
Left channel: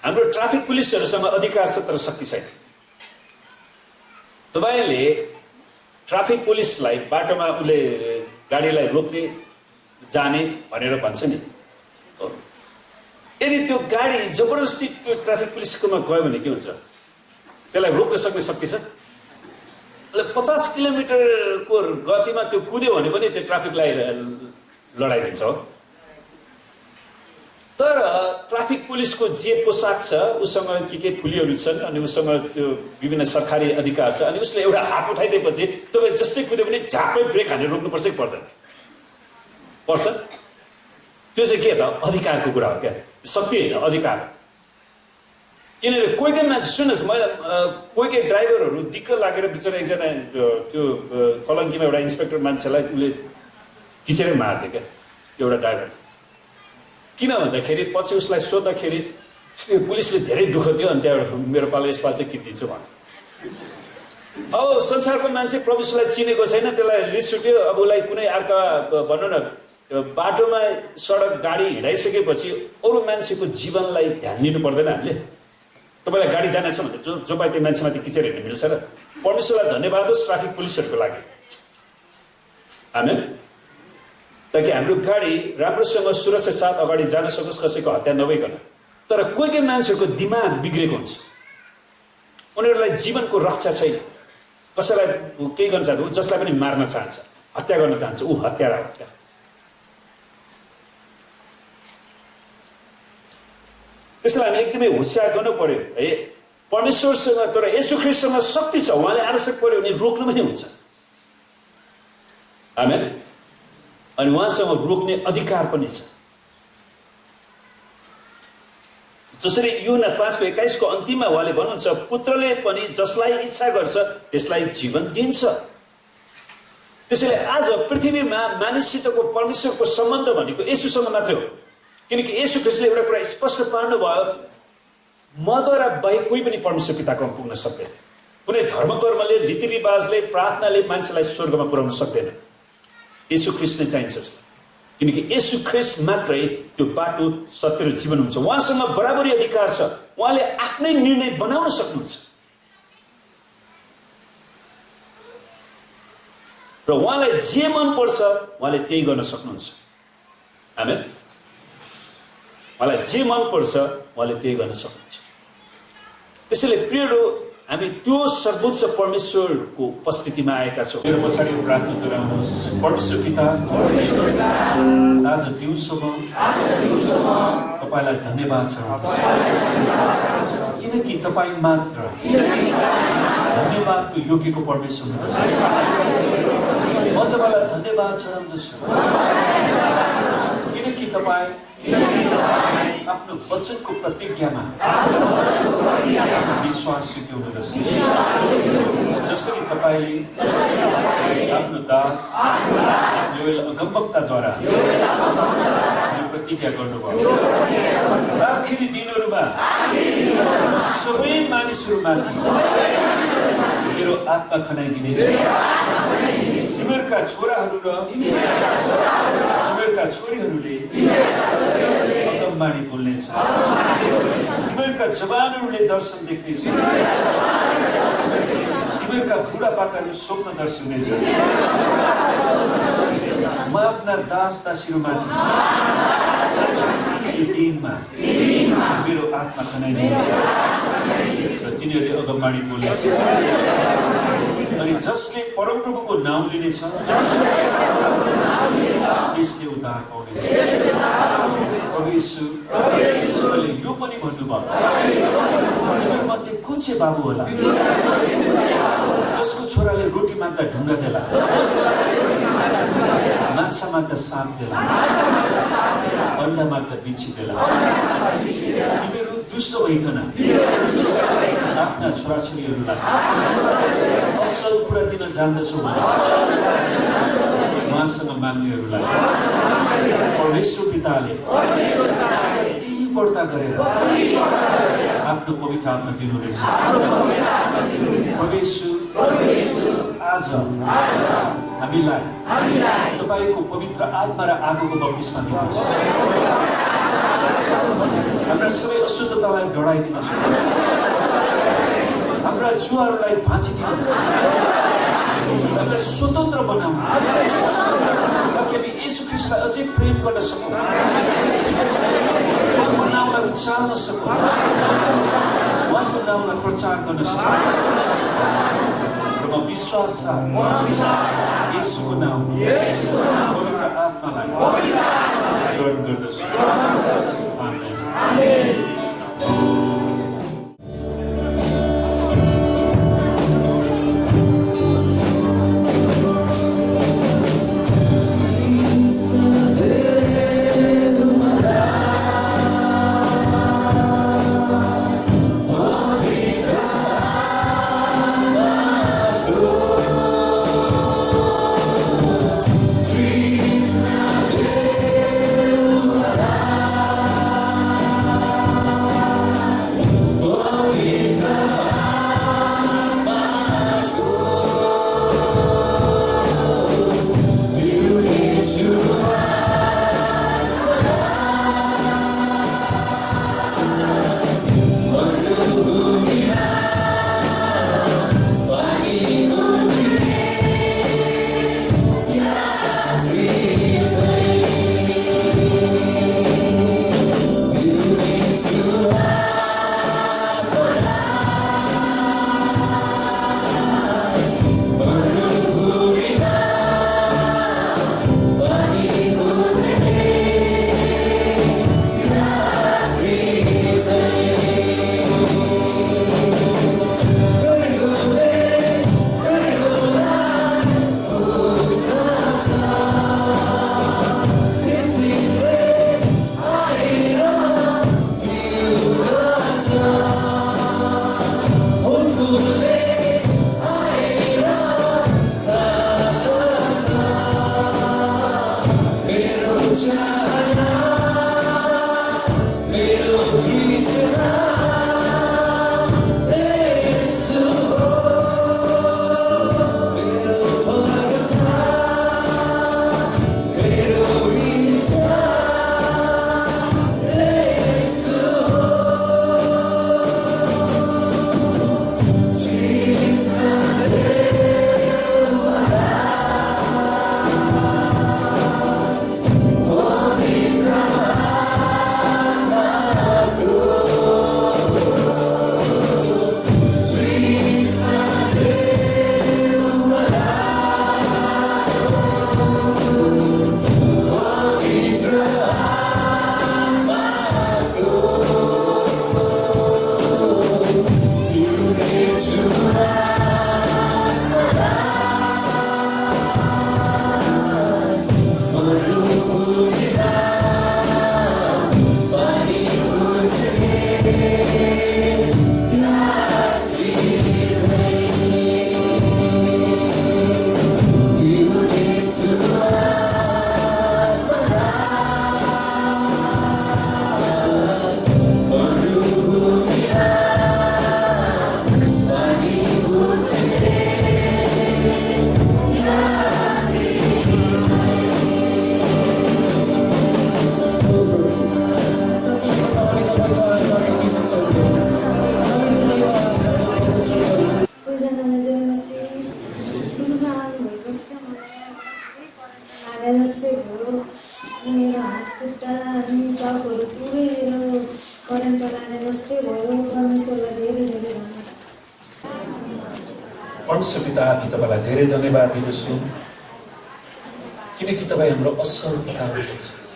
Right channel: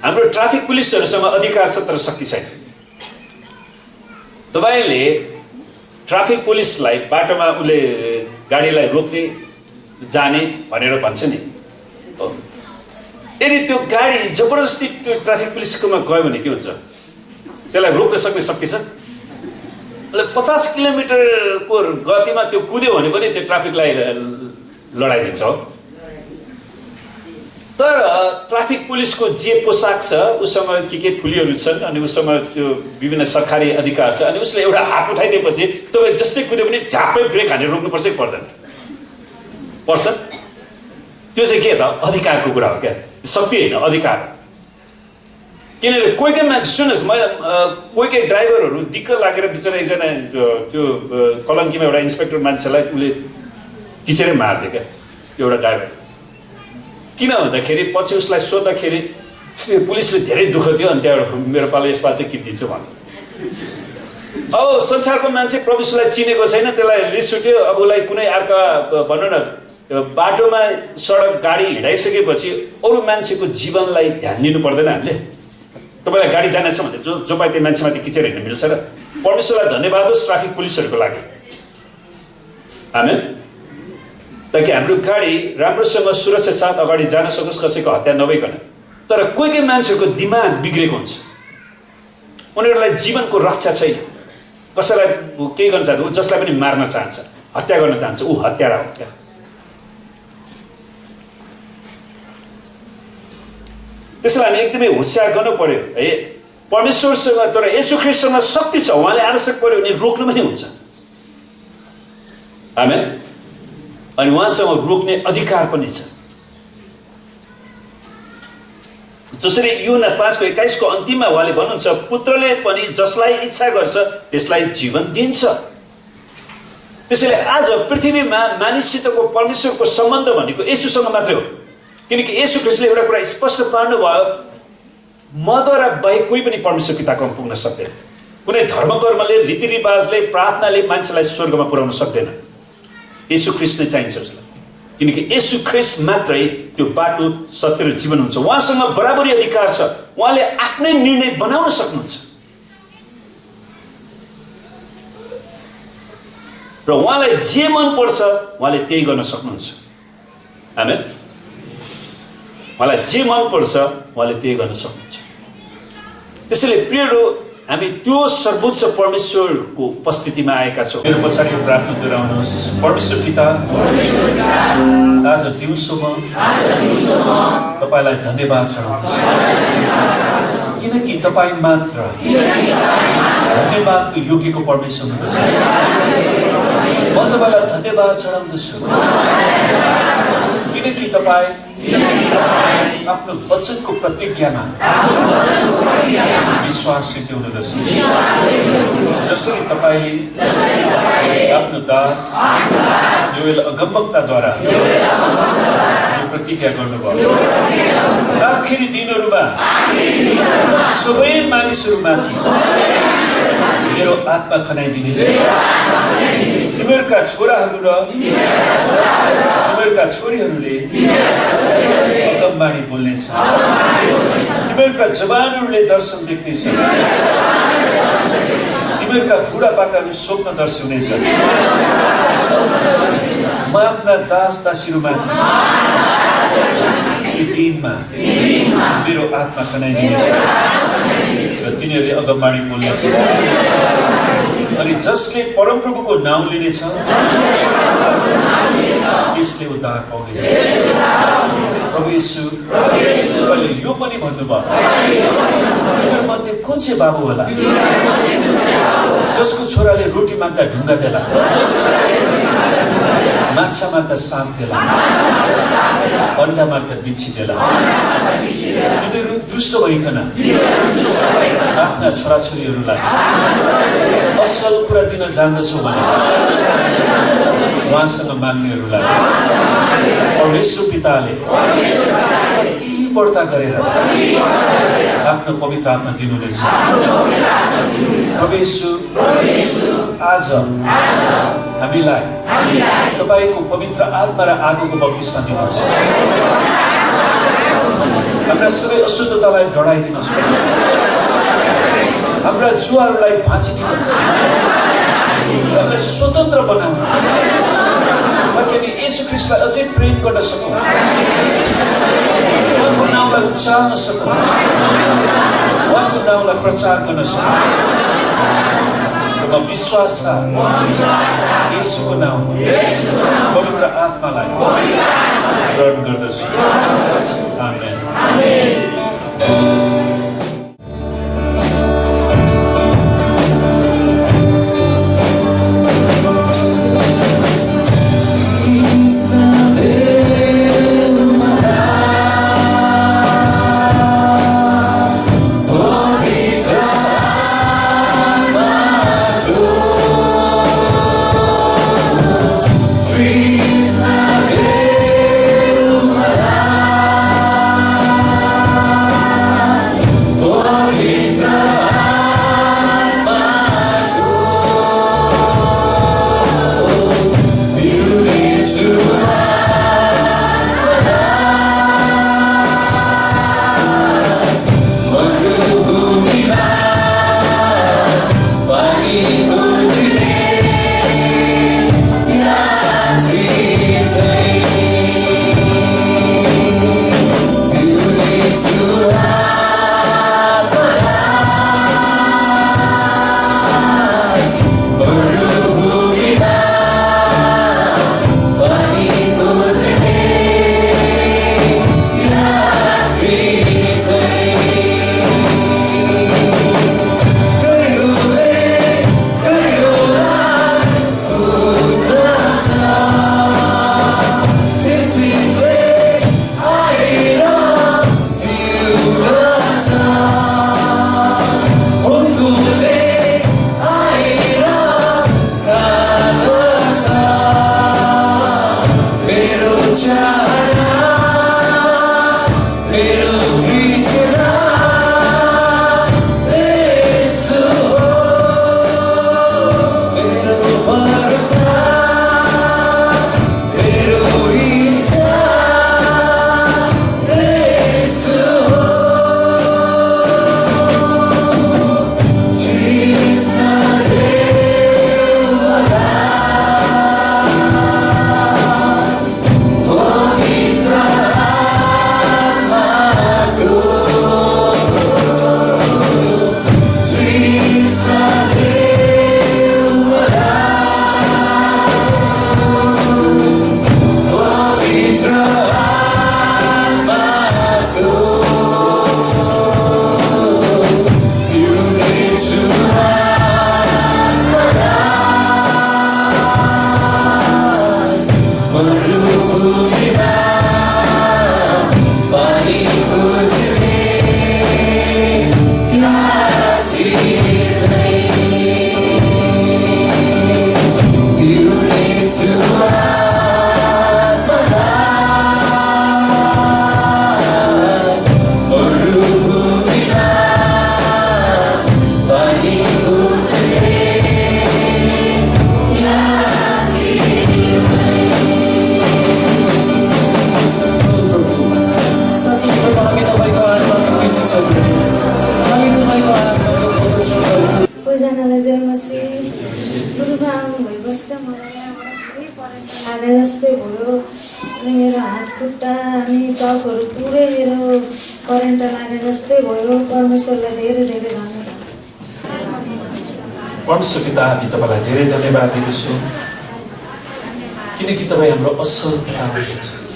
हाम्रो ट्राफिक पुलिसहरूसँग अधिकार छ तर शक्ति छैन। तपाईँले ट्राफिक पुलिसलाई बाटोमा उसले गाडीलाई रोक्ने जाने भनेर भन्छ नि, यदि त्यो गाडी जबरजस्ती त्यो ट्राफिक पुलिसकोमा गयो भने के हुन्छ, त्यसलाई रोक्न सक्ने शक्ति छ? उसले 50 किलोमिटरको गतिमा त्यो कुद्यो भने पनि त्यो ट्राफिकलाई लडाइदिन्छ हो। तर ट्राफिक पुलिसको जे पोसाक छ, उसँग के फुलीहरू छन्, अनि उसँग त्यो विभिन्न सरकारी अधिकार छ, अनि उसले एउटा हात उठाइदिएपछि तपाईँ जस्तै कुद्यो भने झापै ब्रेक हानेर रोक्नुपर्छ कि पर्दैन? पर्छ। त्यो चाहिँ के त, अधिकारको कुरा हो क्या, शक्ति होइन, अधिकार। किनभने कोही कोही मान्छे, सुन्नुहोस्, मैले कोही कोही ड्राइभरहरू दिक्क लागेर बिचरा एकजना त्यो कलङ्कीमा एउटा इन्सपेक्टर मान्छेलाई उसले खिचेरै मारिदियो क्या, एउटा ड्राइभर। किन भन्दाखेरि पछि उसलाई सोद्धाखेरि पुलिसले धेरै दुःख दियो अनि त्यहाँबाट मेरो पालो यसपालि चाहिँ किनिदिन्छु भन्यो। अब संसारको मान्छे प्रभु यीशुलाई चिनेको छैन, त्यसलाई रिस उठ्यो। अब उसलाई कुनै अर्का भनौँ न बाटोमा सडक गाडी हिँडाइसकेपछि अरू मान्छेको जीवनलाई ध्यान दिनु पर्दैन हामीले। तपाईँलाई गाडी जानेछ भने जो पाए त्यो मान्छेमाथि किचेर हिँड्नु मिल्छ र? परमेश्वरलाई धन्यवाद होस् ट्राफिक पुलिसहरूको लागि, आमेन, ताकि हाम्रो गाडी राम्रोसँग सुरक्षा साथ अगाडि जान सकोस्, कसैको हत्या नभइकन। तर कोही कोही मान्छेहरूको दिमाग बिग्रेको हुन्छ, उनीहरूलाई जीवनको रक्षा छैन। कसैलाई केही गर्न चाहन्छ, ऊ जसलाई पनि मार्न चाहन्छ, हत्या गर्न चाहन्छ, ऊ हत्यारा हो। त्यहाँ त्यसैले हामी एकदमै होसियार गर्नु पर्यो है परमेश्वरसँग। तर येशू ख्रीष्टसँग शक्ति छ, उहाँले आवश्यक पर्यो भने रोक्नु पनि हुन्छ, आमेन। अनि उहाँसँग रोक्ने अधिकार पनि छ। जसरी यूहन्ना 5:21 अन्तिममा उहाँले भन्नुहुन्छ, पुत्रले पनि जसलाई इच्छा गर्छ त्यसलाई जीवन दिन्छ। त्यसैले आज पृथ्वीमा मानिससितको परमेश्वरको सम्बन्ध भनेको येशूसँग मात्रै हो। किनकि येशू ख्रीष्टले एउटा कुरा स्पष्ट पार्नुभयो, मद्वारा बाहेक कोही पनि परमेश्वर पिताकोमा पुग्न सक्दैन। कुनै धर्मकर्मले, रीतिरिवाजले, प्रार्थनाले मान्छेलाई स्वर्गमा पुर्याउन सक्दैन। येशू ख्रीष्ट नै चाहिन्छ उसलाई, किनकि येशू ख्रीष्ट मात्रै त्यो बाटो, सत्य र जीवन हुन्छ। उहाँसँग बराबरी अधिकार छ, उहाँले आफ्नै निर्णय बनाउन सक्नुहुन्छ र उहाँलाई जे मन पर्छ उहाँले त्यही गर्न सक्नुहुन्छ, आमेन। उहाँलाई जे मन पर्छ उहाँले त्यही गर्न सक्नुहुन्छ। त्यसैले प्रियहरू, हामी त्यो सर्वोच्च परमेश्वरको उपस्थितिमा आएका छौँ। मेरो पछाडि प्रार्थना गराउनुहोस्। परमेश्वर पिता, आज दिउँसोमा तपाईँलाई धन्यवाद चढाउँदछु, किनकि तपाईँ मात्र धन्यवादको योग्यको परमेश्वर हुँदछ। म तपाईँलाई धन्यवाद चढाउँदछु, किनकि तपाईँ आफ्नो वचनको प्रतिज्ञामा विश्वास हुनुहुँदछ। जसरी तपाईँले आफ्नो दास योएल अगमवक्ताद्वारा यो प्रतिज्ञा गर्नुभयो, आखिरी दिनहरूमा सबै मानिसहरूमाथि मेरो आत्मा खनाइदिनेछ। तिमीहरूका छोराहरू र तिमीहरूका छोरीहरूले अगमबाणी बोल्नेछ। तिमीहरूका जवानहरूले दर्शन देख्नेछ। तिमीहरूका बुढापाकाहरू स्वप्नदर्शी हुनेछ। म आफ्ना दास दासीहरूमाथि यी दिनमा मेरो आत्मा खनाइदिनेछ र तिनीहरूले अगमबाणी बोल्नेछ। अनि जसले परमप्रभुको नाउँ लिनेछ त्यसले उद्धार पाउनेछ। प्रभु येशू, तपाईँले यो पनि भन्नुभयो, तिमीहरूमध्ये कुन चाहिँ बाबु होला जसको छोराले रोटी माग्दा ढुङ्गा देला, माछा माग्दा साँप देला, अन्डा माग्दा बिच्छी देला। तिनीहरू दुष्ट भइकन आफ्ना छोराछोरीहरूलाई असल कुरा दिन जान्दछौ भने उहाँसँग माग्नेहरूलाई परमेश्वर पिताले कति बढ्ता गरेर आफ्नो पवित्र आत्मा दिनुहुनेछ। परमेश्वर, आज हामीलाई तपाईँको पवित्र आत्मा र आगोको बप्तिस्मा दिनुहोस्। हाम्रा सबै अशुद्धतालाई डढाइदिनुहोस्। हाम्रा जुवाहरूलाई भाँचिदिनुहोस्। हामीलाई स्वतन्त्र बनाउनुहोस्, ताकि हामी येशू ख्रीष्टलाई अझै प्रेम गर्न सकौँ, उहाँको नाउँलाई उच्चार्न सकौँ, उहाँको नाउँलाई प्रचार गर्न सकौँ। र म विश्वास छ येशूको नाउँ पवित्र आत्मालाई ग्रहण गर्दछु। आमेन। Trees are चाहना मेरो तृष्णा यसो हो मेरो भरोसा मेरो इच्छा यसो हो तृष्णा देऊ मलाई पवित्र आत्माको तृष्णा देऊ मलाई पवित्र आत्माको पिउनेछु मरुभूमिमा पानी खोज्ने यात्री झैँ पिउनेछु आत्मालाई मरुभूमिमा पानी खोज्ने यात्री झैँ साँच्चै प्रभु हामी तपाईँको आत्माको खुसी छौँ हामी तपाईँको आत्माको भोग छौँ ओजनालाई जय मसी गुरुमा आउनु भएपछि त मलाई यहाँबाट पुरै करेन्ट लागे जस्तै भयो अनि मेरो हात खुट्टा अनि टाउकोहरू पुरै मेरो करेन्ट लागे जस्तै भयो परमेश्वरलाई धेरै धेरै धन्यवाद परमेश्वर पिता हामी तपाईँलाई धेरै धन्यवाद दिँदछौँ किनकि तपाईँ हाम्रो असल पिता हुनुहुन्छ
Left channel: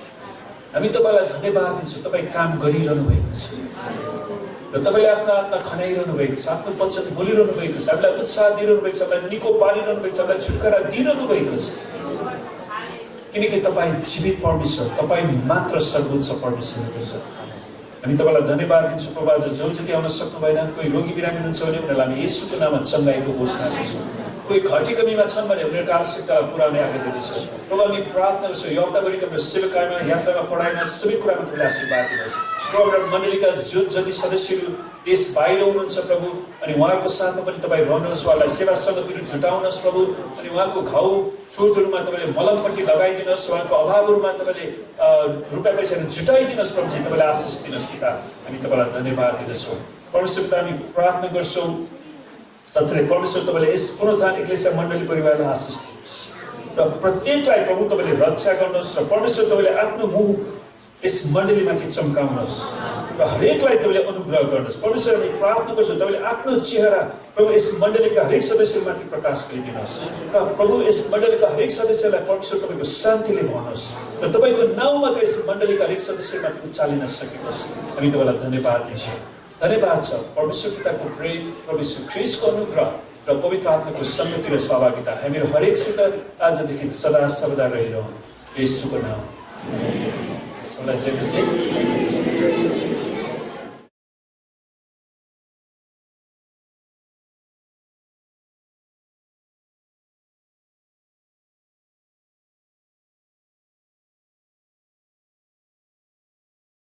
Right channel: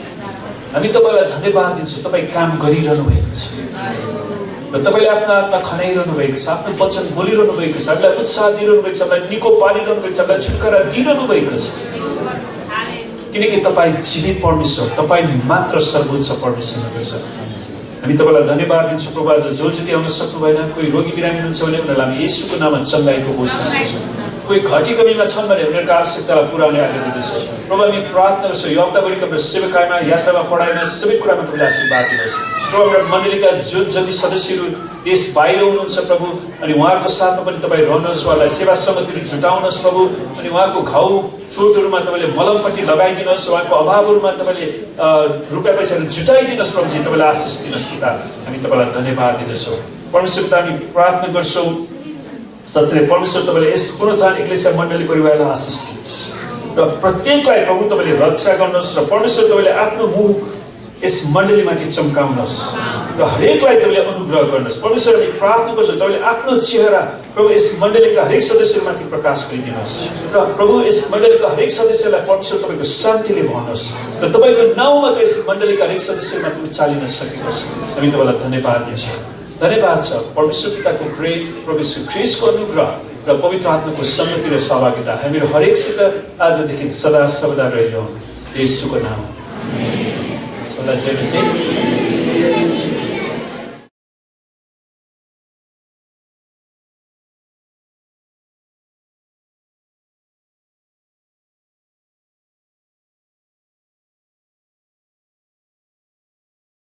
हामी तपाईँलाई धन्यवाद दिन्छौँ तपाईँ काम गरिरहनु भएको छ र तपाईँले आफ्नो आत्मा खनाइरहनु भएको छ आफ्नो वचन बोलिरहनु भएको छ हामीलाई उत्साह दिइरहनु भएको छ हामीलाई निको पारिरहनु भएको छ हामीलाई छुटकारा दिइरहनु भएको छ किनकि तपाईँ जीवित परमेश्वर तपाईँ मात्र सर्वोच्च परमेश्वर हुनुहुन्छ हामी तपाईँलाई धन्यवाद दिन्छौँ प्रभु आज जो जति आउन सक्नु भएन कोही रोगी बिरामी हुनुहुन्छ भने उनीहरूलाई हामी येशूको नाममा चङ्गाइको घोषणा गर्छौँ कोही घटी कमीमा छन् भने उनीहरूको आवश्यकतालाई पुर्याउने आज्ञा दिँदैछौँ प्रभु हामी प्रार्थना गर्छौँ यो हप्ताभरिका हाम्रो सेवाकायमा यात्रामा पढाइमा सबै कुरामा तपाईँले आशीर्वाद दिनुहोस् प्रभु हाम्रो मण्डलीका जो जति सदस्यहरू देश बाहिर हुनुहुन्छ प्रभु अनि उहाँको साथमा पनि तपाईँ रहनुहोस् उहाँलाई सेवा समितिहरू जुटाउनुहोस् प्रभु अनि उहाँको घाउ चोटहरूमा तपाईँले मलमपट्टि लगाइदिनुहोस् उहाँको अभावहरूमा तपाईँले रुपियाँ पैसाहरू जुटाइदिनुहोस् प्रभुजी तपाईँले आशिष दिनुहोस् पिता हामी तपाईँलाई धन्यवाद दिँदछौँ परमेश्वर पिता हामी प्रार्थना गर्छौँ साँच्चै परमेश्वर तपाईँले यस पुनरुत्थान एक्लेसिया मण्डली परिवारलाई आशिष दिनुहोस् र प्रत्येकलाई प्रभु तपाईँले रक्षा गर्नुहोस् र परमेश्वर तपाईँले आफ्नो मुख यस मण्डलीमाथि चम्काउनुहोस् र हरेकलाई तपाईँले अनुग्रह गर्नुहोस् परमेश्वर हामी प्रार्थना गर्छौँ तपाईँले आफ्नो चेहरा प्रभु यस मण्डलीका हरेक सदस्यमाथि प्रकाश गरिदिनुहोस् र प्रभु यस मण्डलीका हरेक सदस्यलाई परमेश्वर तपाईँको शान्तिले भन्नुहोस् र तपाईँको नाउँमा यस मण्डलीका हरेक सदस्यमाथि उचालिन सकियोस् हामी तपाईँलाई धन्यवाद दिन्छौँ धन्यवाद छ परमेश्वर पिताको ग्रेट परमेश्वर ख्रीष्टको अनुग्रह र पवित्र आत्माको सङ्गति र सहभागिता हामीहरू हरेकसित आजदेखि सदा सर्वदा रहिरहँ येशूको नाम सदा जय मसीह